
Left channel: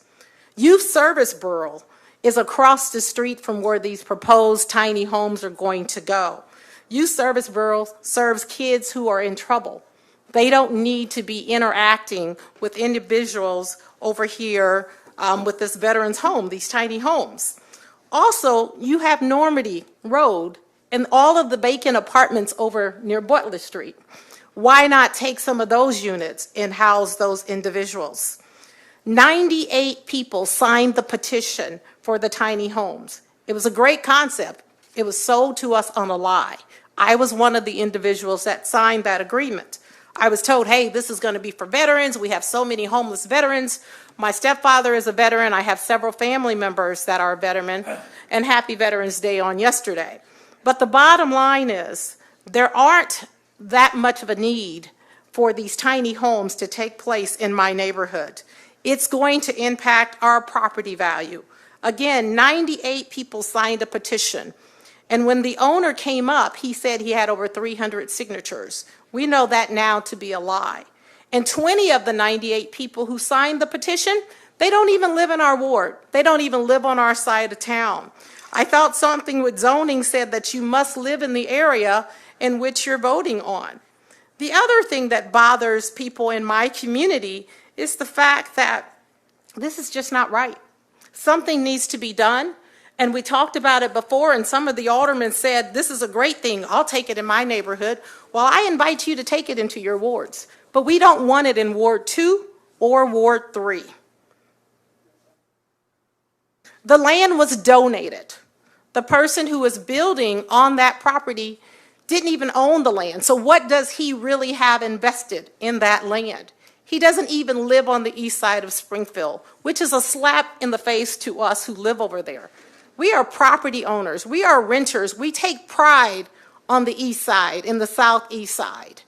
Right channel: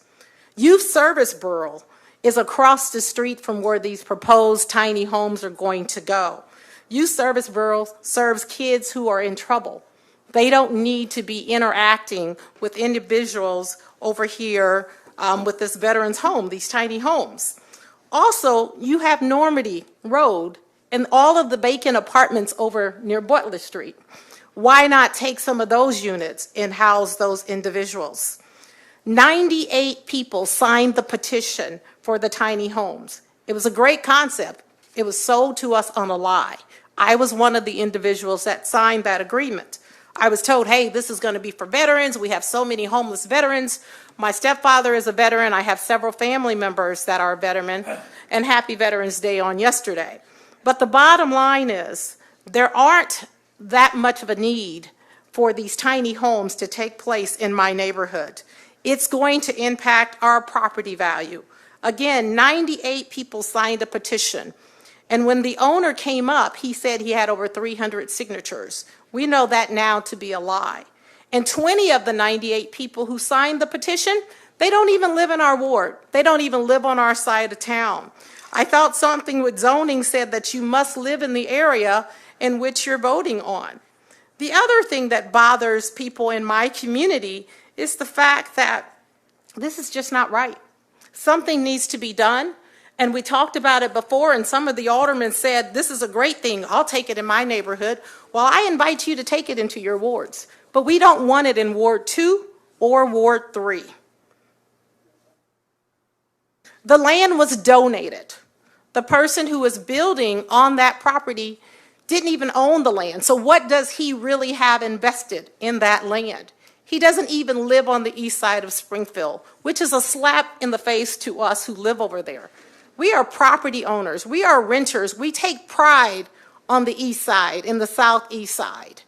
Youth Service Bureau is across the street from where these proposed tiny homes are going to go. Youth Service Bureau serves kids who are in trouble. They don't need to be interacting with individuals over here with this veterans home, these tiny homes. Also, you have Normandy Road and all of the vacant apartments over near Butler Street. Why not take some of those units and house those individuals? 98 people signed the petition for the tiny homes. It was a great concept. It was sold to us on a lie. I was one of the individuals that signed that agreement. I was told, hey, this is going to be for veterans. We have so many homeless veterans. My stepfather is a veteran. I have several family members that are veterans, and happy Veterans Day on yesterday. But the bottom line is there aren't that much of a need for these tiny homes to take place in my neighborhood. It's going to impact our property value. Again, 98 people signed a petition. And when the owner came up, he said he had over 300 signatures. We know that now to be a lie. And 20 of the 98 people who signed the petition, they don't even live in our ward. They don't even live on our side of town. I thought something with zoning said that you must live in the area in which you're voting on. The other thing that bothers people in my community is the fact that this is just not right. Something needs to be done. And we talked about it before, and some of the aldermen said, this is a great thing. I'll take it in my neighborhood. Well, I invite you to take it into your wards. But we don't want it in Ward 2 or Ward 3. The land was donated. The person who is building on that property didn't even own the land. So what does he really have invested in that land? He doesn't even live on the east side of Springfield, which is a slap in the face to us who live over there. We are property owners. We are renters. We take pride on the east side, in the southeast side.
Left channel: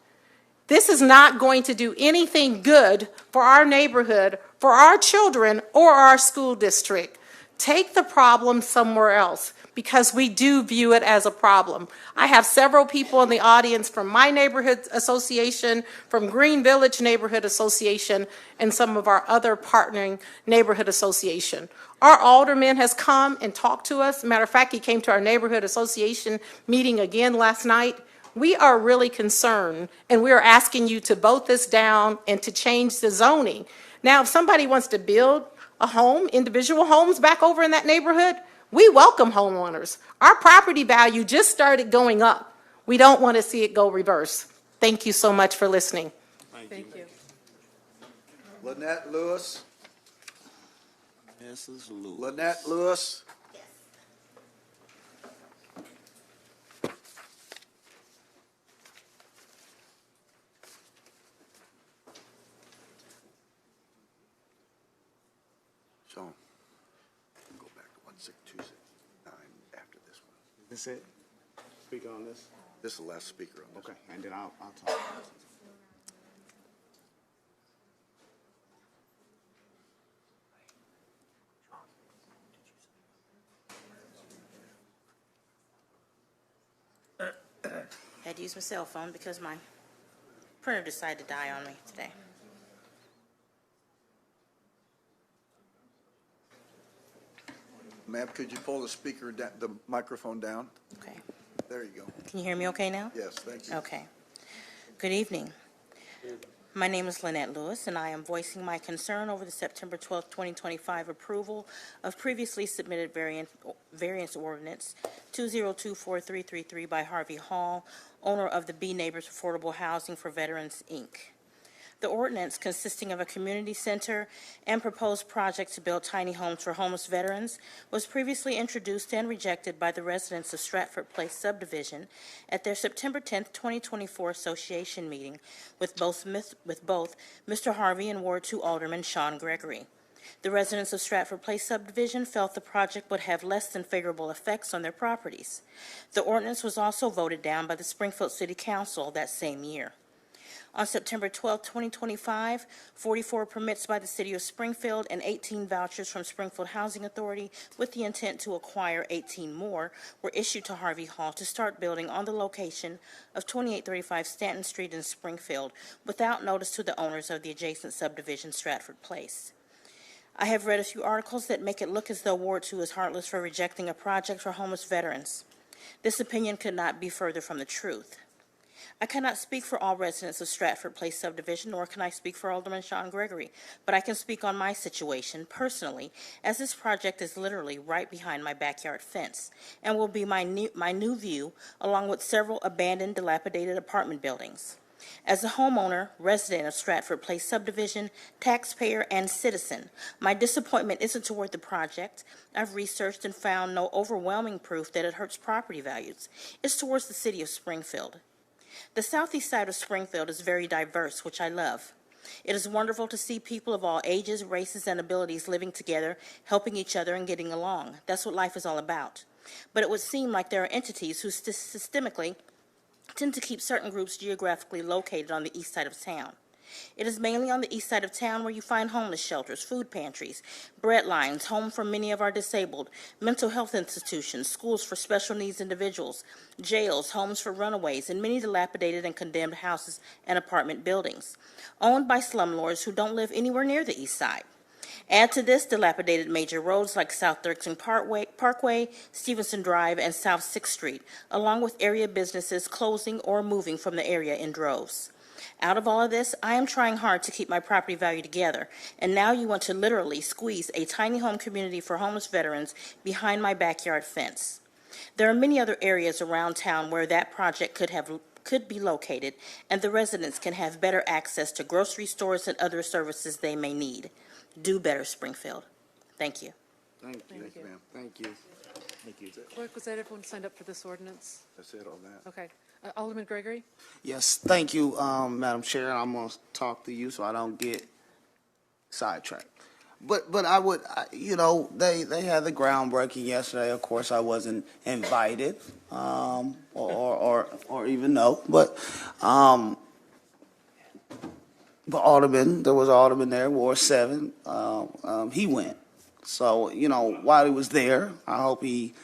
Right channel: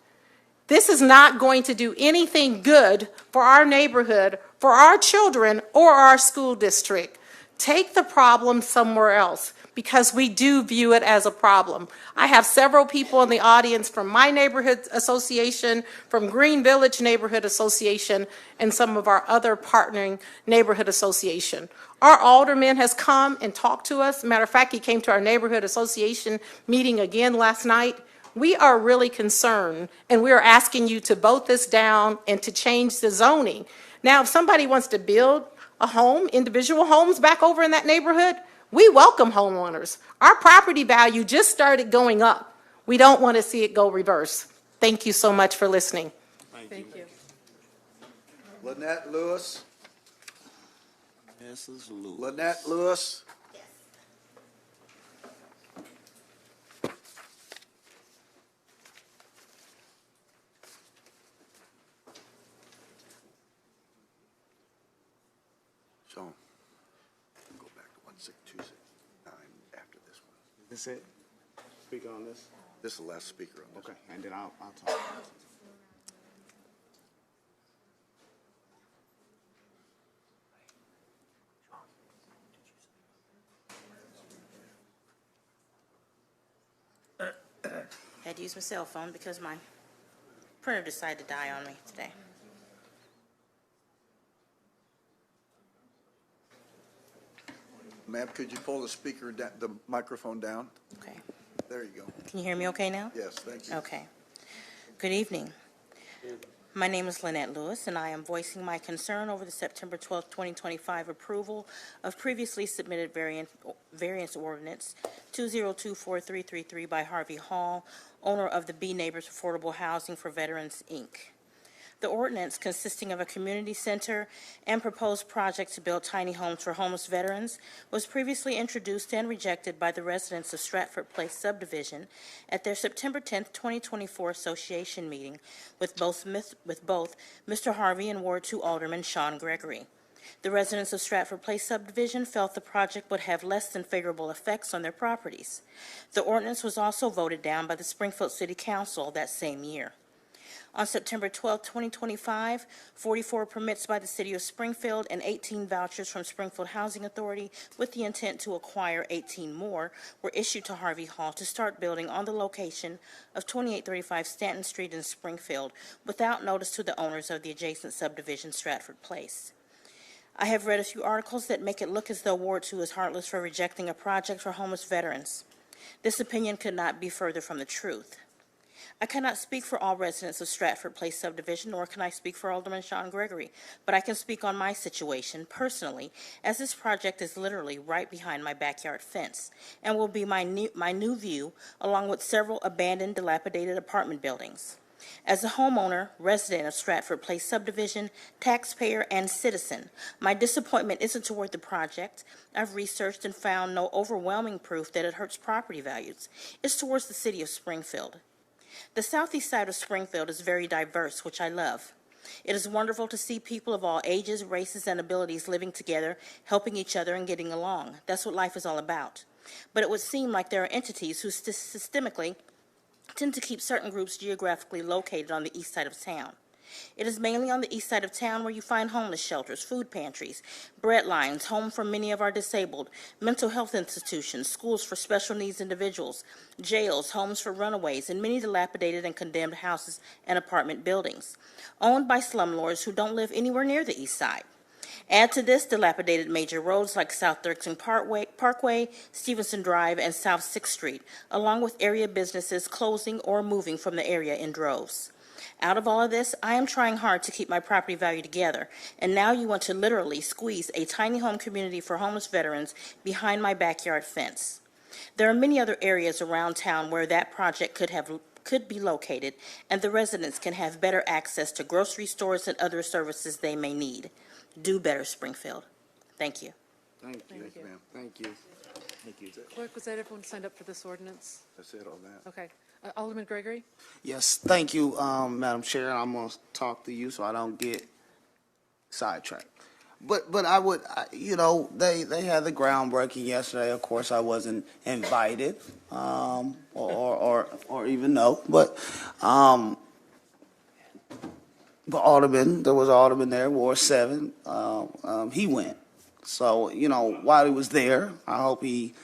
This is not going to do anything good for our neighborhood, for our children, or our school district. Take the problem somewhere else, because we do view it as a problem. I have several people in the audience from my neighborhood association, from Green Village Neighborhood Association, and some of our other partnering neighborhood association. Our alderman has come and talked to us. Matter of fact, he came to our neighborhood association meeting again last night. We are really concerned, and we are asking you to vote this down and to change the zoning. Now, if somebody wants to build a home, individual homes back over in that neighborhood, we welcome homeowners. Our property value just started going up. We don't want to see it go reverse. Thank you so much for listening. Thank you. Lynette Lewis. Mrs. Lewis. Lynette Lewis. So, go back to 16269 after this one. This it? Speak on this? This is the last speaker on this. Okay, and then I'll talk. I had to use my cell phone because my printer decided to die on me today. Ma'am, could you pull the speaker, the microphone down? Okay. There you go. Can you hear me okay now? Yes, thank you. Okay. Good evening. My name is Lynette Lewis, and I am voicing my concern over the September 12, 2025 approval of previously submitted variance ordinance 2024333 by Harvey Hall, owner of the B Neighbors Affordable Housing for Veterans, Inc. The ordinance, consisting of a community center and proposed projects to build tiny homes for homeless veterans, was previously introduced and rejected by the residents of Stratford Place subdivision at their September 10, 2024 association meeting with both Mr. Harvey and Ward 2 Alderman Sean Gregory. The residents of Stratford Place subdivision felt the project would have less than favorable effects on their properties. The ordinance was also voted down by the Springfield City Council that same year. On September 12, 2025, 44 permits by the City of Springfield and 18 vouchers from Springfield Housing Authority with the intent to acquire 18 more were issued to Harvey Hall to start building on the location of 2835 Stanton Street in Springfield without notice to the owners of the adjacent subdivision, Stratford Place. I have read a few articles that make it look as though Ward 2 is heartless for rejecting a project for homeless veterans. This opinion could not be further from the truth. I cannot speak for all residents of Stratford Place subdivision, nor can I speak for Alderman Sean Gregory, but I can speak on my situation personally, as this project is literally right behind my backyard fence and will be my new view, along with several abandoned, dilapidated apartment buildings. As a homeowner, resident of Stratford Place subdivision, taxpayer, and citizen, my disappointment isn't toward the project. I've researched and found no overwhelming proof that it hurts property values. It's towards the city of Springfield. The southeast side of Springfield is very diverse, which I love. It is wonderful to see people of all ages, races, and abilities living together, helping each other, and getting along. That's what life is all about. But it would seem like there are entities who systemically tend to keep certain groups geographically located on the east side of town. It is mainly on the east side of town where you find homeless shelters, food pantries, bread lines, home for many of our disabled, mental health institutions, schools for special needs individuals, jails, homes for runaways, and many dilapidated and condemned houses and apartment buildings, owned by slumlords who don't live anywhere near the east side. Add to this dilapidated major roads like South 13 Parkway, Stevenson Drive, and South 6th Street, along with area businesses closing or moving from the area in droves. Out of all of this, I am trying hard to keep my property value together, and now you want to literally squeeze a tiny home community for homeless veterans behind my backyard fence. There are many other areas around town where that project could be located, and the residents can have better access to grocery stores and other services they may need. Do better, Springfield. Thank you. Thank you, Thank you. ma'am. Thank you. Thank you. Clerk, was that everyone signed up for this ordinance? That's it on that. Okay. Alderman Gregory? Yes, thank you, Madam Chair. I'm going to talk to you so I don't get sidetracked. But I would, they had the groundbreaking yesterday. Of course, I wasn't invited, or even know. But Alderman, there was an Alderman there, Ward 7. He went. So while he was there, I hope he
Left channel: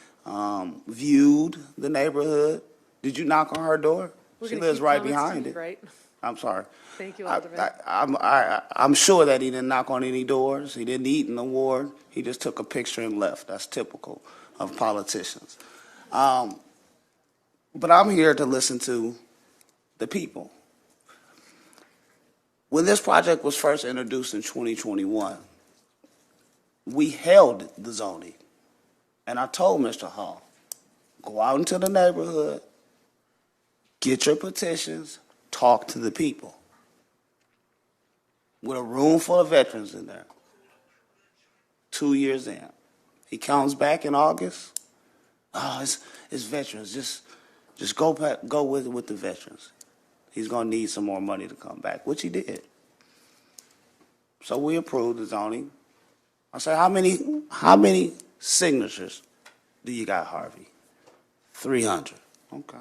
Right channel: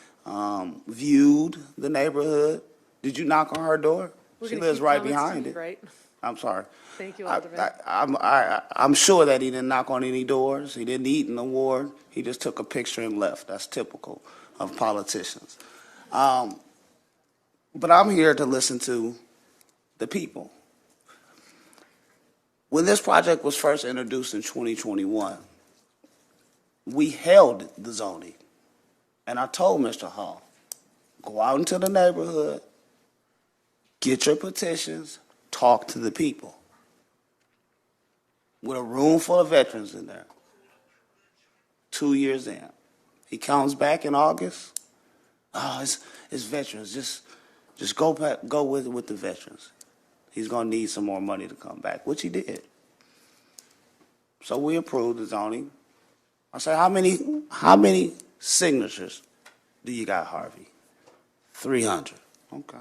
viewed the neighborhood. Did you knock on her door? We're She gonna lives keep right comments to behind you, it. right? I'm sorry. Thank you, Alderman. I'm sure that he didn't knock on any doors. He didn't eat in the ward. He just took a picture and left. That's typical of politicians. But I'm here to listen to the people. When this project was first introduced in 2021, we held the zoning. And I told Mr. Hall, go out into the neighborhood, get your petitions, talk to the people. With a room full of veterans in there. 2 years in. He comes back in August. Oh, it's veterans. Just go with the veterans. He's going to need some more money to come back, which he did. So we approved the zoning. I said, how many signatures do you got, Harvey? 300. Okay.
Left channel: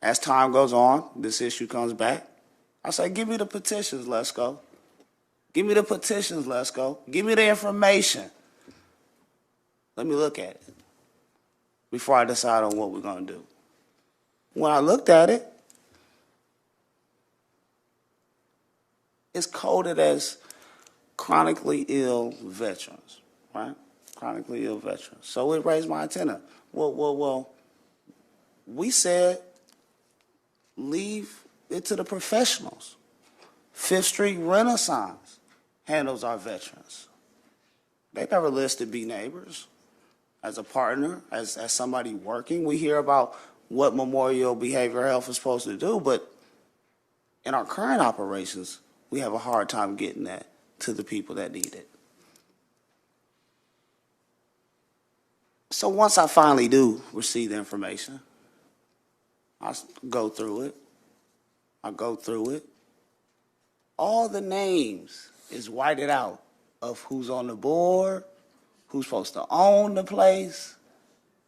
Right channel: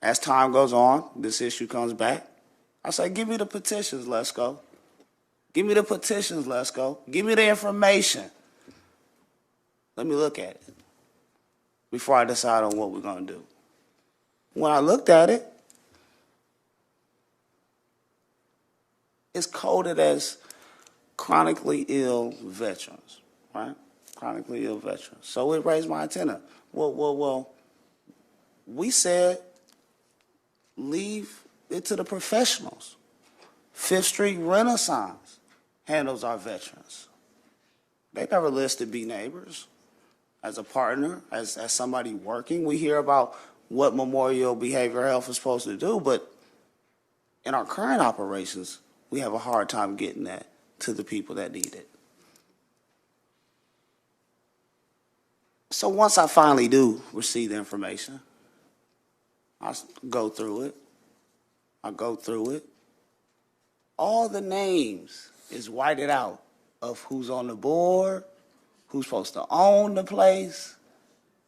As time goes on, this issue comes back. I say, give me the petitions, let's go. Give me the petitions, let's go. Give me the information. Let me look at it before I decide on what we're going to do. When I looked at it, it's coded as chronically ill veterans, right? Chronically ill veterans. So it raised my antenna. Well, we said, leave it to the professionals. Fifth Street Renaissance handles our veterans. They never listed B Neighbors as a partner, as somebody working. We hear about what Memorial Behavioral Health is supposed to do, but in our current operations, we have a hard time getting that to the people that need it. So once I finally do receive the information, I go through it. All the names is whited out of who's on the board, who's supposed to own the place,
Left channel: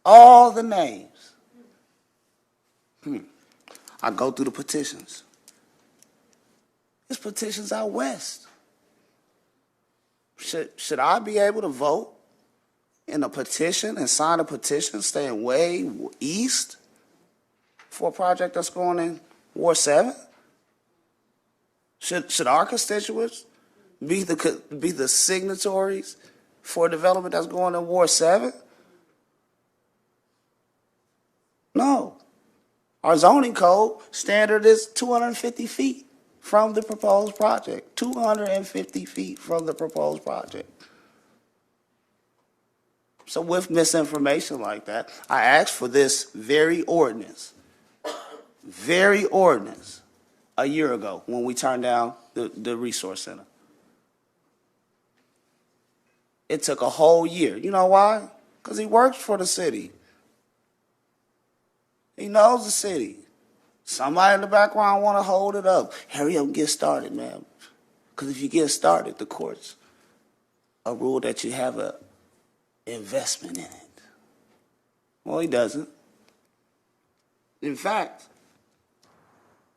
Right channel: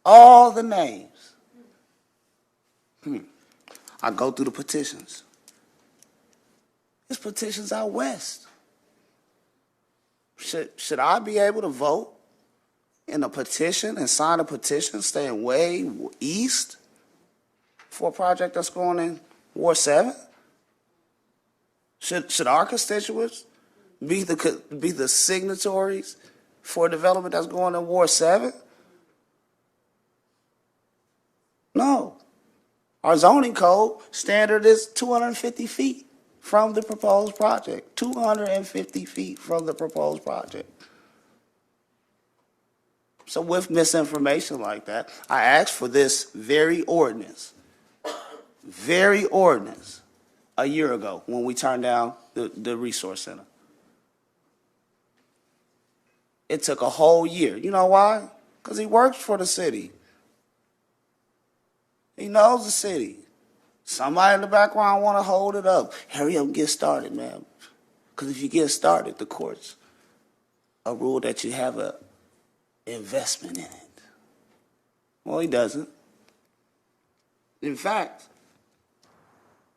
all the names. I go through the petitions. There's petitions out west. Should I be able to vote in a petition and sign a petition staying way east for a project that's going in Ward 7? Should our constituents be the signatories for a development that's going in Ward 7? No. Our zoning code standard is 250 feet from the proposed project. 250 feet from the proposed project. So with misinformation like that, I asked for this very ordinance a year ago when we turned down the resource center. It took a whole year. You know why? Because he works for the city. He knows the city. Somebody in the background want to hold it up. Hurry up and get started, man. Because if you get started, the courts rule that you have an investment in it. Well, he doesn't. In fact,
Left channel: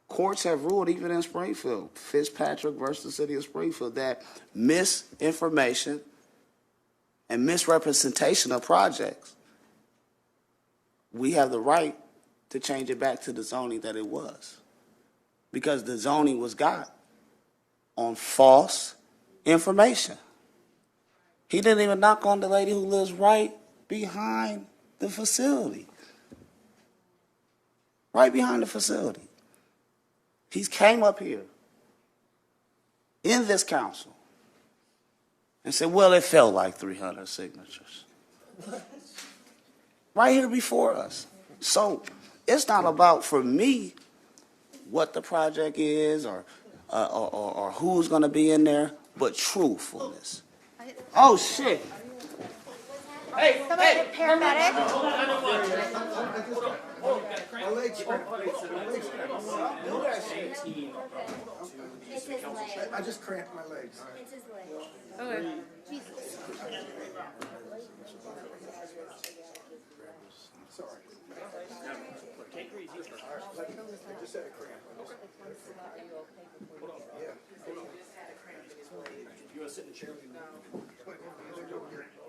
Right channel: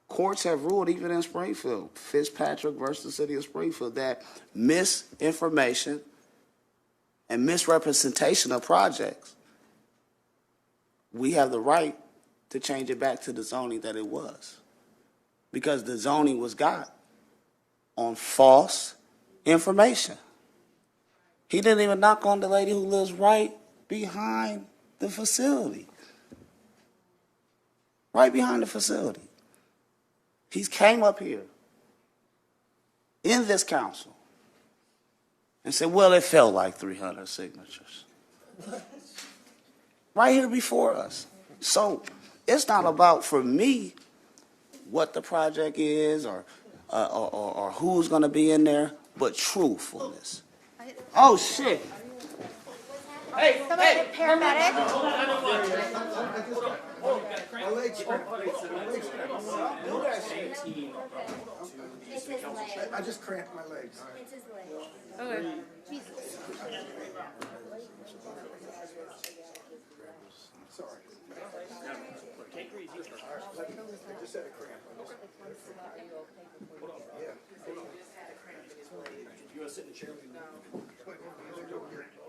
courts have ruled, even in Springfield, Fitzpatrick versus the city of Springfield, that misinformation and misrepresentation of projects, we have the right to change it back to the zoning that it was. Because the zoning was got on false information. He didn't even knock on the lady who lives right behind the facility. Right behind the facility. He came up here in this council and said, well, it felt like 300 signatures. Right here before us. So it's not about, for me, what the project is or who's going to be in there. but truthfulness. Oh shit. Hey, paramedic. I just cramped my legs.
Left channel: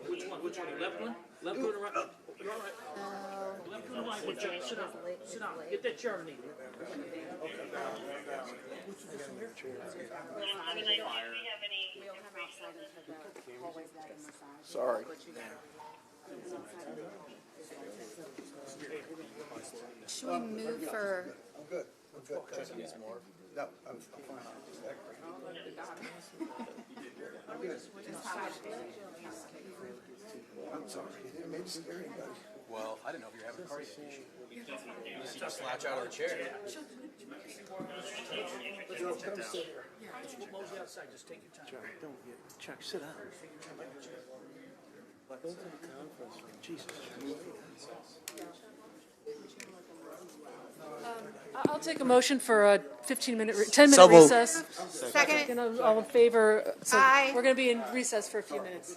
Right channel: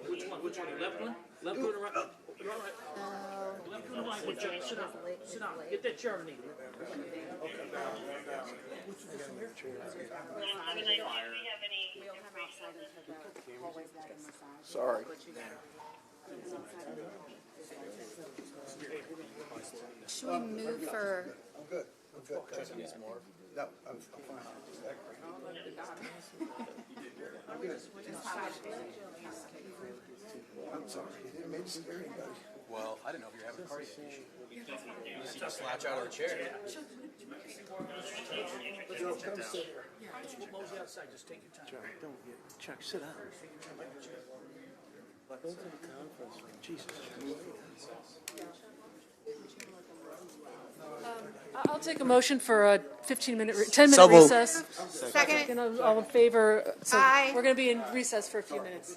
Which one? Which one? Left one? Left one or right? Left one or right? Sit down. Sit down. Get that chair underneath. Sorry. Should we move for? I'm good. No, I'm fine. I'm sorry. It made me scare you guys. Well, I didn't know if you were having a car issue. You just slouch out of the chair. Chuck, sit down. Jesus. I'll take a motion for a 10-minute So moved. recess. Second. All in favor? So Aye. we're going to be in recess for a few minutes.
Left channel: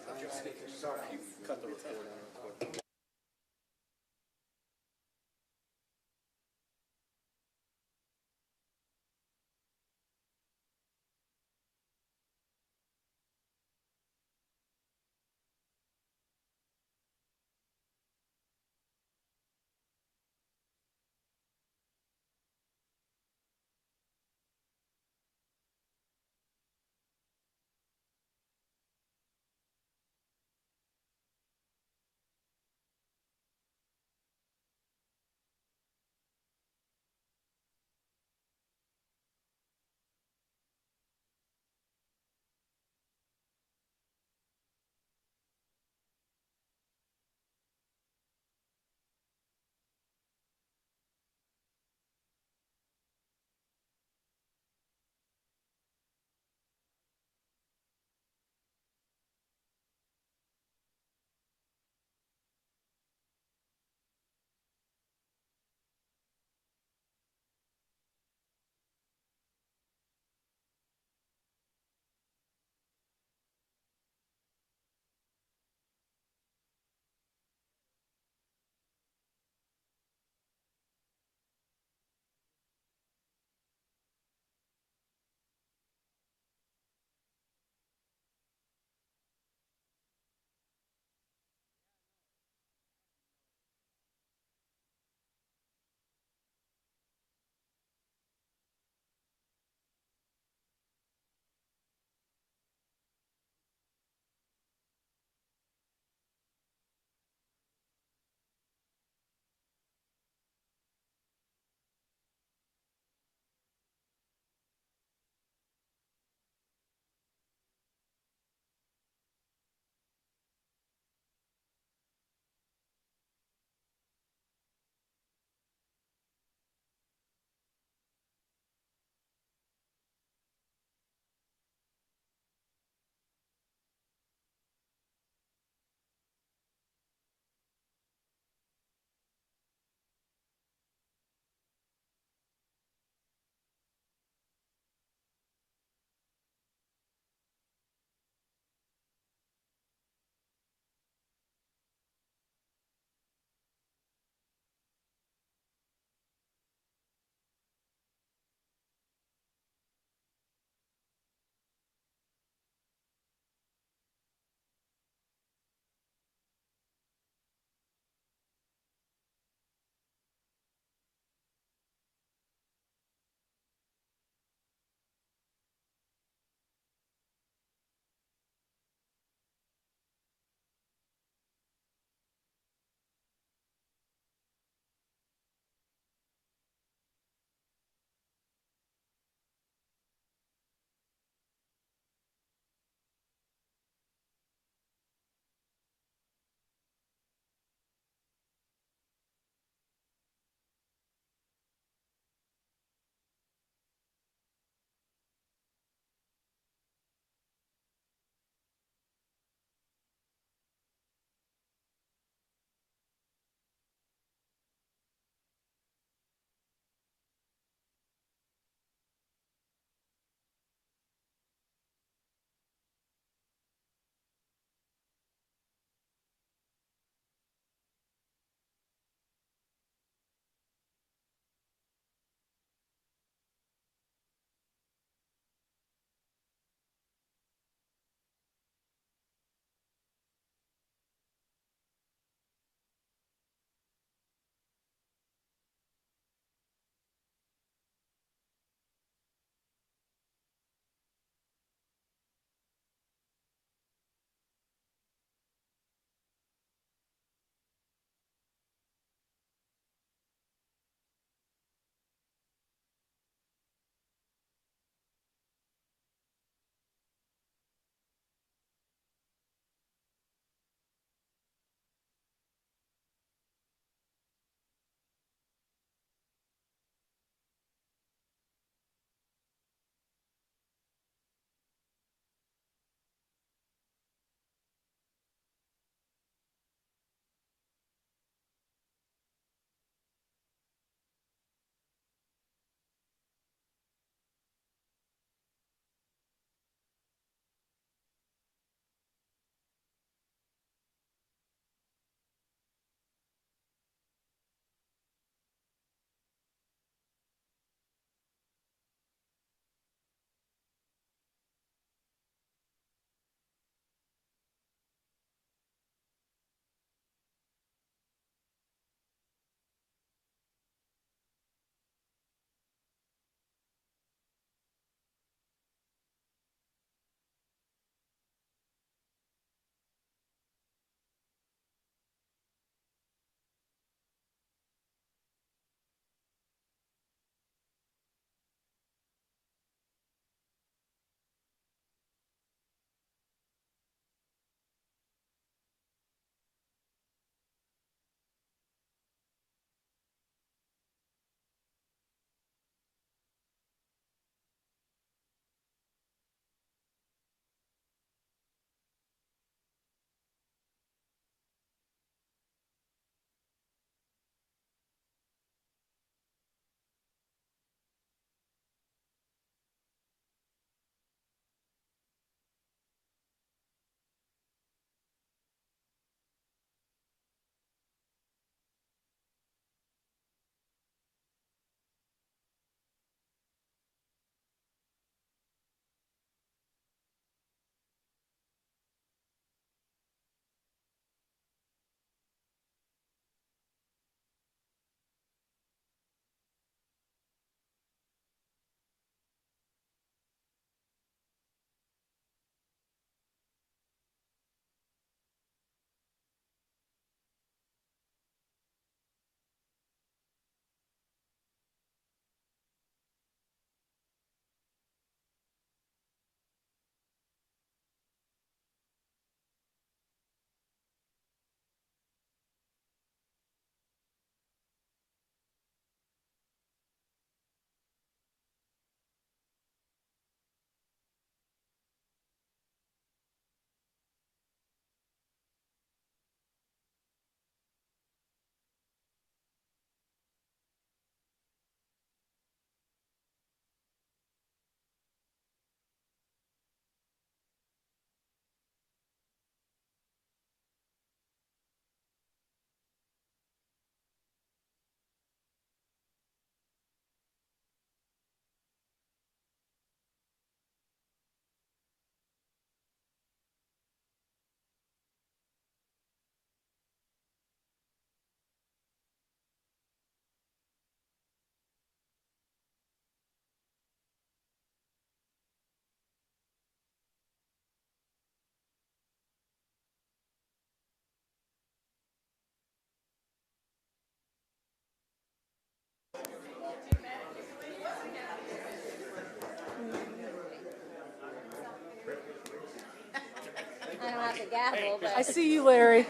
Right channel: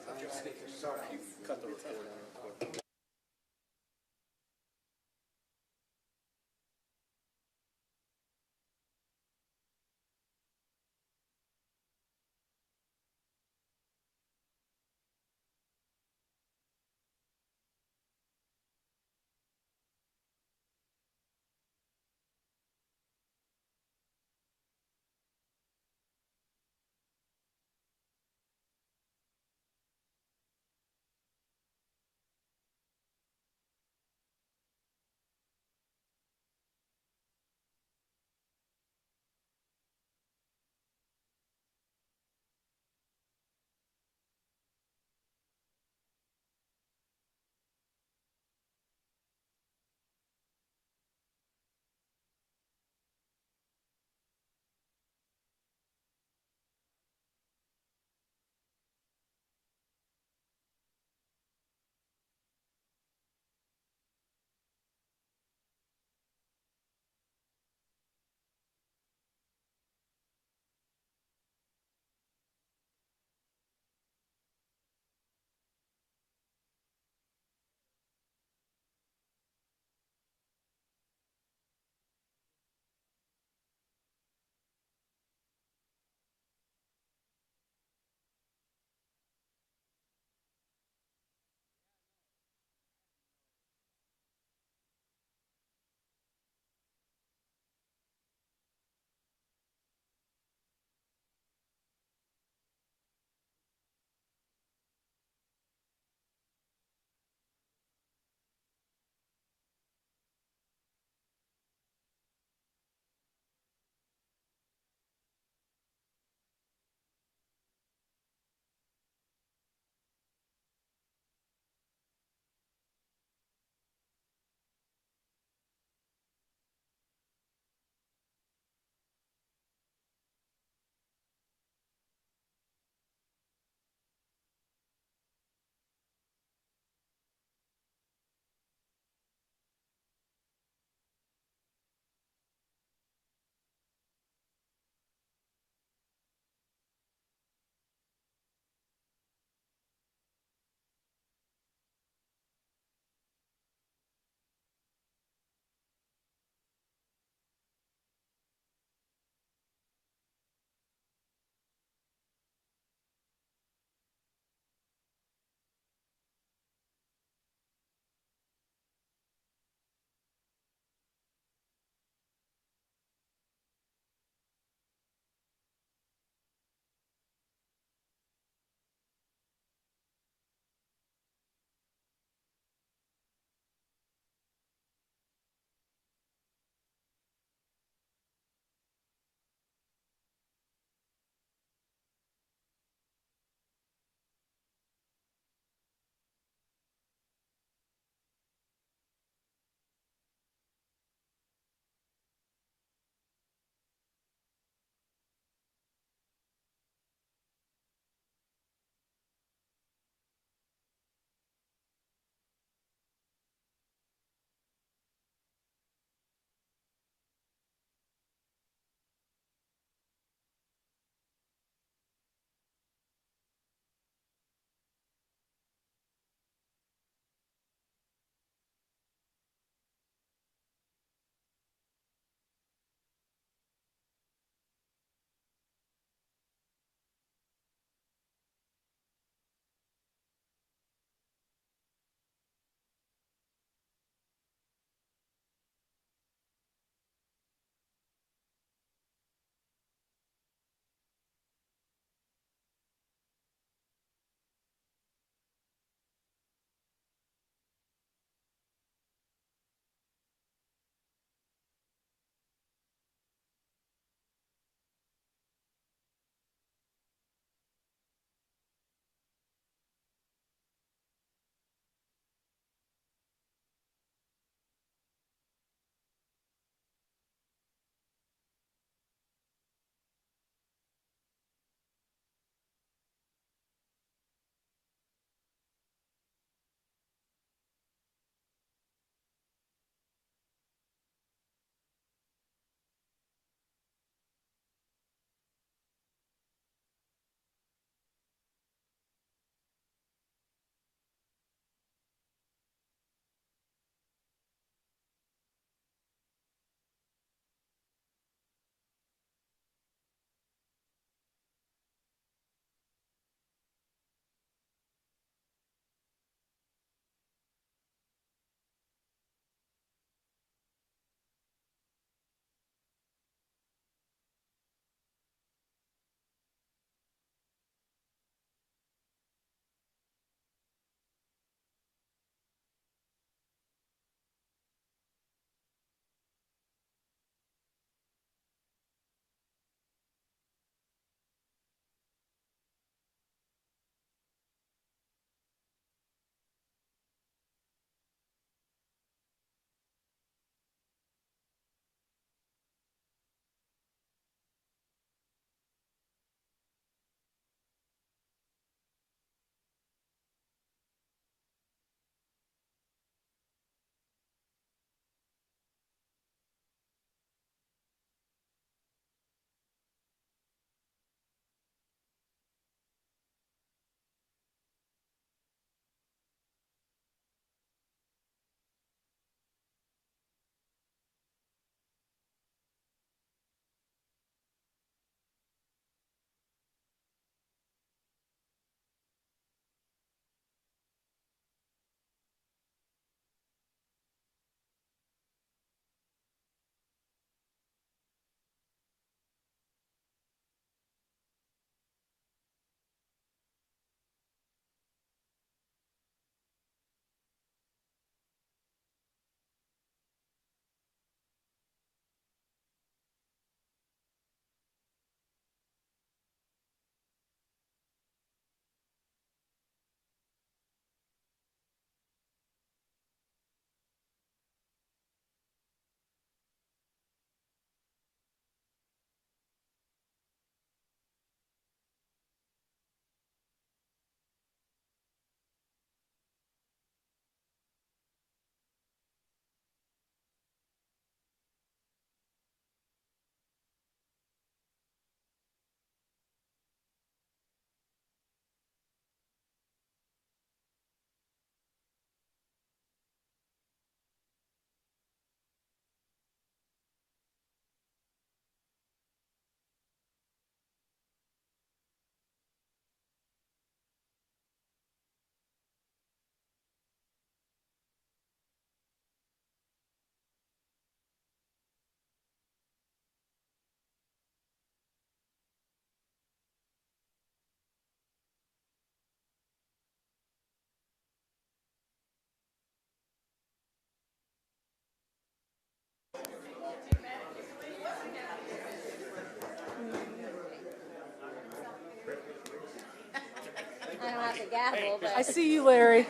the gavel, but I see you, Larry.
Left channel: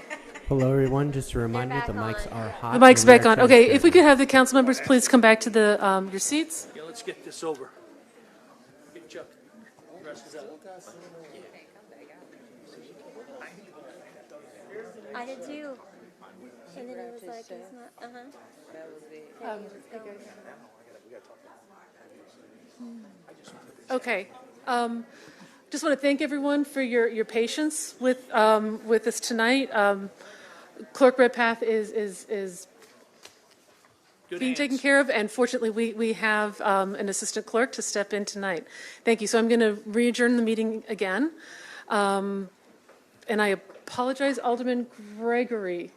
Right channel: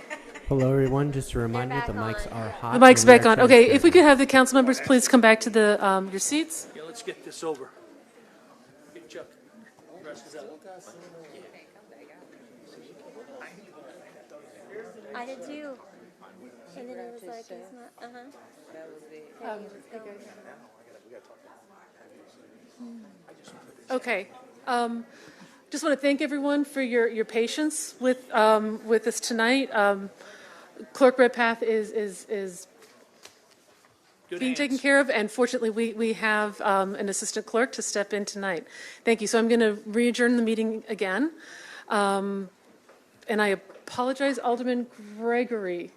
Hello, everyone. Just a reminder, the mics are hot. The mic's and we back are on. Okay, if we transparent. could have the council members please come back to the your seats. Yeah, let's get this over. Good job. Rest is out. I did too. And then it was like, it's not, Okay. Just want to thank everyone for your patience with us tonight. Clerk Redpath is being taken care of, and fortunately we have an assistant clerk to step in tonight. Thank you. So I'm going to re-adjourn the meeting again. And I apologize, Alderman Gregory.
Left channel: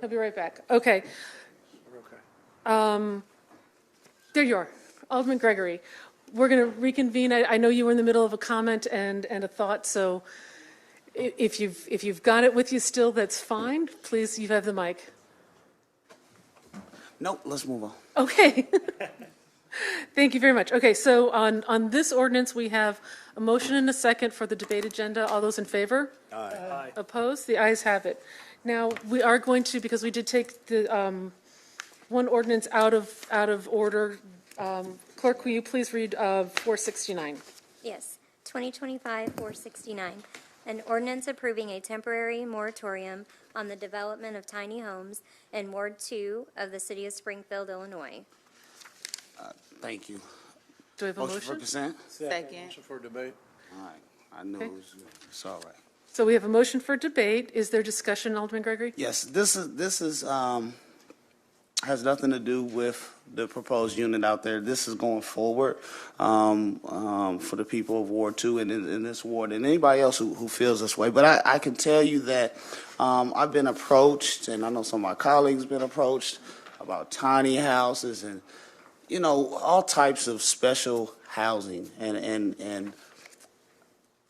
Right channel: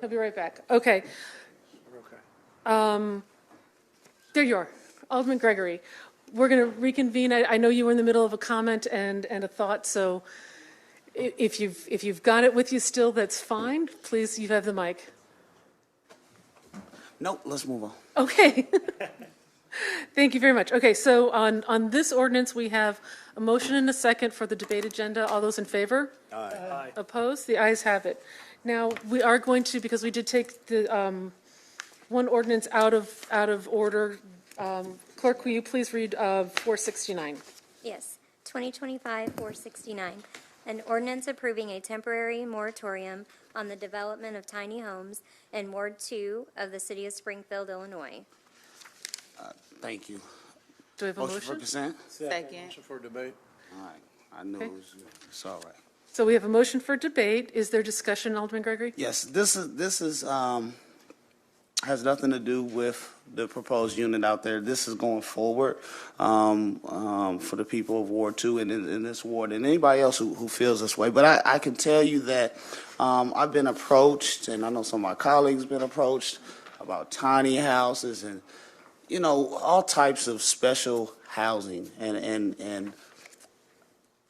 He'll be right back. Okay. There you are, Alderman Gregory. We're going to reconvene. I know you were in the middle of a comment and a thought, so if you've got it with you still, that's fine. Please, you have the mic. Nope, let's move on. Okay. Thank you very much. Okay, so on this ordinance, we have a motion and a second for the debate agenda. All those in favor? Aye. Opposed? The ayes have it. Now, we are going to, because we did take the one ordinance out of order. Clerk, will you please read 469? yes, 2025-469, an ordinance approving a temporary moratorium on the development of tiny homes in Ward 2 of the city of Springfield, Illinois. Thank you. Do we have a Motion for consent? Second. Motion for debate. All right. I knew it was you. It's all right. So we have a motion for debate. Is there discussion, Alderman Gregory? Yes, this is has nothing to do with the proposed unit out there. This is going forward for the people of Ward 2 and in this ward and anybody else who feels this way. But I can tell you that I've been approached, and I know some of my colleagues been approached about tiny houses and, you know, all types of special housing. And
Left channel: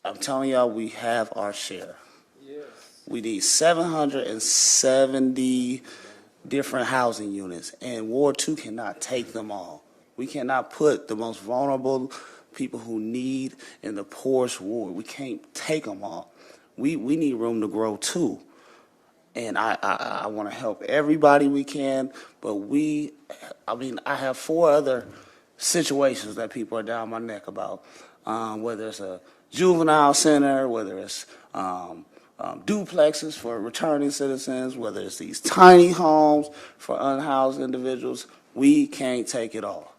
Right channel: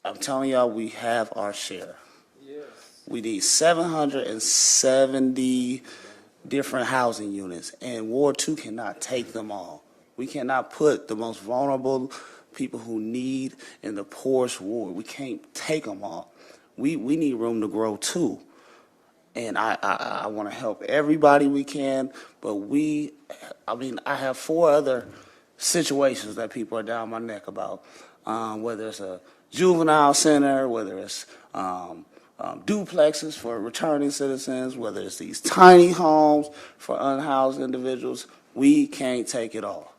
I'm telling y'all, we have our share. Yes. We need 770 different housing units, and Ward 2 cannot take them all. We cannot put the most vulnerable people who need in the poorest ward. We can't take them all. We need room to grow too. And I want to help everybody we can, but I have 4 other situations that people are down my neck about, whether it's a juvenile center, whether it's duplexes for returning citizens, whether it's these tiny homes for unhoused individuals. We can't take it all.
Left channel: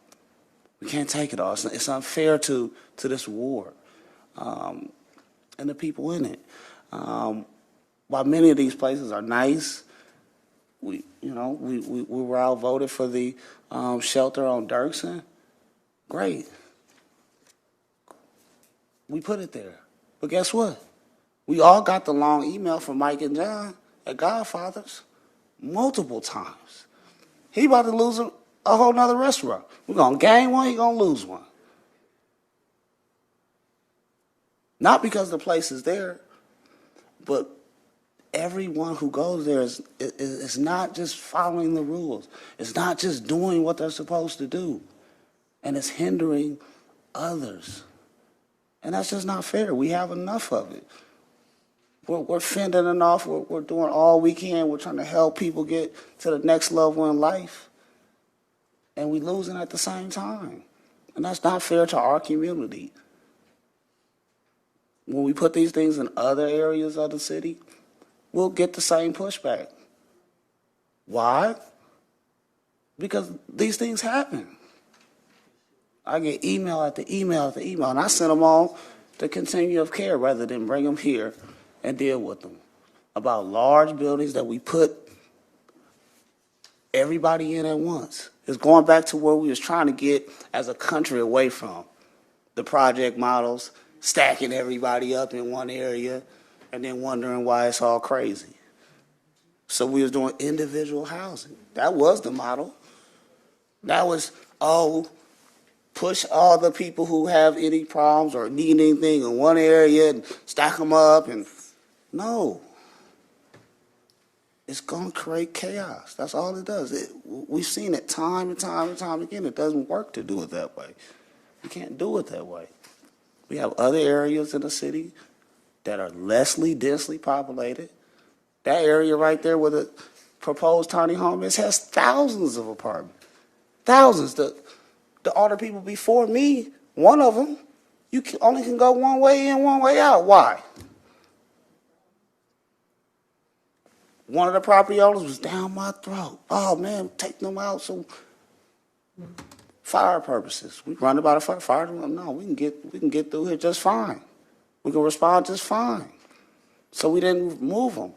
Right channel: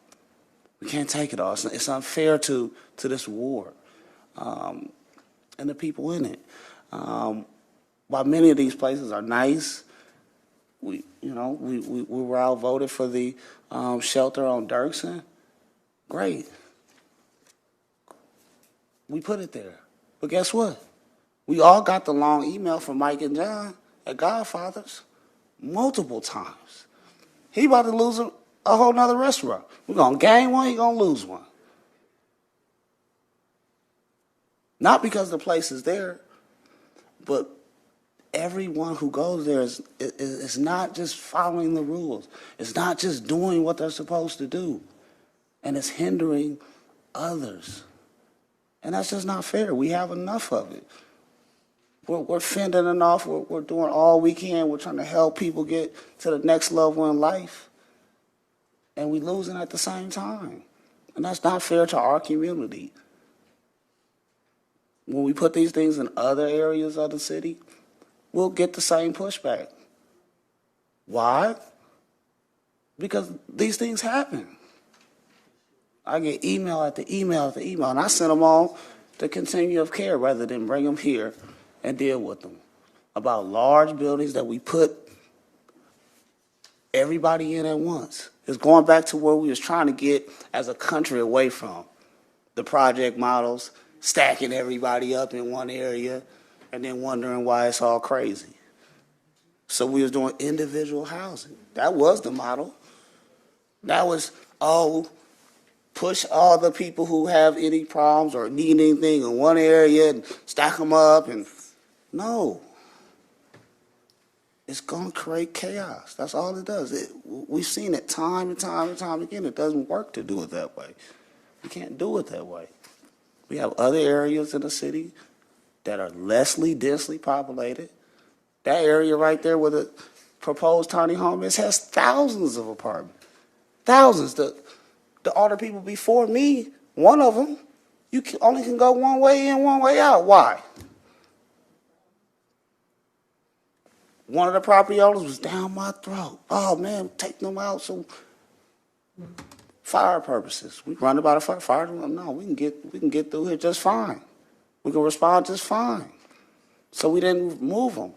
We can't take it all. It's unfair to this ward and the people in it. While many of these places are nice, we were outvoted for the shelter on Dirksen. Great. We put it there. But guess what? We all got the long email from Mike and John at Godfathers multiple times. He about to lose a whole nother restaurant. We're going to gain one, he's going to lose one. Not because the place is there, but everyone who goes there is not just following the rules. It's not just doing what they're supposed to do. And it's hindering others. And that's just not fair. We have enough of it. We're fending it off. We're doing all we can. We're trying to help people get to the next level in life. And we're losing at the same time. And that's not fair to our community. When we put these things in other areas of the city, we'll get the same pushback. Why? Because these things happen. I get email after email after email, and I send them all to continuum of care rather than bring them here and deal with them about large buildings that we put everybody in at once. It's going back to where we was trying to get as a country away from the project models, stacking everybody up in one area and then wondering why it's all crazy. So we was doing individual housing. That was the model. That was, push all the people who have any problems or need anything in one area and stack them up. And no. It's going to create chaos. That's all it does. We've seen it time and time and time again. It doesn't work to do it that way. You can't do it that way. We have other areas in the city that are lessly densely populated. That area right there where the proposed tiny home is has thousands of apartments. Thousands. The older people before me, one of them, only can go one way in, one way out. Why? One of the property owners was down my throat. Oh, man, take them out so fire purposes. We run about a fire. No, we can get through here just fine. We can respond just fine. So we didn't move them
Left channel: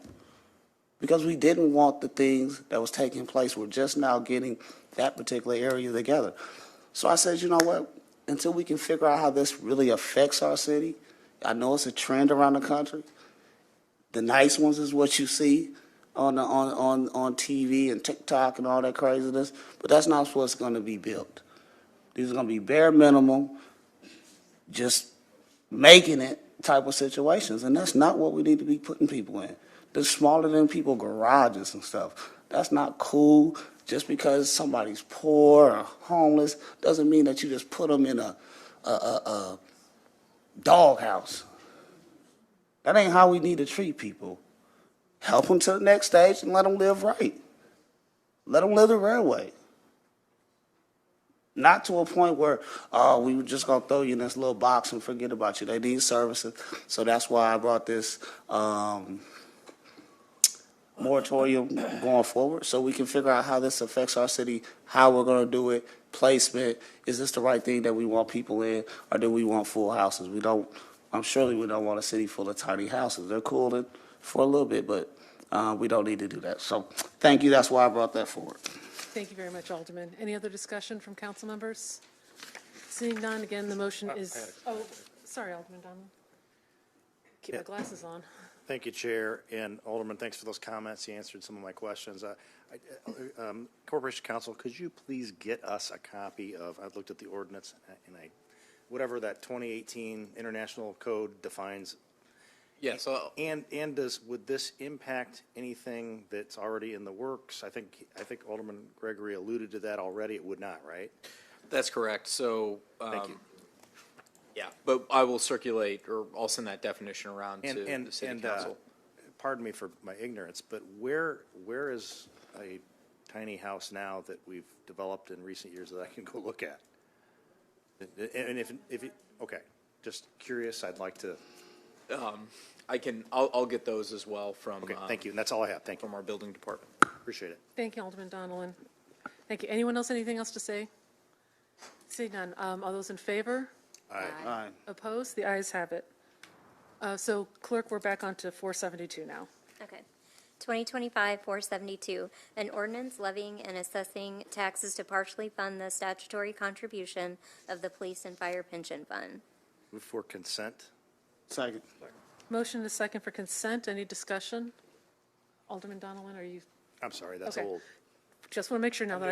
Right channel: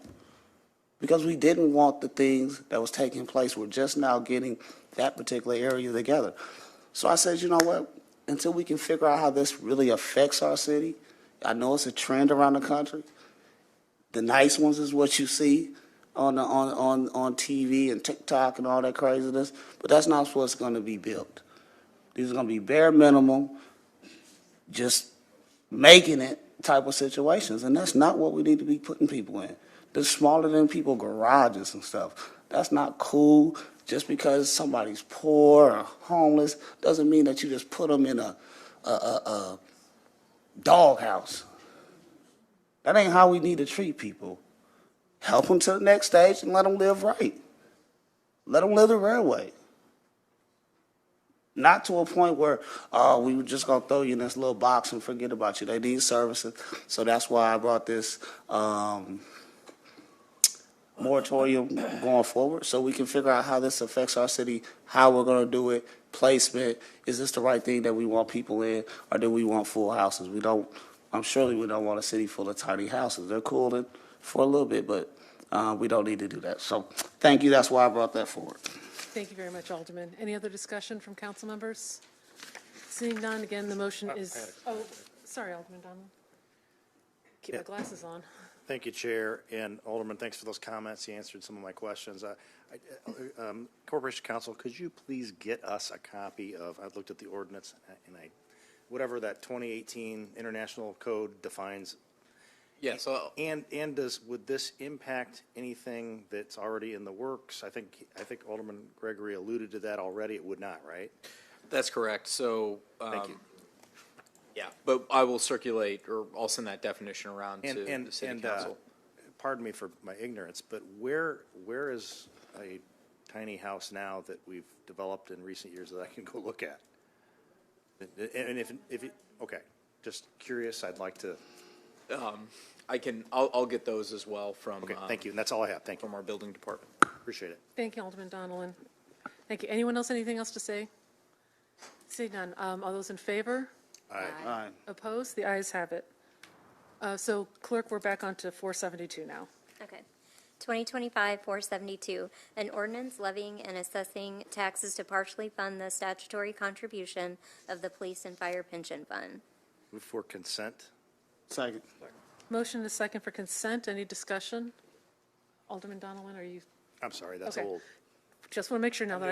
because we didn't want the things that was taking place. We're just now getting that particular area together. So I said, you know what? Until we can figure out how this really affects our city, I know it's a trend around the country. The nice ones is what you see on TV and TikTok and all that craziness, but that's not what's going to be built. These are going to be bare minimum, just making it type of situations, and that's not what we need to be putting people in. The smaller than people garages and stuff, that's not cool. Just because somebody's poor or homeless doesn't mean that you just put them in a doghouse. That ain't how we need to treat people. Help them to the next stage and let them live right. Let them live the real way. Not to a point where, we were just going to throw you in this little box and forget about you. They need services. So that's why I brought this moratorium going forward, so we can figure out how this affects our city, how we're going to do it, placement. Is this the right thing that we want people in, or do we want full houses? Surely we don't want a city full of tiny houses. They're cool for a little bit, but we don't need to do that. So thank you. That's why I brought that forward. Thank you very much, Alderman. Any other discussion from council members? Seeing none, again, the motion is, sorry, Alderman Donald. Keep my glasses on. Thank you, Chair. And Alderman, thanks for those comments. You answered some of my questions. Corporation Counsel, could you please get us a copy of, I've looked at the ordinance, and whatever that 2018 International Code defines. Yeah, so would this impact anything that's already in the works? I think Alderman Gregory alluded to that already. It would not, right? that's correct. So, Thank you. yeah, but I will circulate, or I'll send that definition around to the city council. Pardon me for my ignorance, but where is a tiny house now that we've developed in recent years that I can go look at? And okay, just curious. I'd like to. I'll get those as well from. Okay, thank you. And that's all I have. Thank you. From our building department. Appreciate it. Thank you, Alderman Donovan. Thank you. Anyone else, anything else to say? Seeing none. All those in favor? Aye. Aye. Opposed? The ayes have it. So, Clerk, we're back on to 472 now. Okay. 2025-472, an ordinance levying and assessing taxes to partially fund the statutory contribution of the Police and Fire Pension Fund. Move for consent. Second. Motion is second for consent. Any discussion? Alderman Donovan, are you? I'm sorry, that's Okay. old. Just want to make sure now that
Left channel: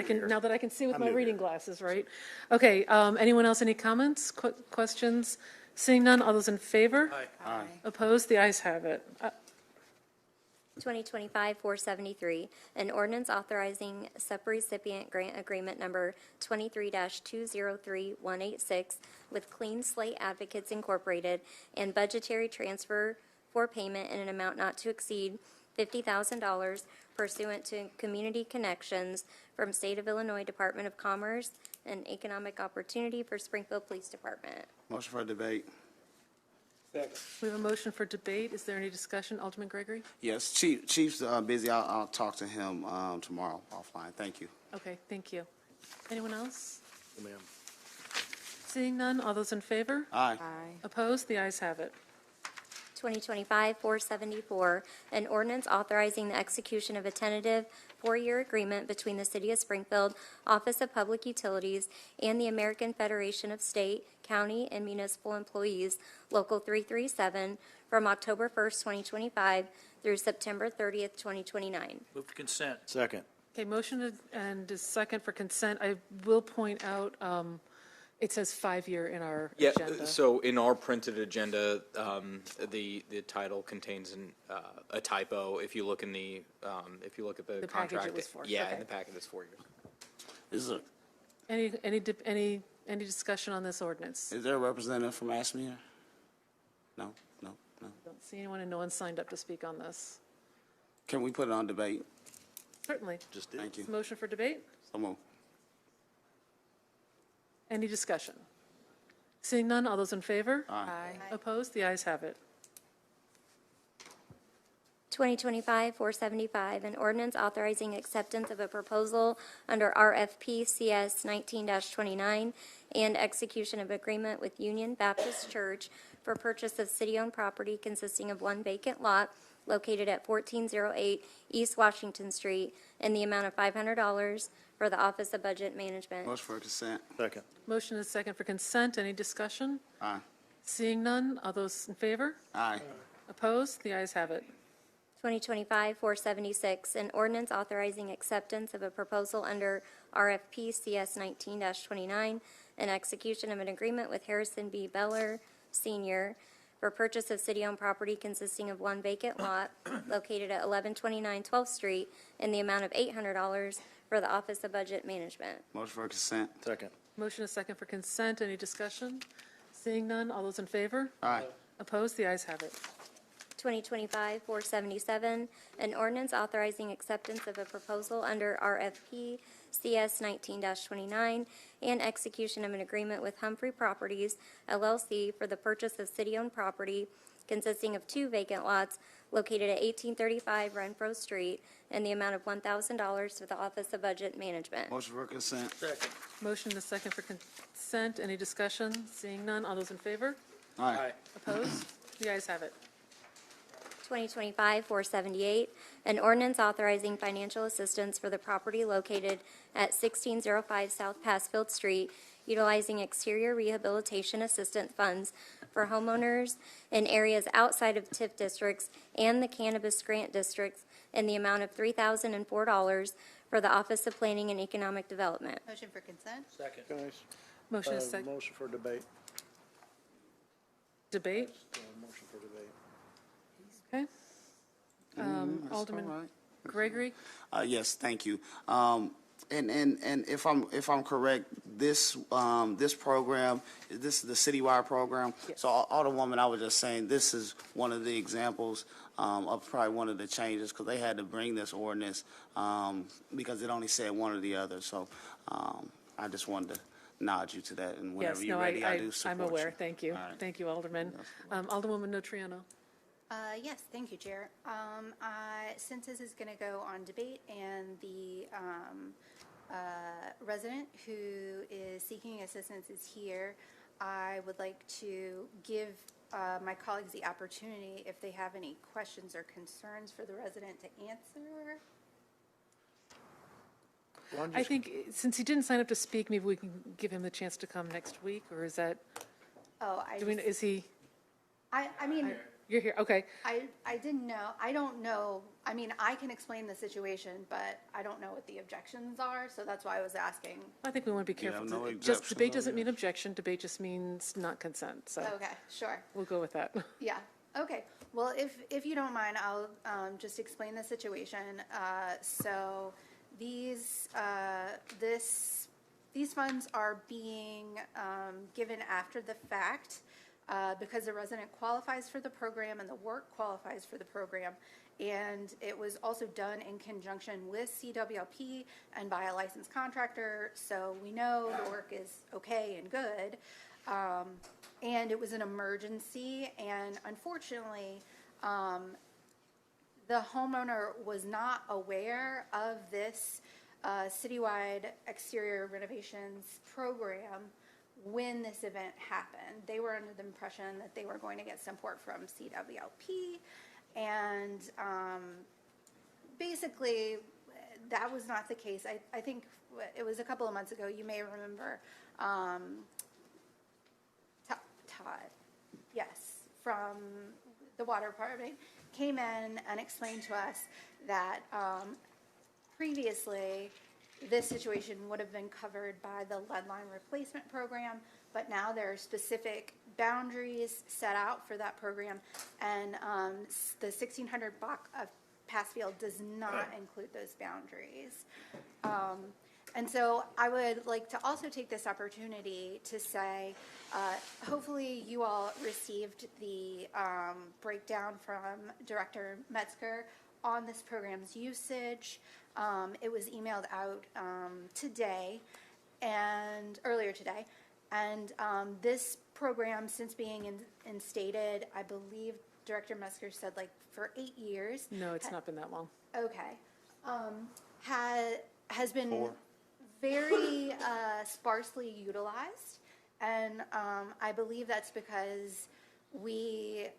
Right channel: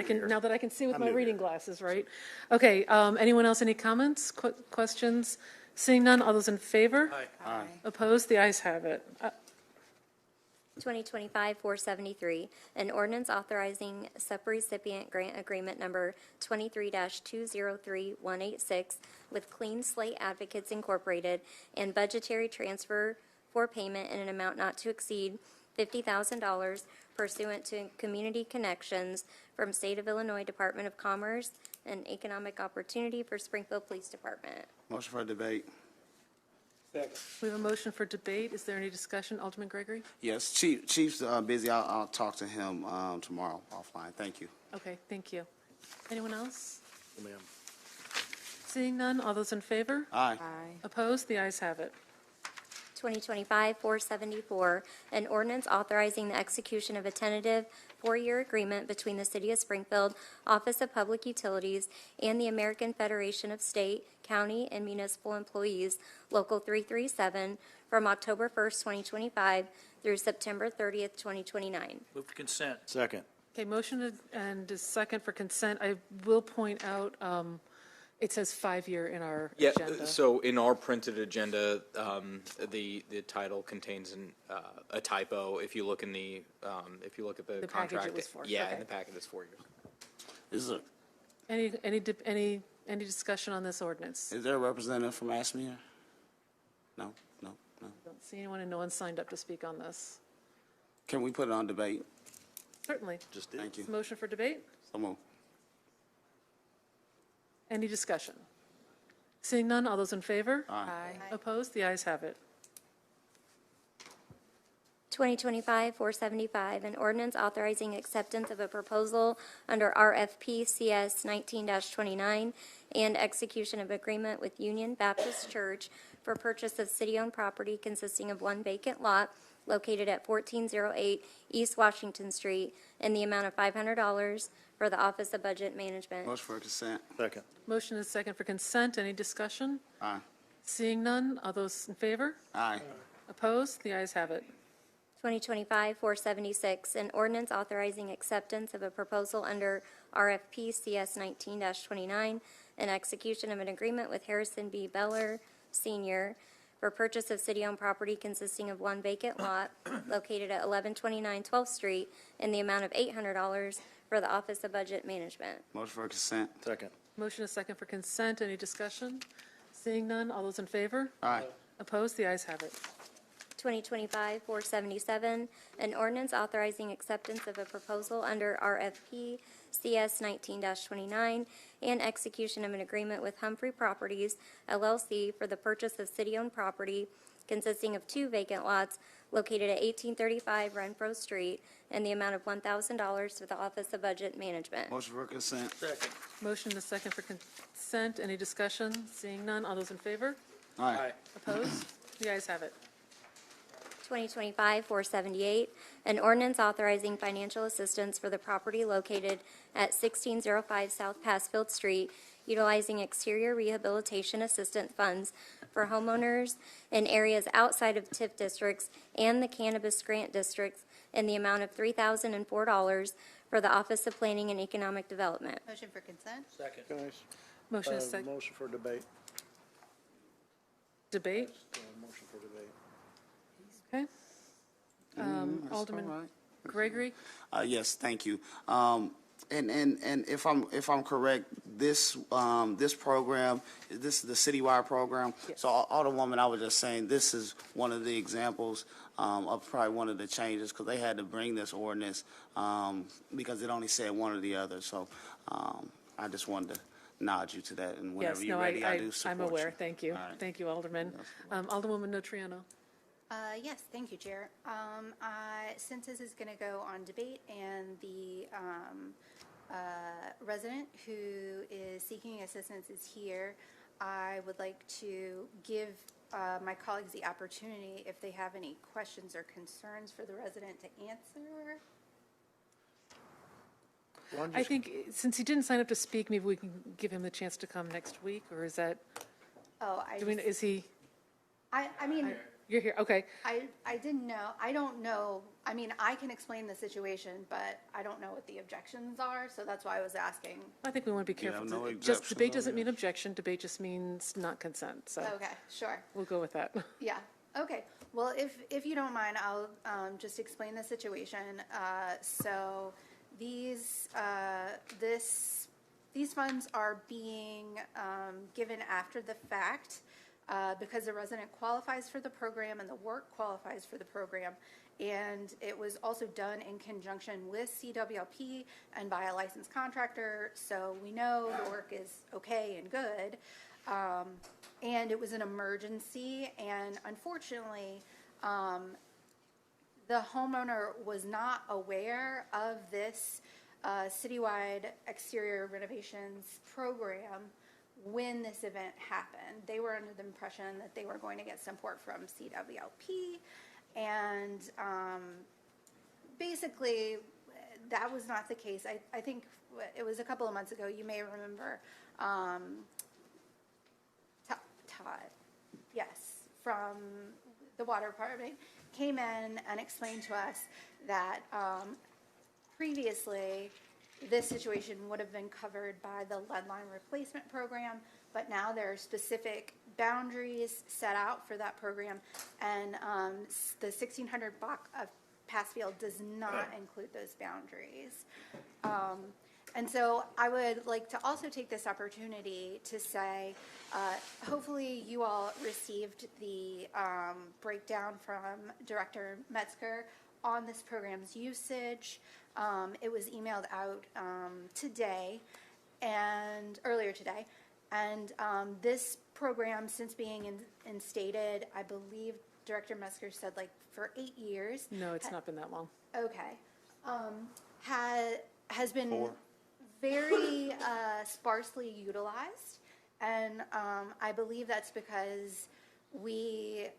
I can see with I'm my new reading here. glasses, right? Okay. Anyone else? Any comments? Questions? Seeing none. All those in favor? Aye. Opposed? The ayes have it. 2025-473, an ordinance authorizing subrecipient grant agreement number 23-203186 with Clean Slate Advocates Incorporated and budgetary transfer for payment in an amount not to exceed $50,000 pursuant to Community Connections from State of Illinois Department of Commerce and Economic Opportunity for Springfield Police Department. Motion for debate. We have a motion for debate. Is there any discussion? Alderman Gregory? Yes, Chief's busy. I'll talk to him tomorrow offline. Thank you. Okay, thank you. Anyone else? Oh, ma'am. Seeing none, all those in favor? Aye. Opposed? The ayes have it. 2025-474, an ordinance authorizing the execution of a tentative four-year agreement between the City of Springfield Office of Public Utilities and the American Federation of State, County, and Municipal Employees, Local 337, from October 1st, 2025 through September 30th, 2029. Move to consent. Second. Okay, motion and a second for consent. I will point out, it says 5-year in our agenda. So in our printed agenda, the title contains a typo. If you look in the The contract, package it was for. yeah, Okay. in the packet it's 4 years. Is Any discussion on this ordinance? there a representative from ASME here? No. Don't see anyone, and no one signed up to speak on this. Can we put it on debate? Certainly. Just did. Thank you. Motion for debate? So moved. Any discussion? Seeing none, all those in favor? Aye. Opposed? The ayes have it. 2025-475, an ordinance authorizing acceptance of a proposal under RFP CS 19-29 and execution of agreement with Union Baptist Church for purchase of city-owned property consisting of one vacant lot located at 1408 East Washington Street in the amount of $500 for the Office of Budget Management. Motion for consent. Second. Motion is second for consent. Any discussion? Aye. Seeing none, all those in favor? Aye. Opposed? The ayes have it. 2025-476, an ordinance authorizing acceptance of a proposal under RFP CS 19-29 and execution of an agreement with Harrison B. Beller Sr. for purchase of city-owned property consisting of one vacant lot located at 1129 12th Street in the amount of $800 for the Office of Budget Management. Motion for consent. Second. Motion is second for consent. Any discussion? Seeing none, all those in favor? Aye. Opposed? The ayes have it. 2025-477, an ordinance authorizing acceptance of a proposal under RFP CS 19-29 and execution of an agreement with Humphrey Properties, LLC for the purchase of city-owned property consisting of two vacant lots located at 1835 Renfro Street in the amount of $1,000 for the Office of Budget Management. Motion for consent. Second. Motion is second for consent. Any discussion? Seeing none, all those in favor? Aye. Opposed? The ayes have it. 2025-478, an ordinance authorizing financial assistance for the property located at 1605 South Passfield Street, utilizing exterior rehabilitation assistance funds for homeowners in areas outside of TIF districts and the cannabis grant districts in the amount of $3,004 for the Office of Planning and Economic Development. Motion for consent? Second. Guys, Motion is second. motion for debate. Debate? Motion for debate. Okay. That's Alderman all right. Gregory? Yes, thank you. And if I'm correct, this program, this is the citywide program. Yes. So Alderwoman, I was just saying this is one of the examples of probably one of the changes because they had to bring this ordinance because it only said one or the other. So I just wanted to nod you to that, and whenever you're ready, I do support I'm aware. you. Thank you. All right. Thank you, Alderman. Alderwoman Notriano. Yes, thank you, Chair. Since this is going to go on debate and the resident who is seeking assistance is here, I would like to give my colleagues the opportunity, if they have any questions or concerns for the resident, to answer. I think since he didn't sign up to speak, maybe we can give him a chance to come next week, or is that? Oh, is he? I mean. You're here. Okay. I didn't know. I don't know. I mean, I can explain the situation, but I don't know what the objections are, so that's why I was asking. I think we want to be careful. no Just objection. debate doesn't mean objection. Debate just means not consent. So Okay, sure. we'll go with that. Yeah. Okay. Well, if you don't mind, I'll just explain the situation. So these funds are being given after the fact. Because the resident qualifies for the program and the work qualifies for the program. And it was also done in conjunction with CWLP and by a licensed contractor. So we know the work is okay and good. And it was an emergency. And unfortunately, the homeowner was not aware of this citywide exterior renovations program when this event happened. They were under the impression that they were going to get support from CWLP, and basically that was not the case. I think it was a couple of months ago, you may remember, Todd, yes, from the water department, came in and explained to us that previously this situation would have been covered by the lead line replacement program, but now there are specific boundaries set out for that program, and the 1600 block of Passfield does not include those boundaries. And so I would like to also take this opportunity to say, hopefully you all received the breakdown from Director Metzger on this program's usage. It was emailed out today and earlier today. And this program, since being instated, I believe Director Metzger said like for 8 years. No, it's not been that long. Okay. Has been very sparsely utilized, and I believe that's because we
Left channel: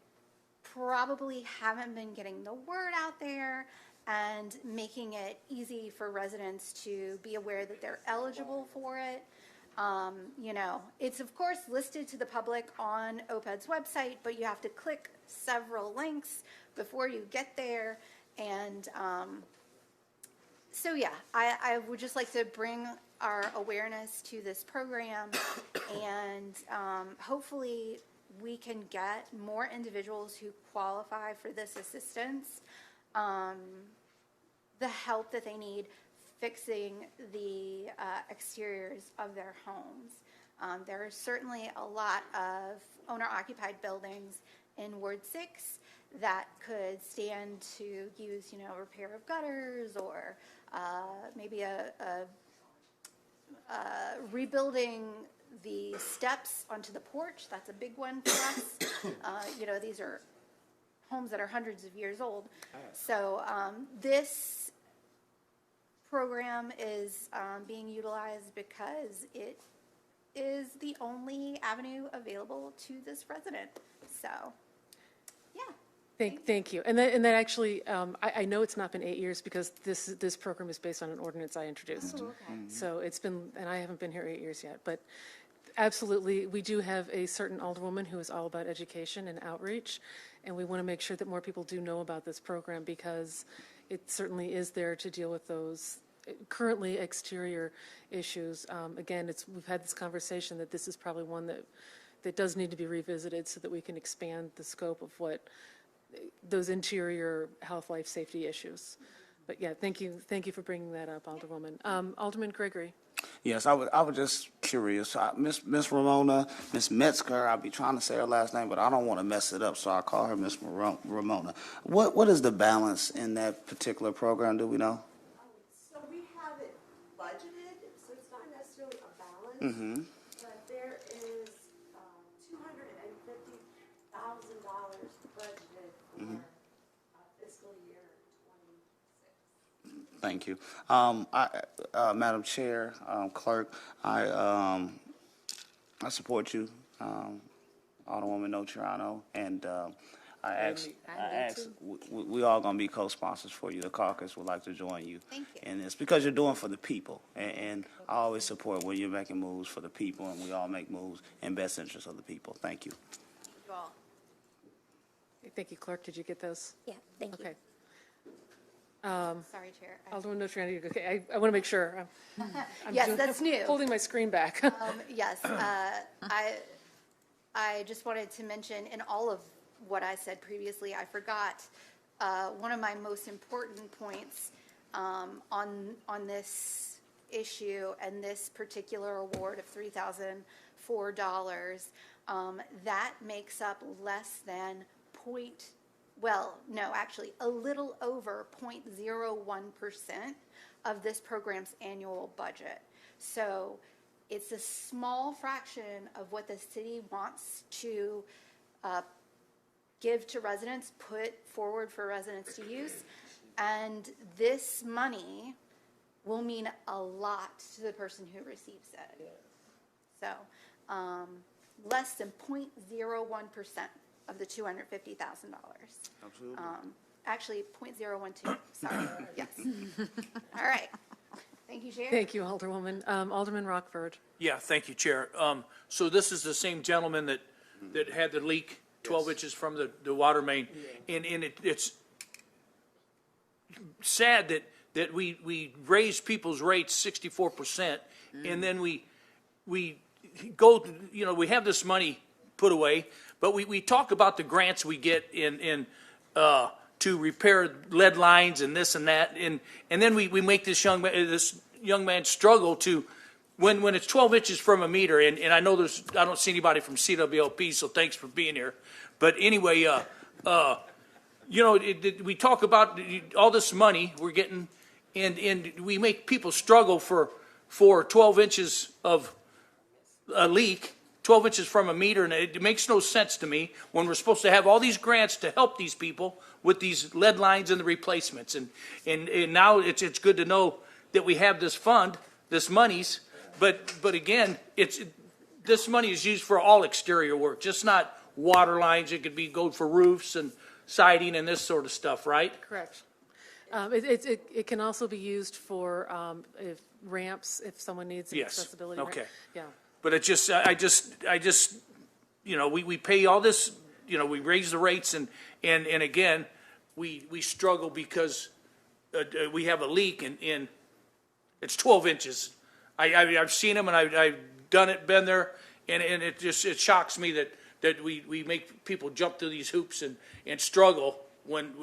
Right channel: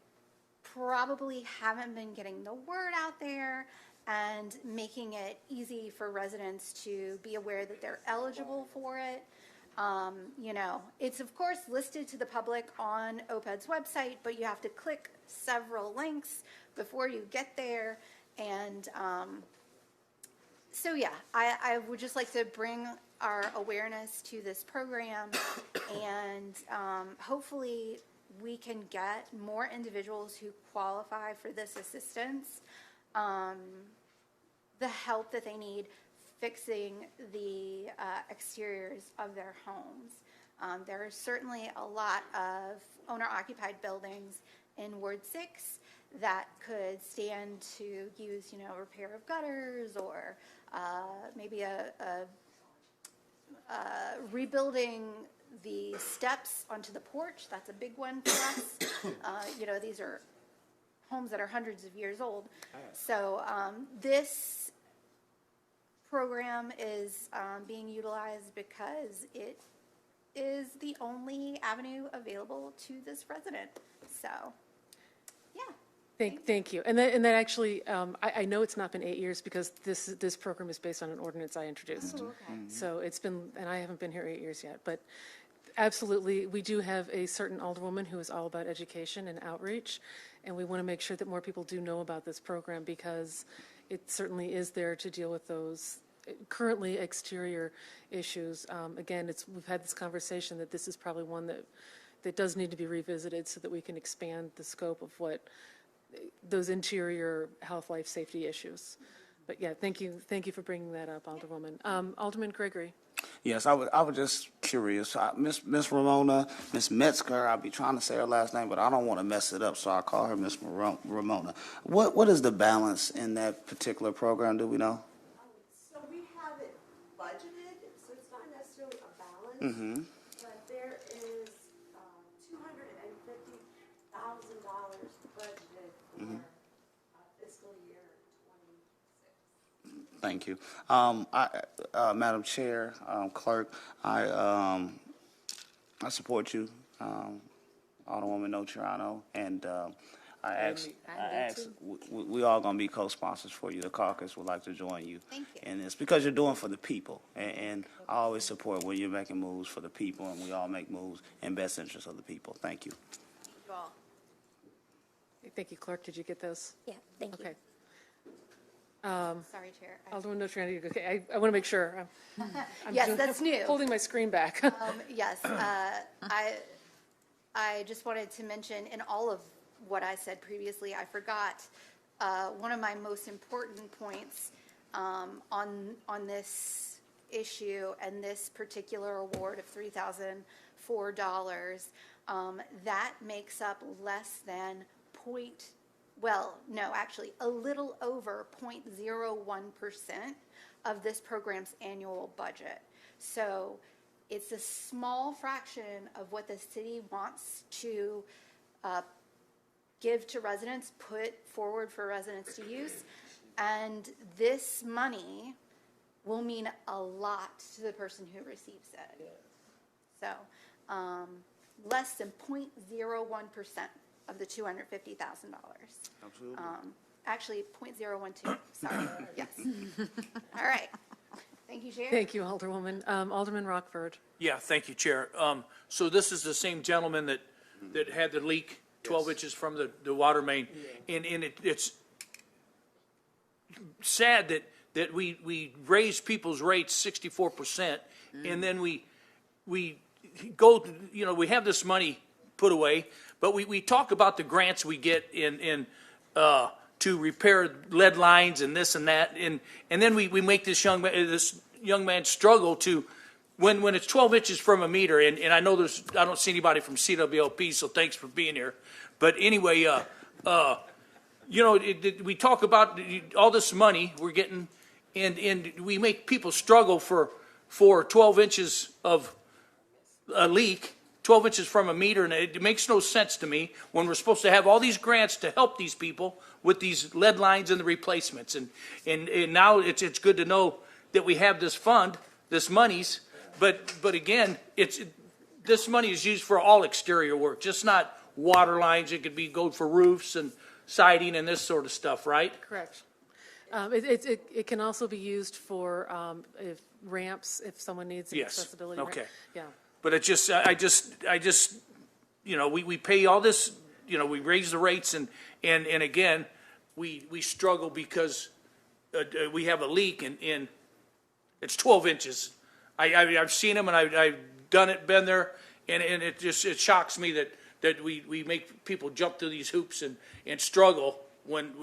probably haven't been getting the word out there and making it easy for residents to be aware that they're eligible for it. You know, it's of course listed to the public on OPED's website, but you have to click several links before you get there. And so, yeah, I would just like to bring our awareness to this program, and hopefully we can get more individuals who qualify for this assistance the help that they need fixing the exteriors of their homes. There are certainly a lot of owner-occupied buildings in Ward 6 that could stand to use, you know, repair of gutters or maybe rebuilding the steps onto the porch. That's a big one for us. You know, these are homes that are hundreds of years old. So this program is being utilized because it is the only avenue available to this resident. So, yeah. Thank you. And that actually, I know it's not been 8 years because this program is based on an ordinance I introduced. Oh, okay. So it's been, and I haven't been here 8 years yet, but absolutely, we do have a certain alderwoman who is all about education and outreach, and we want to make sure that more people do know about this program because it certainly is there to deal with those currently exterior issues. Again, we've had this conversation that this is probably one that does need to be revisited so that we can expand the scope of what those interior health, life, safety issues. But yeah, thank you for bringing that up, Alderwoman. Alderman Gregory. Yes, I was just curious. Miss Ramona, Miss Metzger, I'll be trying to say her last name, but I don't want to mess it up, so I call her Miss Ramona. What is the balance in that particular program? Do we know? So we have it budgeted, so it's not necessarily a balance. Mm-hmm. But there is $250,000 budgeted for fiscal year 26. Thank you. Madam Chair, Clerk, I support you, Alderwoman Notriano, and I ask, we all going to be co-sponsors for you. The caucus would like to join you. Thank you. And it's because you're doing for the people. And I always support when you're making moves for the people, and we all make moves in best interest of the people. Thank you. Thank you all. Thank you, Clerk. Did you get those? Yeah, thank you. Okay. Sorry, Chair. Alderman Notriano, okay. I want to make sure. I'm Yes, that's new. Holding my screen back. Yes, I just wanted to mention in all of what I said previously, I forgot one of my most important points on this issue and this particular award of $3,004. That makes up less than a little over 0.01% of this program's annual budget. So it's a small fraction of what the city wants to give to residents, put forward for residents to use. And this money will mean a lot to the person who receives it. So less than 0.01% of the $250,000. Absolutely. Actually, 0.012. Sorry. Yes. All right. Thank you, Chair. Thank you, Alderwoman. Alderman Rockford. Yeah, thank you, Chair. So this is the same gentleman that had the leak 12 inches from the water main. And it's sad that we raise people's rates 64%, and then we go, we have this money put away, but we talk about the grants we get in to repair lead lines and this and that, and then we make this young man struggle to, when it's 12 inches from a meter, and I know I don't see anybody from CWLP, so thanks for being here. But anyway, we talk about all this money we're getting, and we make people struggle for 12 inches of a leak, 12 inches from a meter, and it makes no sense to me when we're supposed to have all these grants to help these people with these lead lines and the replacements. And now it's good to know that we have this fund, this monies, but again, this money is used for all exterior work, just not water lines. It could go for roofs and siding and this sort of stuff, right? Correct. It can also be used for ramps if someone needs an accessibility. Okay. Yeah. But I just, we pay all this, we raise the rates and again, we struggle because we have a leak and it's 12 inches. I've seen them and I've done it, been there, and it shocks me that we make people jump through these hoops and struggle when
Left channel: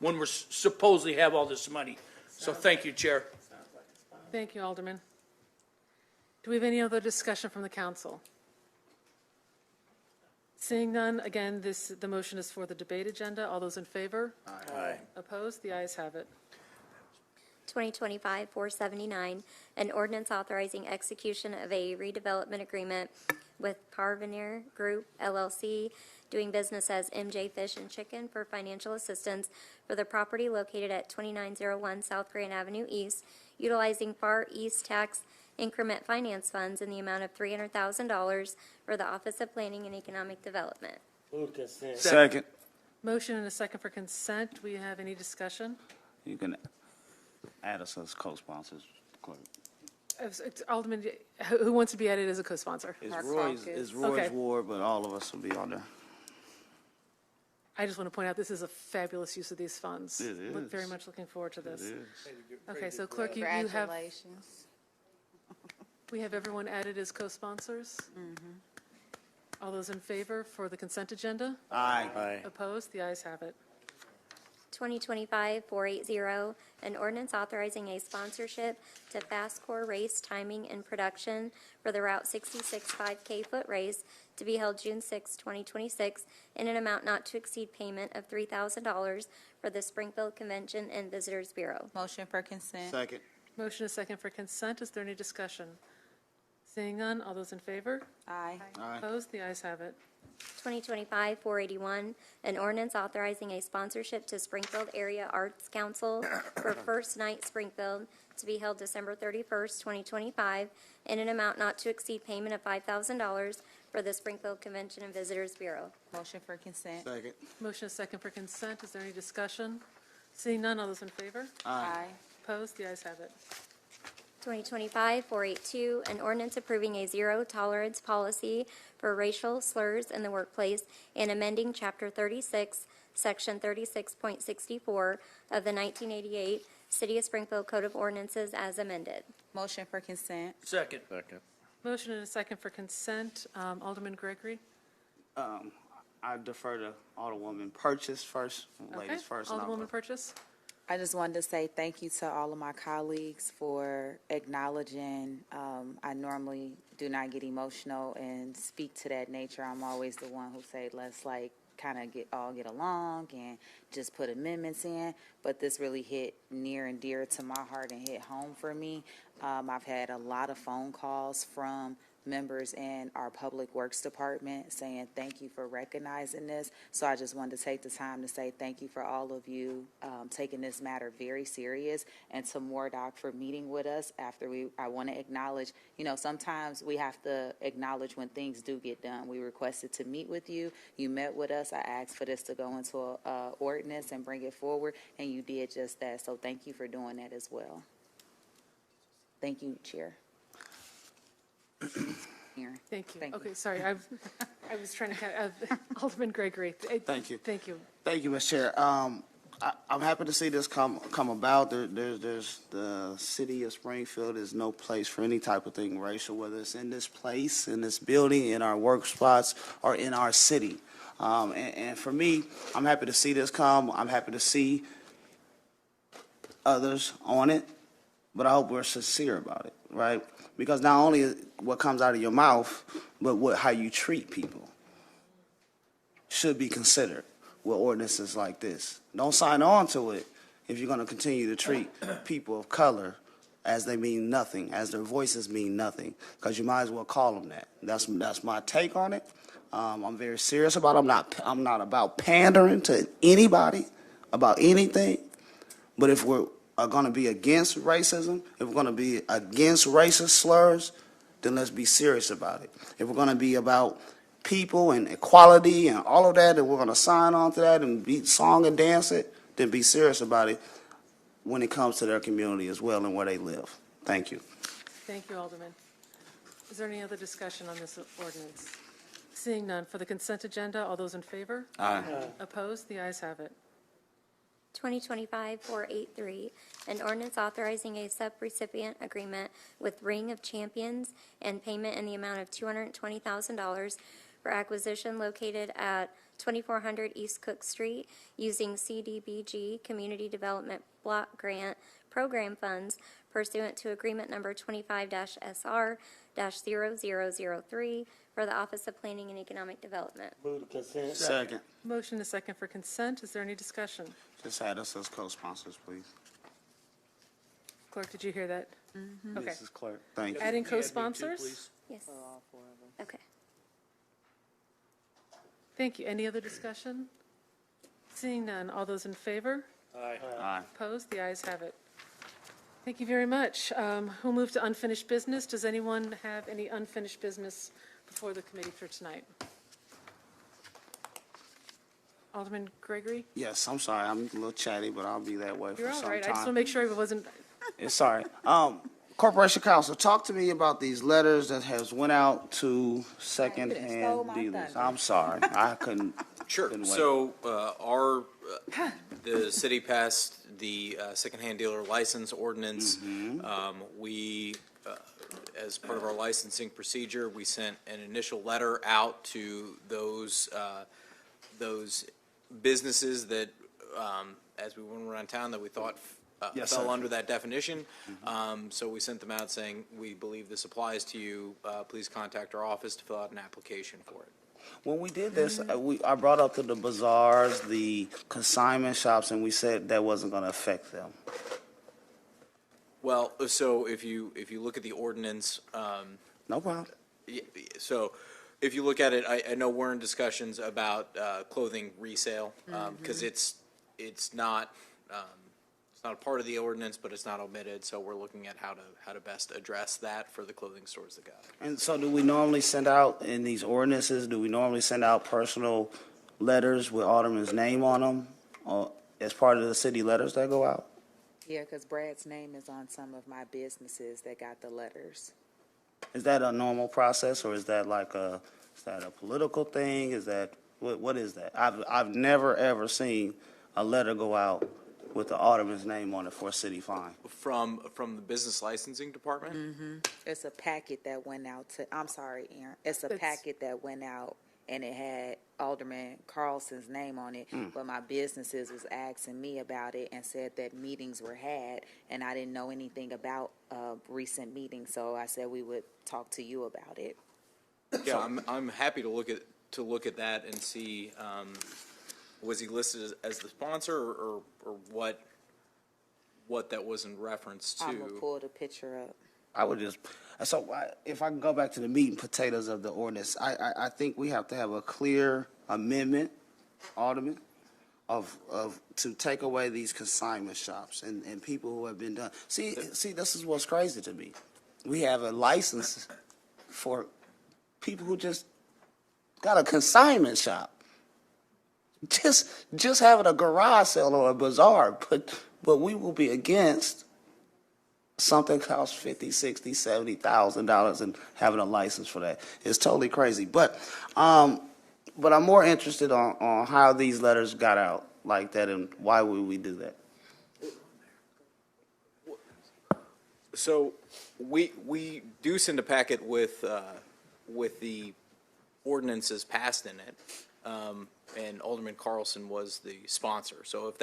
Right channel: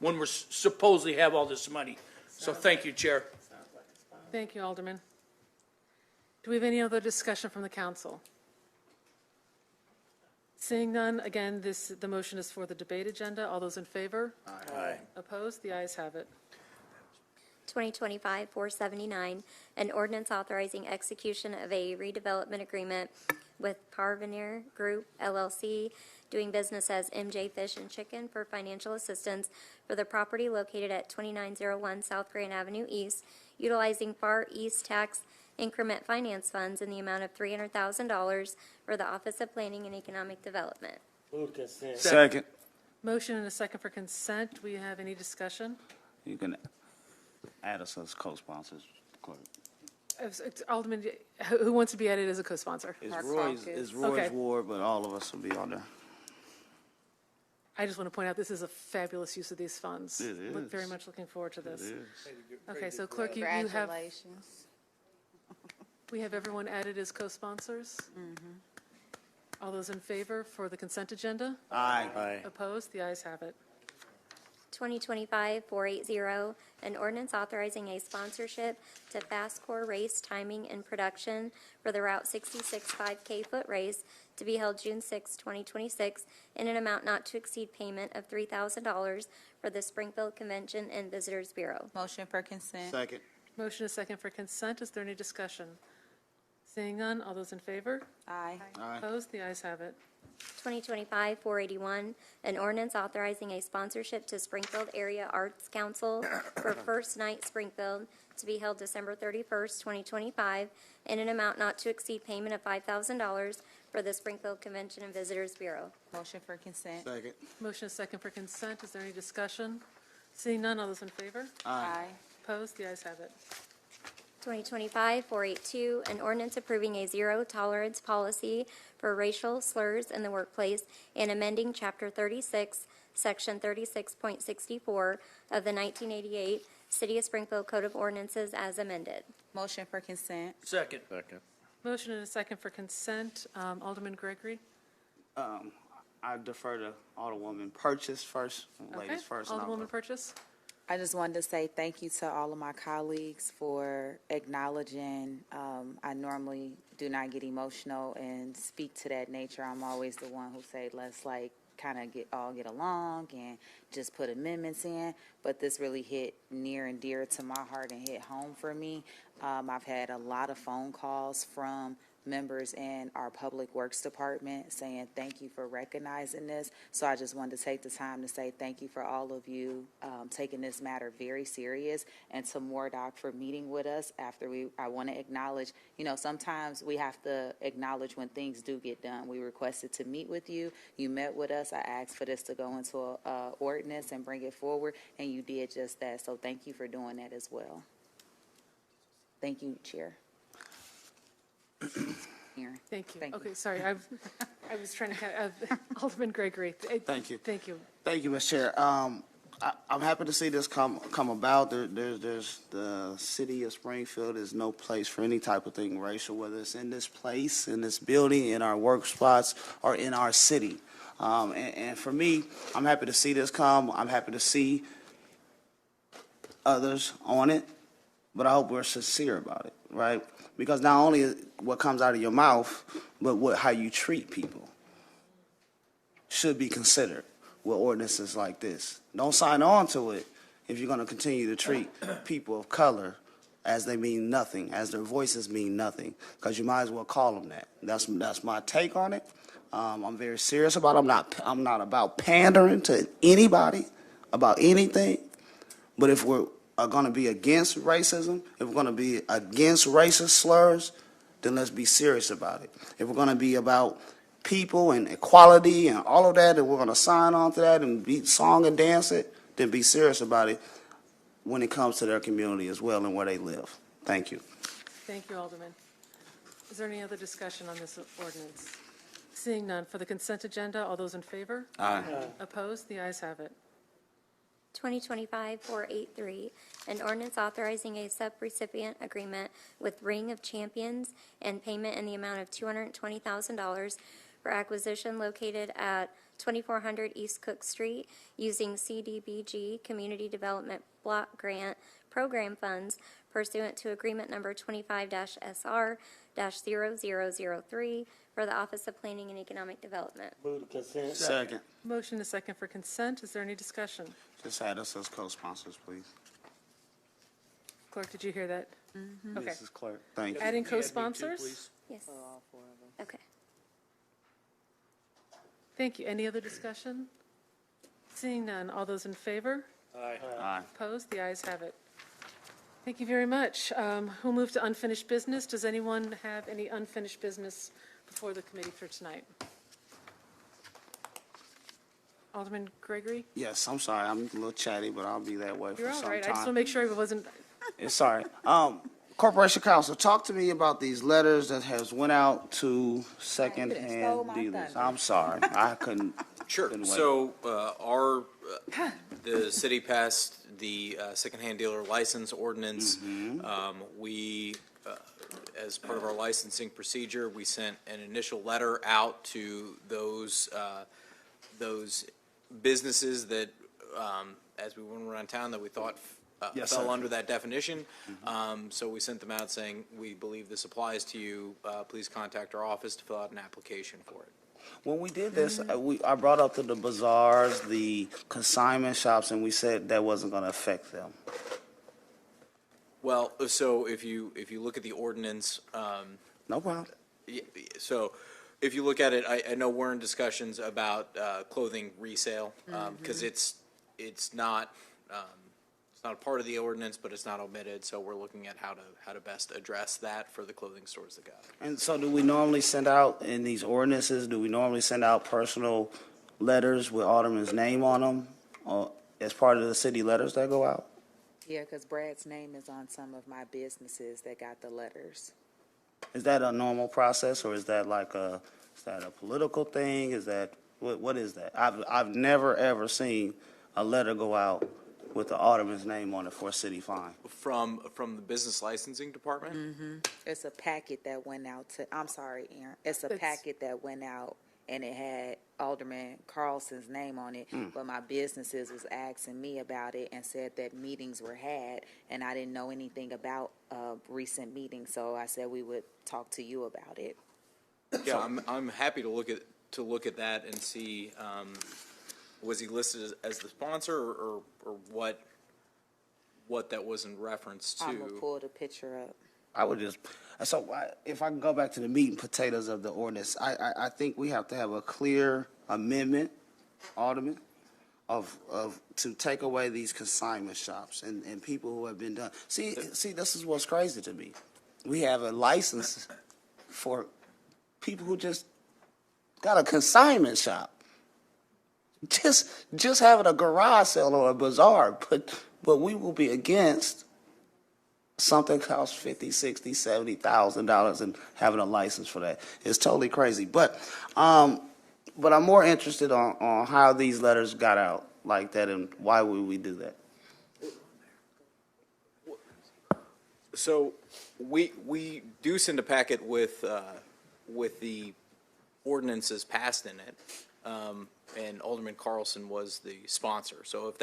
we're supposedly have all this money. So thank you, Chair. Thank you, Alderman. Do we have any other discussion from the council? Seeing none, again, the motion is for the debate agenda. All those in favor? Aye. Opposed? The ayes have it. 2025-479, an ordinance authorizing execution of a redevelopment agreement with Parvener Group, LLC, doing business as MJ Fish and Chicken for financial assistance for the property located at 2901 South Grand Avenue East, utilizing Far East Tax Increment Finance Funds in the amount of $300,000 for the Office of Planning and Economic Development. Move consent. Second. Motion and a second for consent. Do we have any discussion? You can add us as co-sponsors, clerk. It's Alderman, who wants to be added as a co-sponsor? It's Roy's ward, but all of us will be on there. I just want to point out this is a fabulous use of these funds. It is. Very much looking forward to this. It is. Okay, so clerk, you have. Congratulations. We have everyone added as co-sponsors. All those in favor for the consent agenda? Aye. Opposed? The ayes have it. 2025-480, an ordinance authorizing a sponsorship to Fast Core Race timing and production for the Route 66 5K foot race to be held June 6, 2026, in an amount not to exceed payment of $3,000 for the Springfield Convention and Visitors Bureau. Motion for consent. Second. Motion is second for consent. Is there any discussion? Seeing none, all those in favor? Aye. Opposed? The ayes have it. 2025-481, an ordinance authorizing a sponsorship to Springfield Area Arts Council for First Night Springfield to be held December 31st, 2025, in an amount not to exceed payment of $5,000 for the Springfield Convention and Visitors Bureau. Motion for consent. Second. Motion is second for consent. Is there any discussion? Seeing none, all those in favor? Aye. Opposed? The ayes have it. 2025-482, an ordinance approving a zero-tolerance policy for racial slurs in the workplace and amending Chapter 36, Section 36.64 of the 1988 City of Springfield Code of Ordinances as amended. Motion for consent. Second. Motion and a second for consent. Alderman Gregory? I defer to Alderwoman Purchase first, ladies first. and I'll Alderwoman go. Purchase? I just wanted to say thank you to all of my colleagues for acknowledging. I normally do not get emotional and speak to that nature. I'm always the one who say, let's kind of get along and just put amendments in. But this really hit near and dear to my heart and hit home for me. I've had a lot of phone calls from members in our public works department saying thank you for recognizing this. So I just wanted to take the time to say thank you for all of you taking this matter very serious, and to Mordock for meeting with us after I want to acknowledge, sometimes we have to acknowledge when things do get done. We requested to meet with you. You met with us. I asked for this to go into a ordinance and bring it forward, and you did just that. So thank you for doing that as well. Thank you, Chair. Thank you. Thank you. Okay, sorry. I was trying to catch Alderman Gregory. Thank you. Thank you. Thank you, Mr. Chair. I'm happy to see this come about. There's the city of Springfield is no place for any type of thing racial, whether it's in this place, in this building, in our work spots, or in our city. And for me, I'm happy to see this come. I'm happy to see others on it. but I hope we're sincere about it, right? Because not only what comes out of your mouth, but how you treat people should be considered with ordinances like this. Don't sign on to it if you're going to continue to treat people of color as they mean nothing, as their voices mean nothing, because you might as well call them that. That's my take on it. I'm very serious about it. I'm not about pandering to anybody about anything. But if we're going to be against racism, if we're going to be against racist slurs, then let's be serious about it. If we're going to be about people and equality and all of that, and we're going to sign on to that and be song and dance it, then be serious about it when it comes to their community as well and where they live. Thank you. Thank you, Alderman. Is there any other discussion on this ordinance? Seeing none, for the consent agenda, all those in favor? Aye. Opposed? The ayes have it. 2025-483, an ordinance authorizing a sub-recipient agreement with Ring of Champions and payment in the amount of $220,000 for acquisition located at 2400 East Cook Street using CDBG Community Development Block Grant Program funds pursuant to agreement number 25-SR-0003 for the Office of Planning and Economic Development. Move to consent. Second. Motion is second for consent. Is there any discussion? Just add us as co-sponsors, please. Clerk, did you hear that? Okay. Mrs. Clerk, thank you. Adding co-sponsors? Yes. Okay. Thank you. Any other discussion? Seeing none, all those in favor? Aye. Opposed? The ayes have it. Thank you very much. We'll move to unfinished business. Does anyone have any unfinished business before the committee for tonight? Alderman Gregory? Yes, I'm sorry. I'm a little chatty, but I'll be that way You're for all some right. I time. just want to make sure it wasn't. It's all right. Corporation Counsel, talk to me about these letters that has went out to second-hand dealers. I'm sorry. I couldn't. Sure. couldn't wait. So the city passed the secondhand dealer license ordinance. We, as part of our licensing procedure, we sent an initial letter out to those businesses that, as we went around town, that we thought Yes, fell sir. under that definition. So we sent them out saying, we believe this applies to you. Please contact our office to fill out an application for it. When we did this, I brought up to the bazaars, the consignment shops, and we said that wasn't going to affect them. Well, so if you look at the ordinance, No problem. so if you look at it, I know we're in discussions about clothing resale because it's not a part of the ordinance, but it's not omitted. So we're looking at how to best address that for the clothing stores that got it. And so do we normally send out, in these ordinances, do we normally send out personal letters with Alderman's name on them as part of the city letters that go out? Yeah, because Brad's name is on some of my businesses that got the letters. Is that a normal process, or is that a political thing? Is that, what is that? I've never, ever seen a letter go out with the Alderman's name on it for a city fine. From the business licensing department? It's a packet that went out to, I'm sorry, Aaron. It's a packet that went out and it had Alderman Carlson's name on it, but my businesses was asking me about it and said that meetings were had, and I didn't know anything about recent meetings, so I said we would talk to you about it. Yeah, I'm happy to look at that and see, was he listed as the sponsor or what that was in reference to? I'm going to pull the picture up. I would just, if I can go back to the meat and potatoes of the ordinance, I think we have to have a clear amendment, Alderman, to take away these consignment shops and people who have been done. See, this is what's crazy to me. We have a license for people who just got a consignment shop. Just having a garage sale or a bazaar, but we will be against something costs $50,000, $60,000, $70,000 and having a license for that. It's totally crazy. But I'm more interested on how these letters got out like that and why would we do that? So we do send a packet with the ordinances passed in it, and Alderman Carlson was the sponsor. So if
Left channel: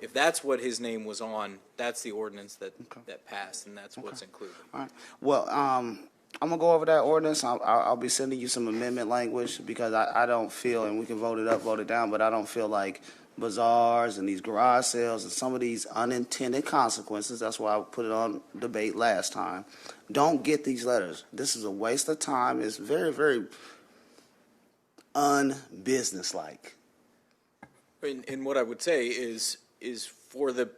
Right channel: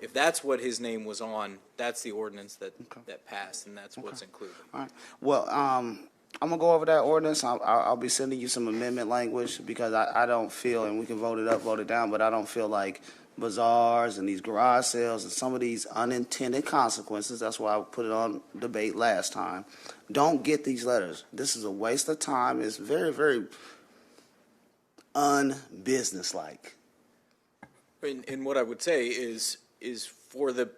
if that's what his name was on, that's the ordinance that passed, and that's what's included. All right. Well, I'm gonna go over that ordinance. I'll be sending you some amendment language because I don't feel, and we can vote it up, vote it down, but I don't feel like bazaars and these garage sales and some of these unintended consequences, that's why I put it on debate last time, don't get these letters. This is a waste of time. It's very, very unbusinesslike. And what I would say is for the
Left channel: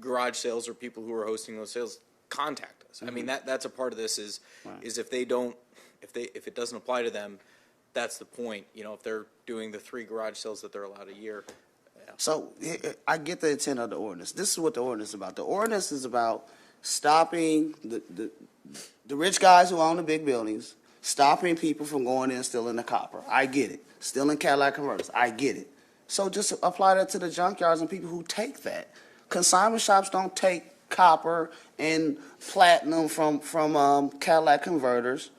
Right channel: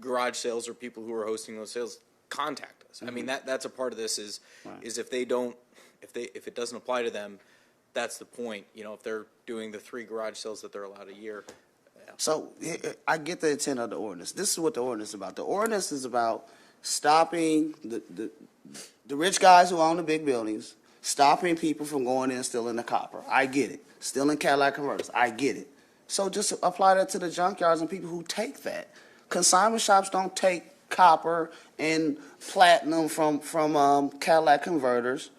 garage sales or people who are hosting those sales, contact us. I mean, that's a part of this is if it doesn't apply to them, that's the point. You know, if they're doing the 3 garage sales that they're allowed a year. So I get the intent of the ordinance. This is what the ordinance is about. The ordinance is about stopping the rich guys who own the big buildings, stopping people from going in and stealing the copper. I get it. Stealing Cadillac converters. I get it. So just apply that to the junkyards and people who take that. Consignment shops don't take copper and platinum from Cadillac converters.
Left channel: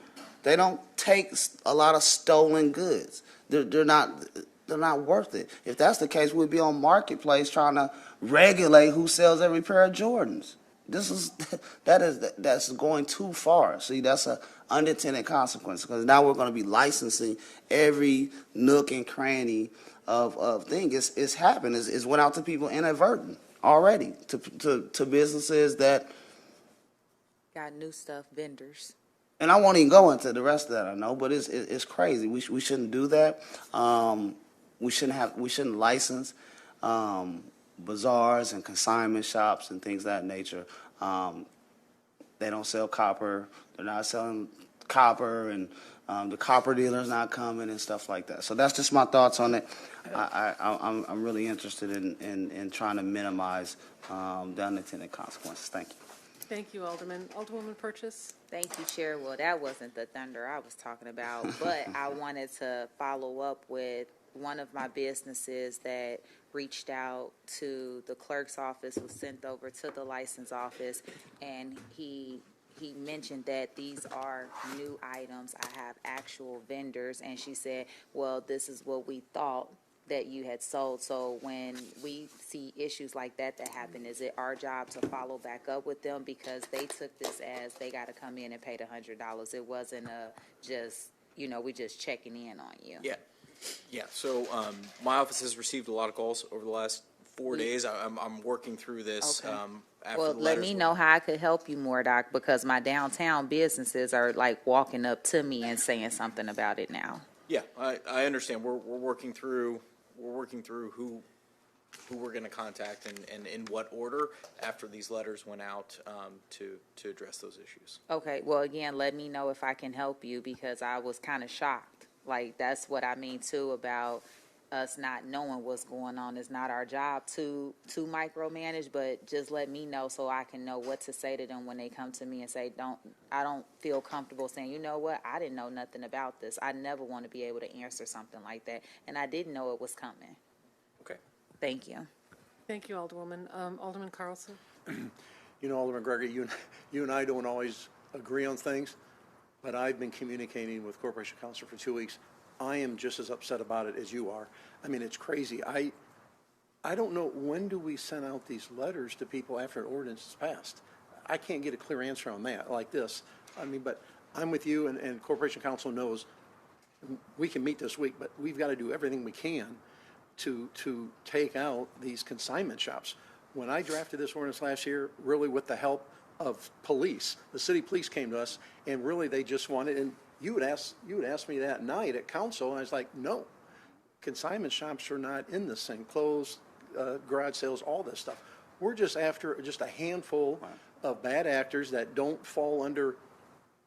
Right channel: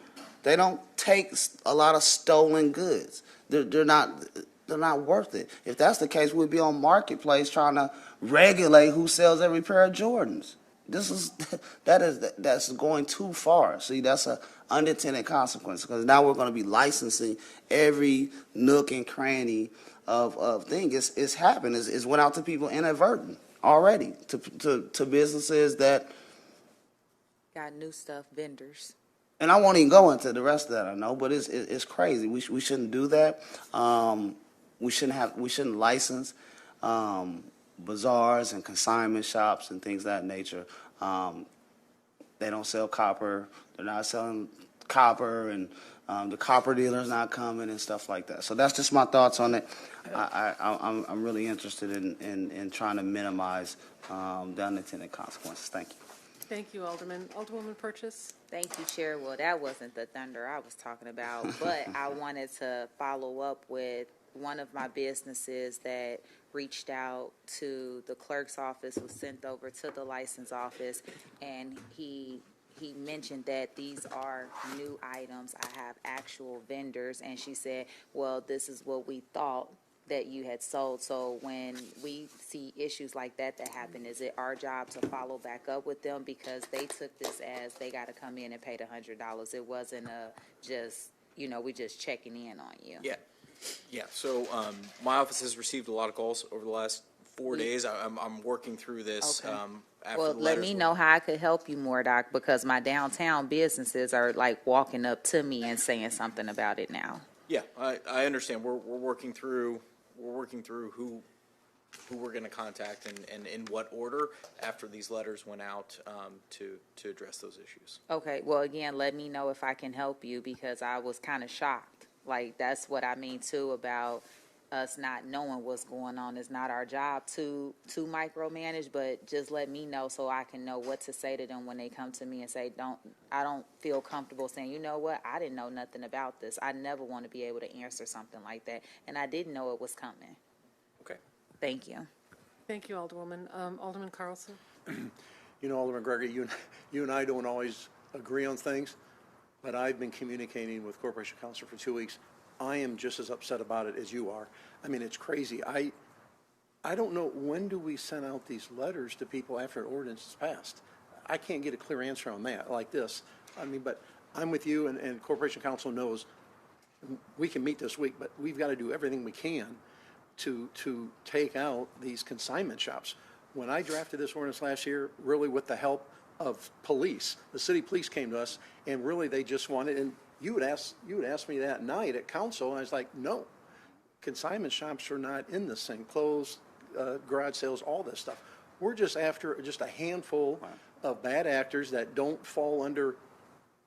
They don't take a lot of stolen goods. They're not worth it. If that's the case, we'd be on Marketplace trying to regulate who sells every pair of Jordans. That's going too far. See, that's a unintended consequence because now we're going to be licensing every nook and cranny of things. It's happened. It's went out to people inadvertent already to businesses that got new stuff, vendors. And I won't even go into the rest of that. I know, but it's crazy. We shouldn't do that. We shouldn't license bazaars and consignment shops and things of that nature. They don't sell copper. They're not selling copper, and the copper dealer's not coming and stuff like that. So that's just my thoughts on it. I'm really interested in trying to minimize the unintended consequences. Thank you. Thank you, Alderman. Alderwoman Purchase? Thank you, Chair. Well, that wasn't the thunder I was talking about, but I wanted to follow up with one of my businesses that reached out to the clerk's office, was sent over to the license office, and he mentioned that these are new items. I have actual vendors, and she said, well, this is what we thought that you had sold. So when we see issues like that happen, is it our job to follow back up with them because they took this as they got to come in and pay the $100? It wasn't we just checking in on you. Yeah. So my office has received a lot of calls over the last 4 days. I'm working through this. Okay. After Well, the let letters me were- know how I could help you more, Doc, because my downtown businesses are like walking up to me and saying something about it now. Yeah, I understand. We're working through who we're going to contact and in what order after these letters went out to address those issues. Okay, well, again, let me know if I can help you because I was kind of shocked. Like, that's what I mean, too, about us not knowing what's going on. It's not our job to micromanage, but just let me know so I can know what to say to them when they come to me and say, I don't feel comfortable saying, you know what, I didn't know nothing about this. I never want to be able to answer something like that, and I didn't know it was coming. Okay. Thank you. Thank you, Alderwoman. Alderman Carlson? You know, Alderman Gregory, you and I don't always agree on things, but I've been communicating with Corporation Counsel for 2 weeks. I am just as upset about it as you are. I mean, it's crazy. I don't know, when do we send out these letters to people after an ordinance is passed? I can't get a clear answer on that like this. I mean, but I'm with you, and Corporation Counsel knows we can meet this week, but we've got to do everything we can to take out these consignment shops. When I drafted this ordinance last year, really with the help of police, the city police came to us, and really they just wanted, and you would ask me that night at council, and I was like, no, consignment shops are not in this thing. Clothes, garage sales, all this stuff. We're just after just a handful of bad actors that don't fall under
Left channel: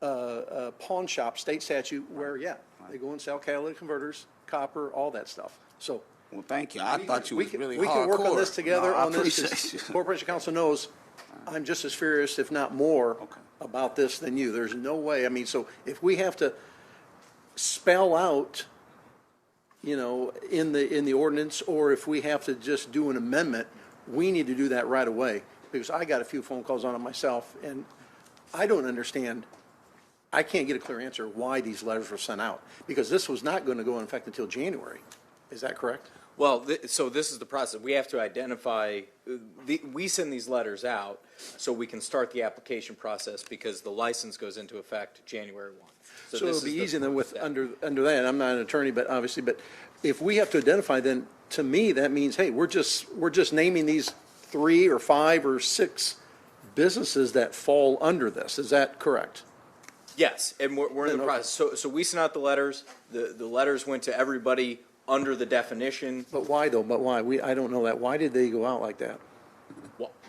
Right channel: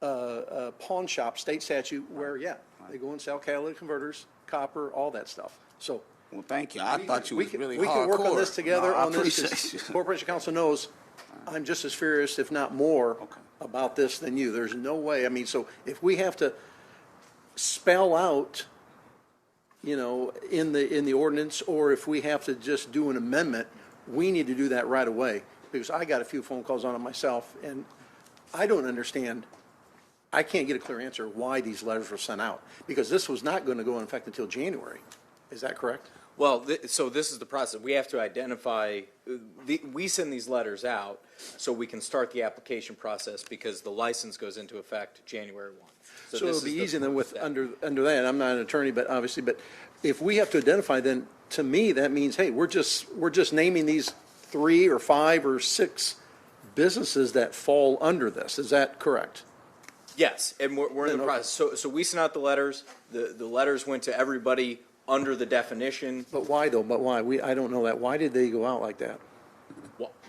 pawn shop state statute where, they go and sell catalytic converters, copper, all that stuff. So, well, thank you. I thought you was really we can work on this together. I on this. Corporation Counsel knows I'm just as furious, if not more, about this than you. There's no way. I mean, so if we have to spell out, in the ordinance, or if we have to just do an amendment, we need to do that right away, because I got a few phone calls on it myself, and I don't understand. I can't get a clear answer why these letters were sent out, because this was not going to go in effect until January. Is that correct? Well, so this is the process. We have to identify, we send these letters out so we can start the application process because the license goes into effect January 1. So this it'll is be the easy then with, step. under that, I'm not an attorney, but obviously, but if we have to identify, then to me, that means, hey, we're just naming these 3 or 5 or 6 businesses that fall under this. Is that correct? Yes, and we're in the process. So we sent out the letters. The letters went to everybody under the definition. But why though? But why? I don't know that. Why did they go out like that?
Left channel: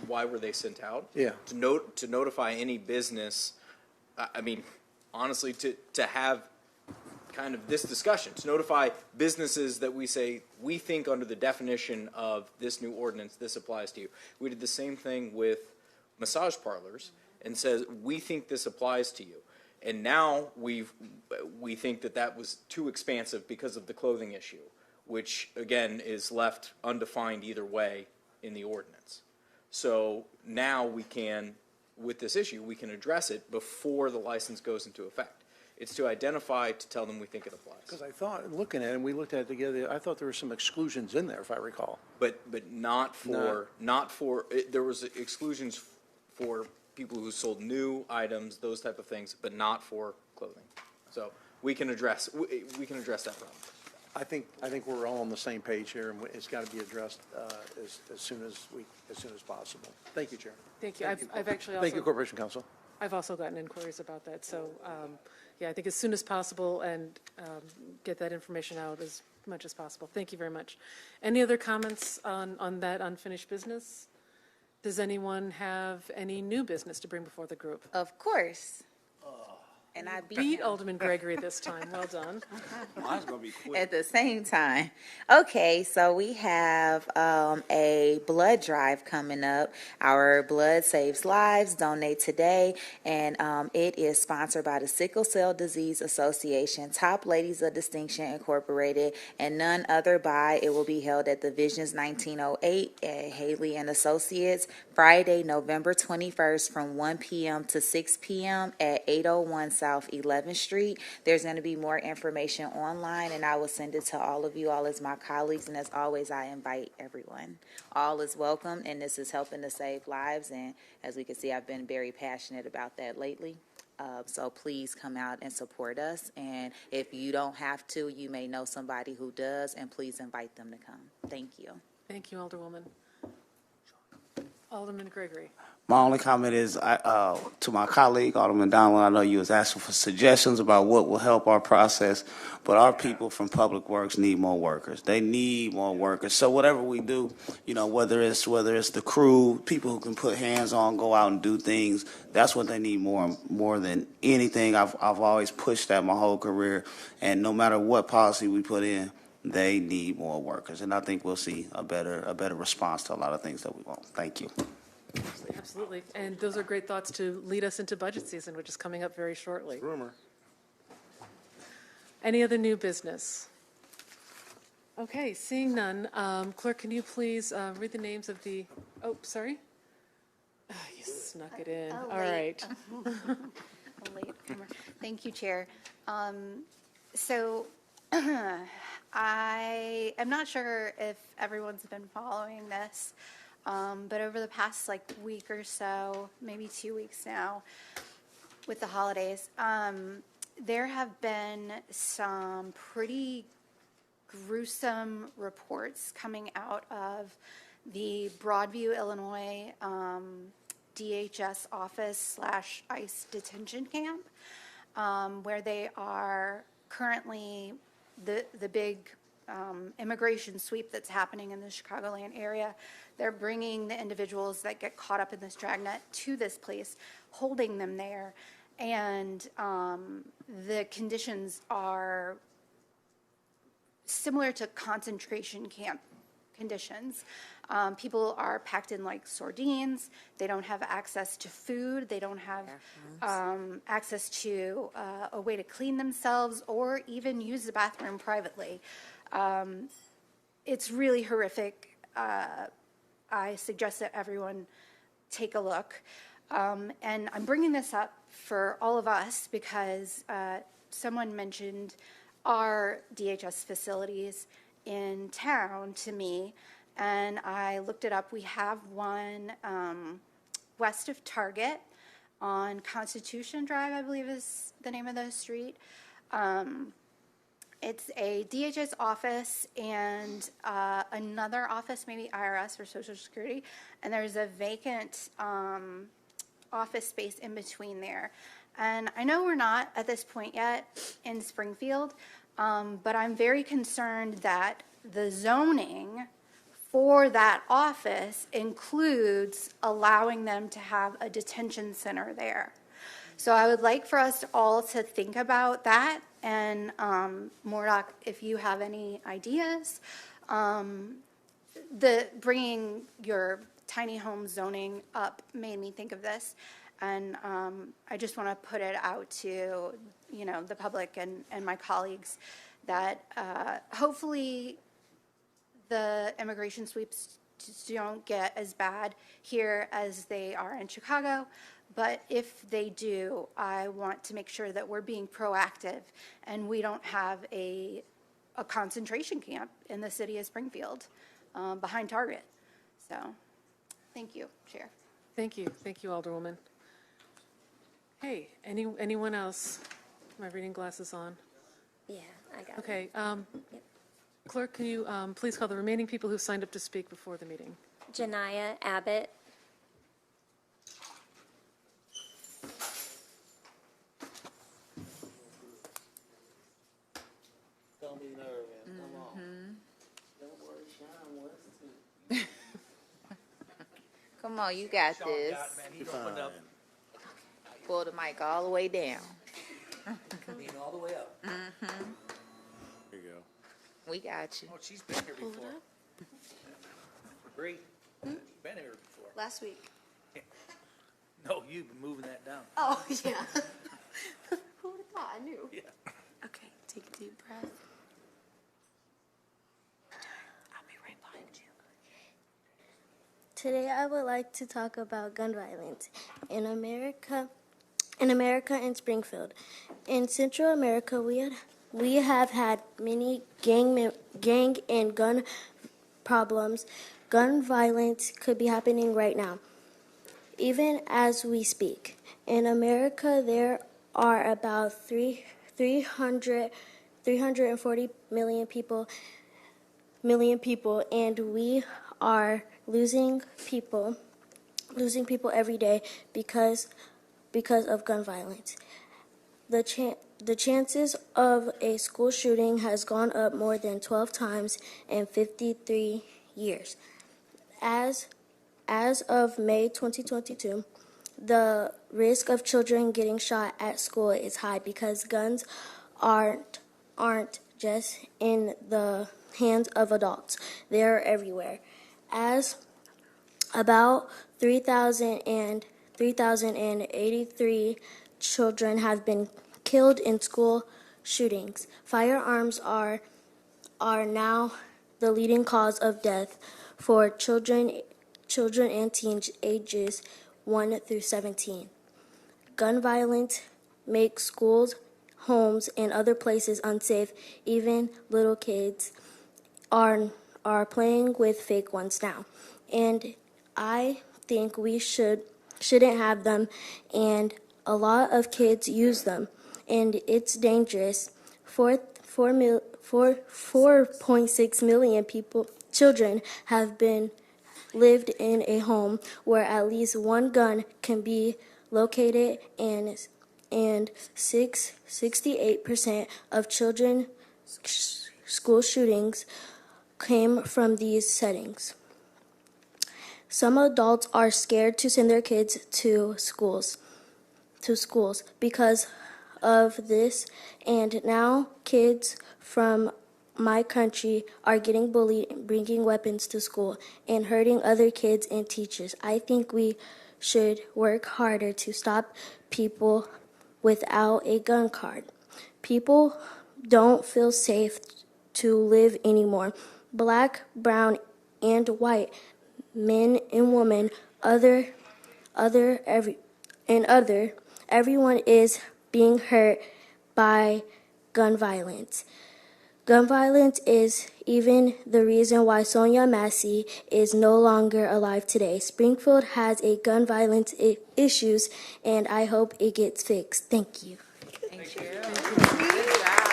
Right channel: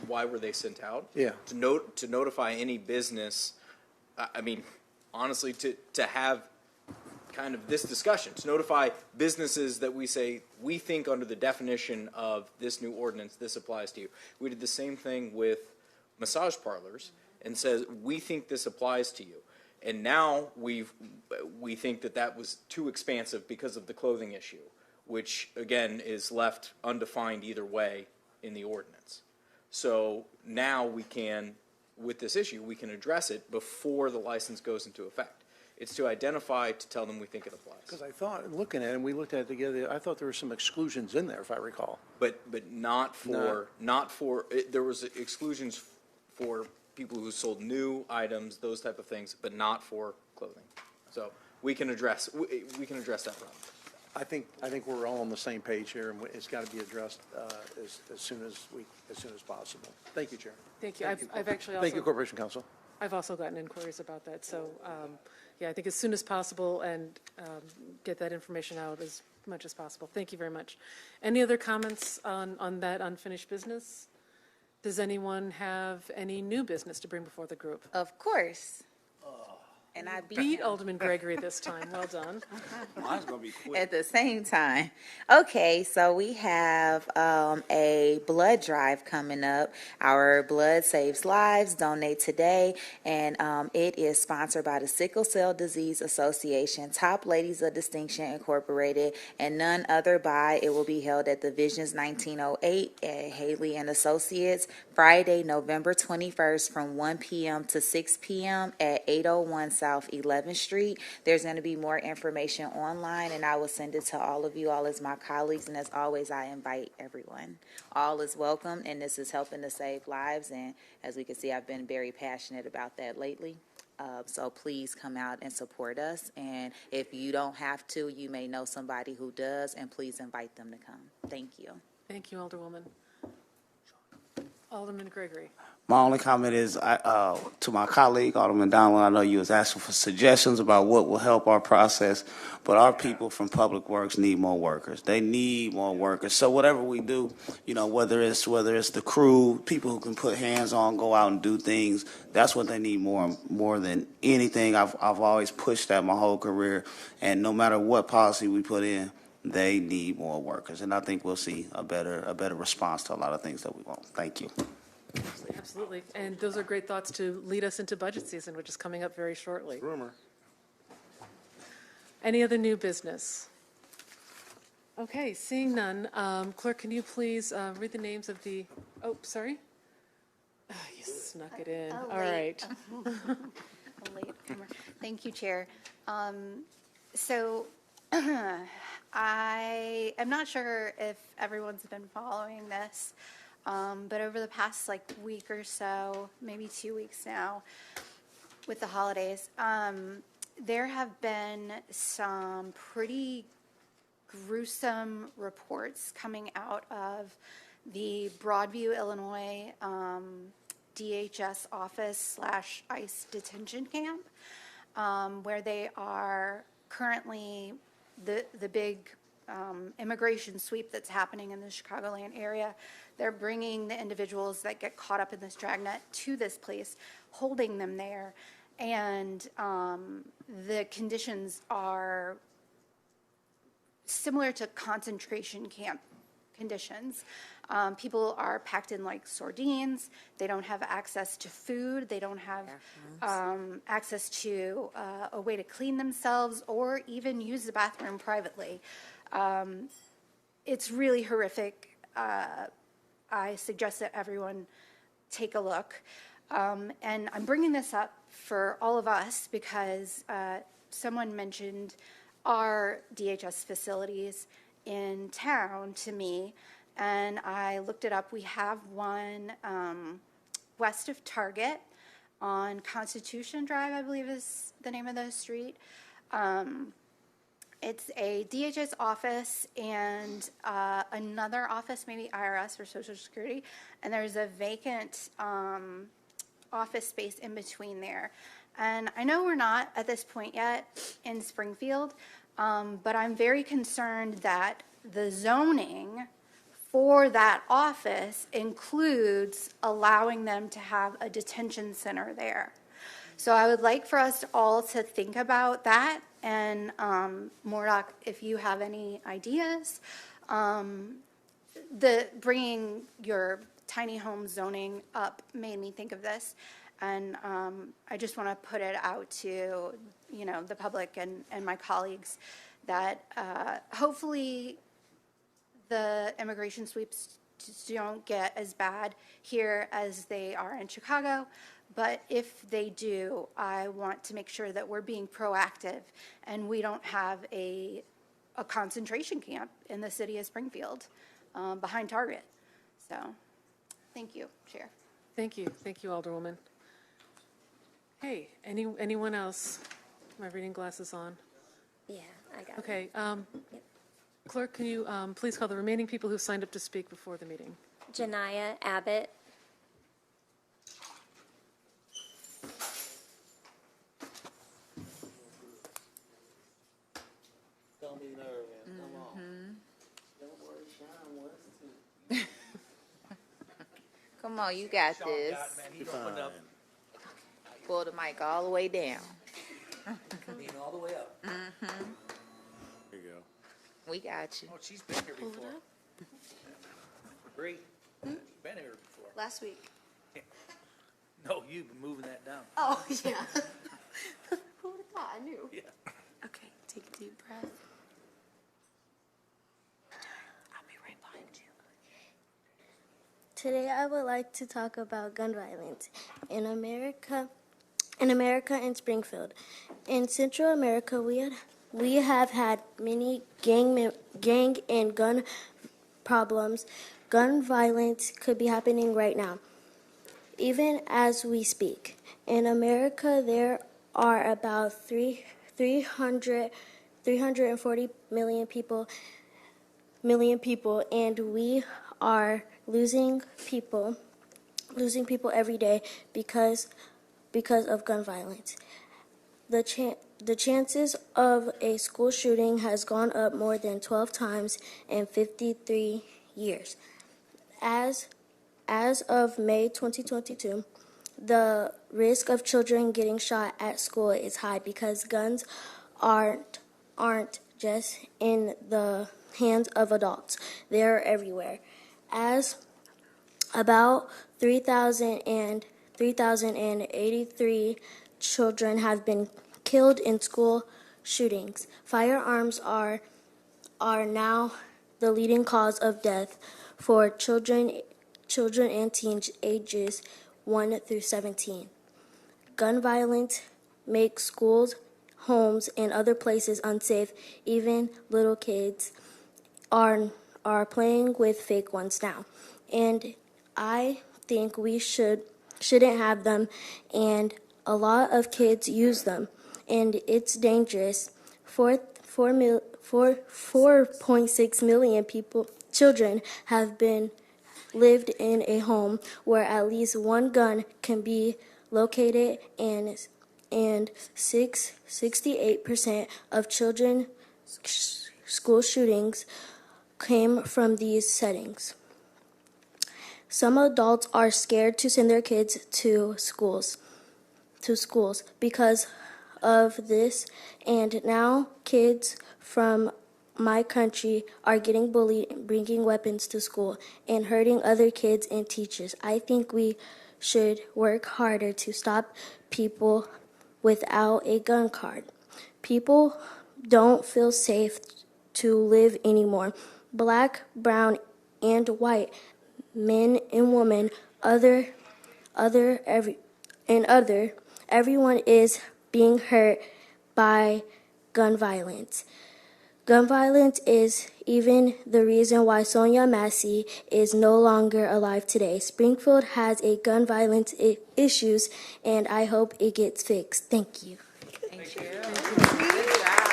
Why were they sent out? Yeah. To notify any business. I mean, honestly, to have kind of this discussion, to notify businesses that we say we think under the definition of this new ordinance, this applies to you. We did the same thing with massage parlors and says we think this applies to you. And now we think that was too expansive because of the clothing issue, which again is left undefined either way in the ordinance. So now we can, with this issue, we can address it before the license goes into effect. It's to identify, to tell them we think it applies. Because I thought, looking at it, and we looked at it together, I thought there were some exclusions in there, if I recall. But not for there was exclusions for people who sold new items, those type of things, but not for clothing. So we can address that problem. I think we're all on the same page here, and it's got to be addressed as soon as possible. Thank you, Chair. Thank you. I've actually also. Thank you, Corporation Counsel. I've also gotten inquiries about that. So, yeah, I think as soon as possible and get that information out as much as possible. Thank you very much. Any other comments on that unfinished business? Does anyone have any new business to bring before the group? Of course. And I beat Alderman Gregory this time. Well done. Mine's gonna be quick. At the same time. Okay, so we have a blood drive coming up. Our Blood Saves Lives, Donate Today, and it is sponsored by the Sickle Cell Disease Association, Top Ladies of Distinction Incorporated, and none other by. It will be held at the Visions 1908 at Haley and Associates, Friday, November 21st from 1 p.m. to 6 p.m. at 801 South 11th Street. There's going to be more information online, and I will send it to all of you, all as my colleagues, and as always, I invite everyone. All is welcome, and this is helping to save lives, and as we can see, I've been very passionate about that lately. So please come out and support us, and if you don't have to, you may know somebody who does, and please invite them to come. Thank you. Thank you, Alderwoman. Alderman Gregory. My only comment is to my colleague, Alderman Donald, I know you was asking for suggestions about what will help our process, but our people from Public Works need more workers. They need more workers. So whatever we do, whether it's the crew, people who can put hands on, go out and do things, that's what they need more than anything. I've always pushed that my whole career, and no matter what policy we put in, they need more workers, and I think we'll see a better response to a lot of things that we want. Thank you. Absolutely. And those are great thoughts to lead us into budget season, which is coming up very shortly. Rumor. Any other new business? Okay, seeing none. Clerk, can you please read the names of the... Oh, sorry? Oh, you snuck it in. All right. Thank you, Chair. So I'm not sure if everyone's been following this, but over the past week or so, maybe 2 weeks now, with the holidays, there have been some pretty gruesome reports coming out of the Broadview, Illinois DHS office / ICE detention camp, where they are currently the big immigration sweep that's happening in the Chicagoland area. They're bringing the individuals that get caught up in this dragnet to this place, holding them there, and the conditions are similar to concentration camp conditions. People are packed in like sardines. They don't have access to food. They don't have access to a way to clean themselves or even use the bathroom privately. It's really horrific. I suggest that everyone take a look. And I'm bringing this up for all of us because someone mentioned our DHS facilities in town to me, and I looked it up. We have one west of Target on Constitution Drive, I believe is the name of the street. It's a DHS office and another office, maybe IRS or Social Security, and there's a vacant office space in between there. And I know we're not at this point yet in Springfield, but I'm very concerned that the zoning for that office includes allowing them to have a detention center there. So I would like for us all to think about that. And Mordock, if you have any ideas, bringing your tiny home zoning up made me think of this. And I just want to put it out to, the public and my colleagues that hopefully the immigration sweeps don't get as bad here as they are in Chicago. But if they do, I want to make sure that we're being proactive and we don't have a concentration camp in the city of Springfield behind Target. So, thank you, Chair. Thank you, Alderwoman. Hey, anyone else? My reading glasses on. Yeah, I got Okay. Clerk, can you please call the remaining people who signed up to speak before the meeting? Janiyah Abbott. Don't be nervous. Come on. Don't worry, Sean. Come on, you got this. He's opened up. Pull the mic all the way down. Lean all the way up. There you go. We got you. Oh, she's been here before. Bree, she's been here before. Last week. No, you've been moving that down. Oh, yeah. Who would have thought? I knew. Yeah. Okay, take a deep breath. I'll be right behind you. Today I would like to talk about gun violence in America and Springfield. In Central America, we have had many gang and gun problems. Gun violence could be happening right now, even as we speak. In America, there are about 340 million people, and we are losing people every day because of gun violence. The chances of a school shooting has gone up more than 12 times in 53 years. As of May 2022, the risk of children getting shot at school is high because guns aren't just in the hands of adults. They're everywhere. As about 3,083 children have been killed in school shootings. Firearms are now the leading cause of death for children and teens ages 1 through 17. Gun violence makes schools, homes, and other places unsafe. Even little kids are playing with fake ones now. And I think we shouldn't have them, and a lot of kids use them, and it's dangerous. 4.6 million children have lived in a home where at least one gun can be located, and 68% of children school shootings came from these settings. Some adults are scared to send their kids to schools because of this, and now kids from my country are getting bullied, bringing weapons to school, and hurting other kids and teachers. I think we should work harder to stop people without a gun card. People don't feel safe to live anymore. Black, brown, and white, men and women, everyone is being hurt by gun violence. Gun violence is even the reason why Sonia Massey is no longer alive today. Springfield has a gun violence issues, and I hope it gets fixed. Thank you. Thank you. Good job.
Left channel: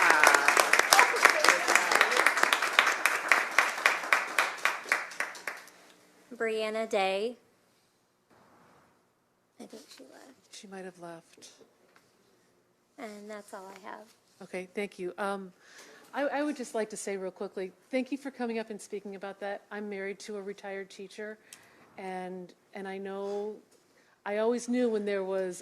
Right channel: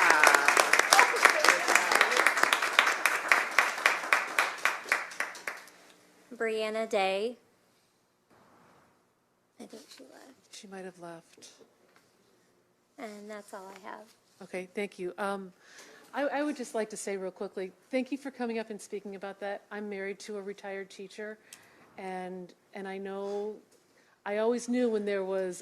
Brianna Day. I think she left. She might have left. And that's all I have. Okay, thank you. I would just like to say real quickly, thank you for coming up and speaking about that. I'm married to a retired teacher, and I know, I always knew when there was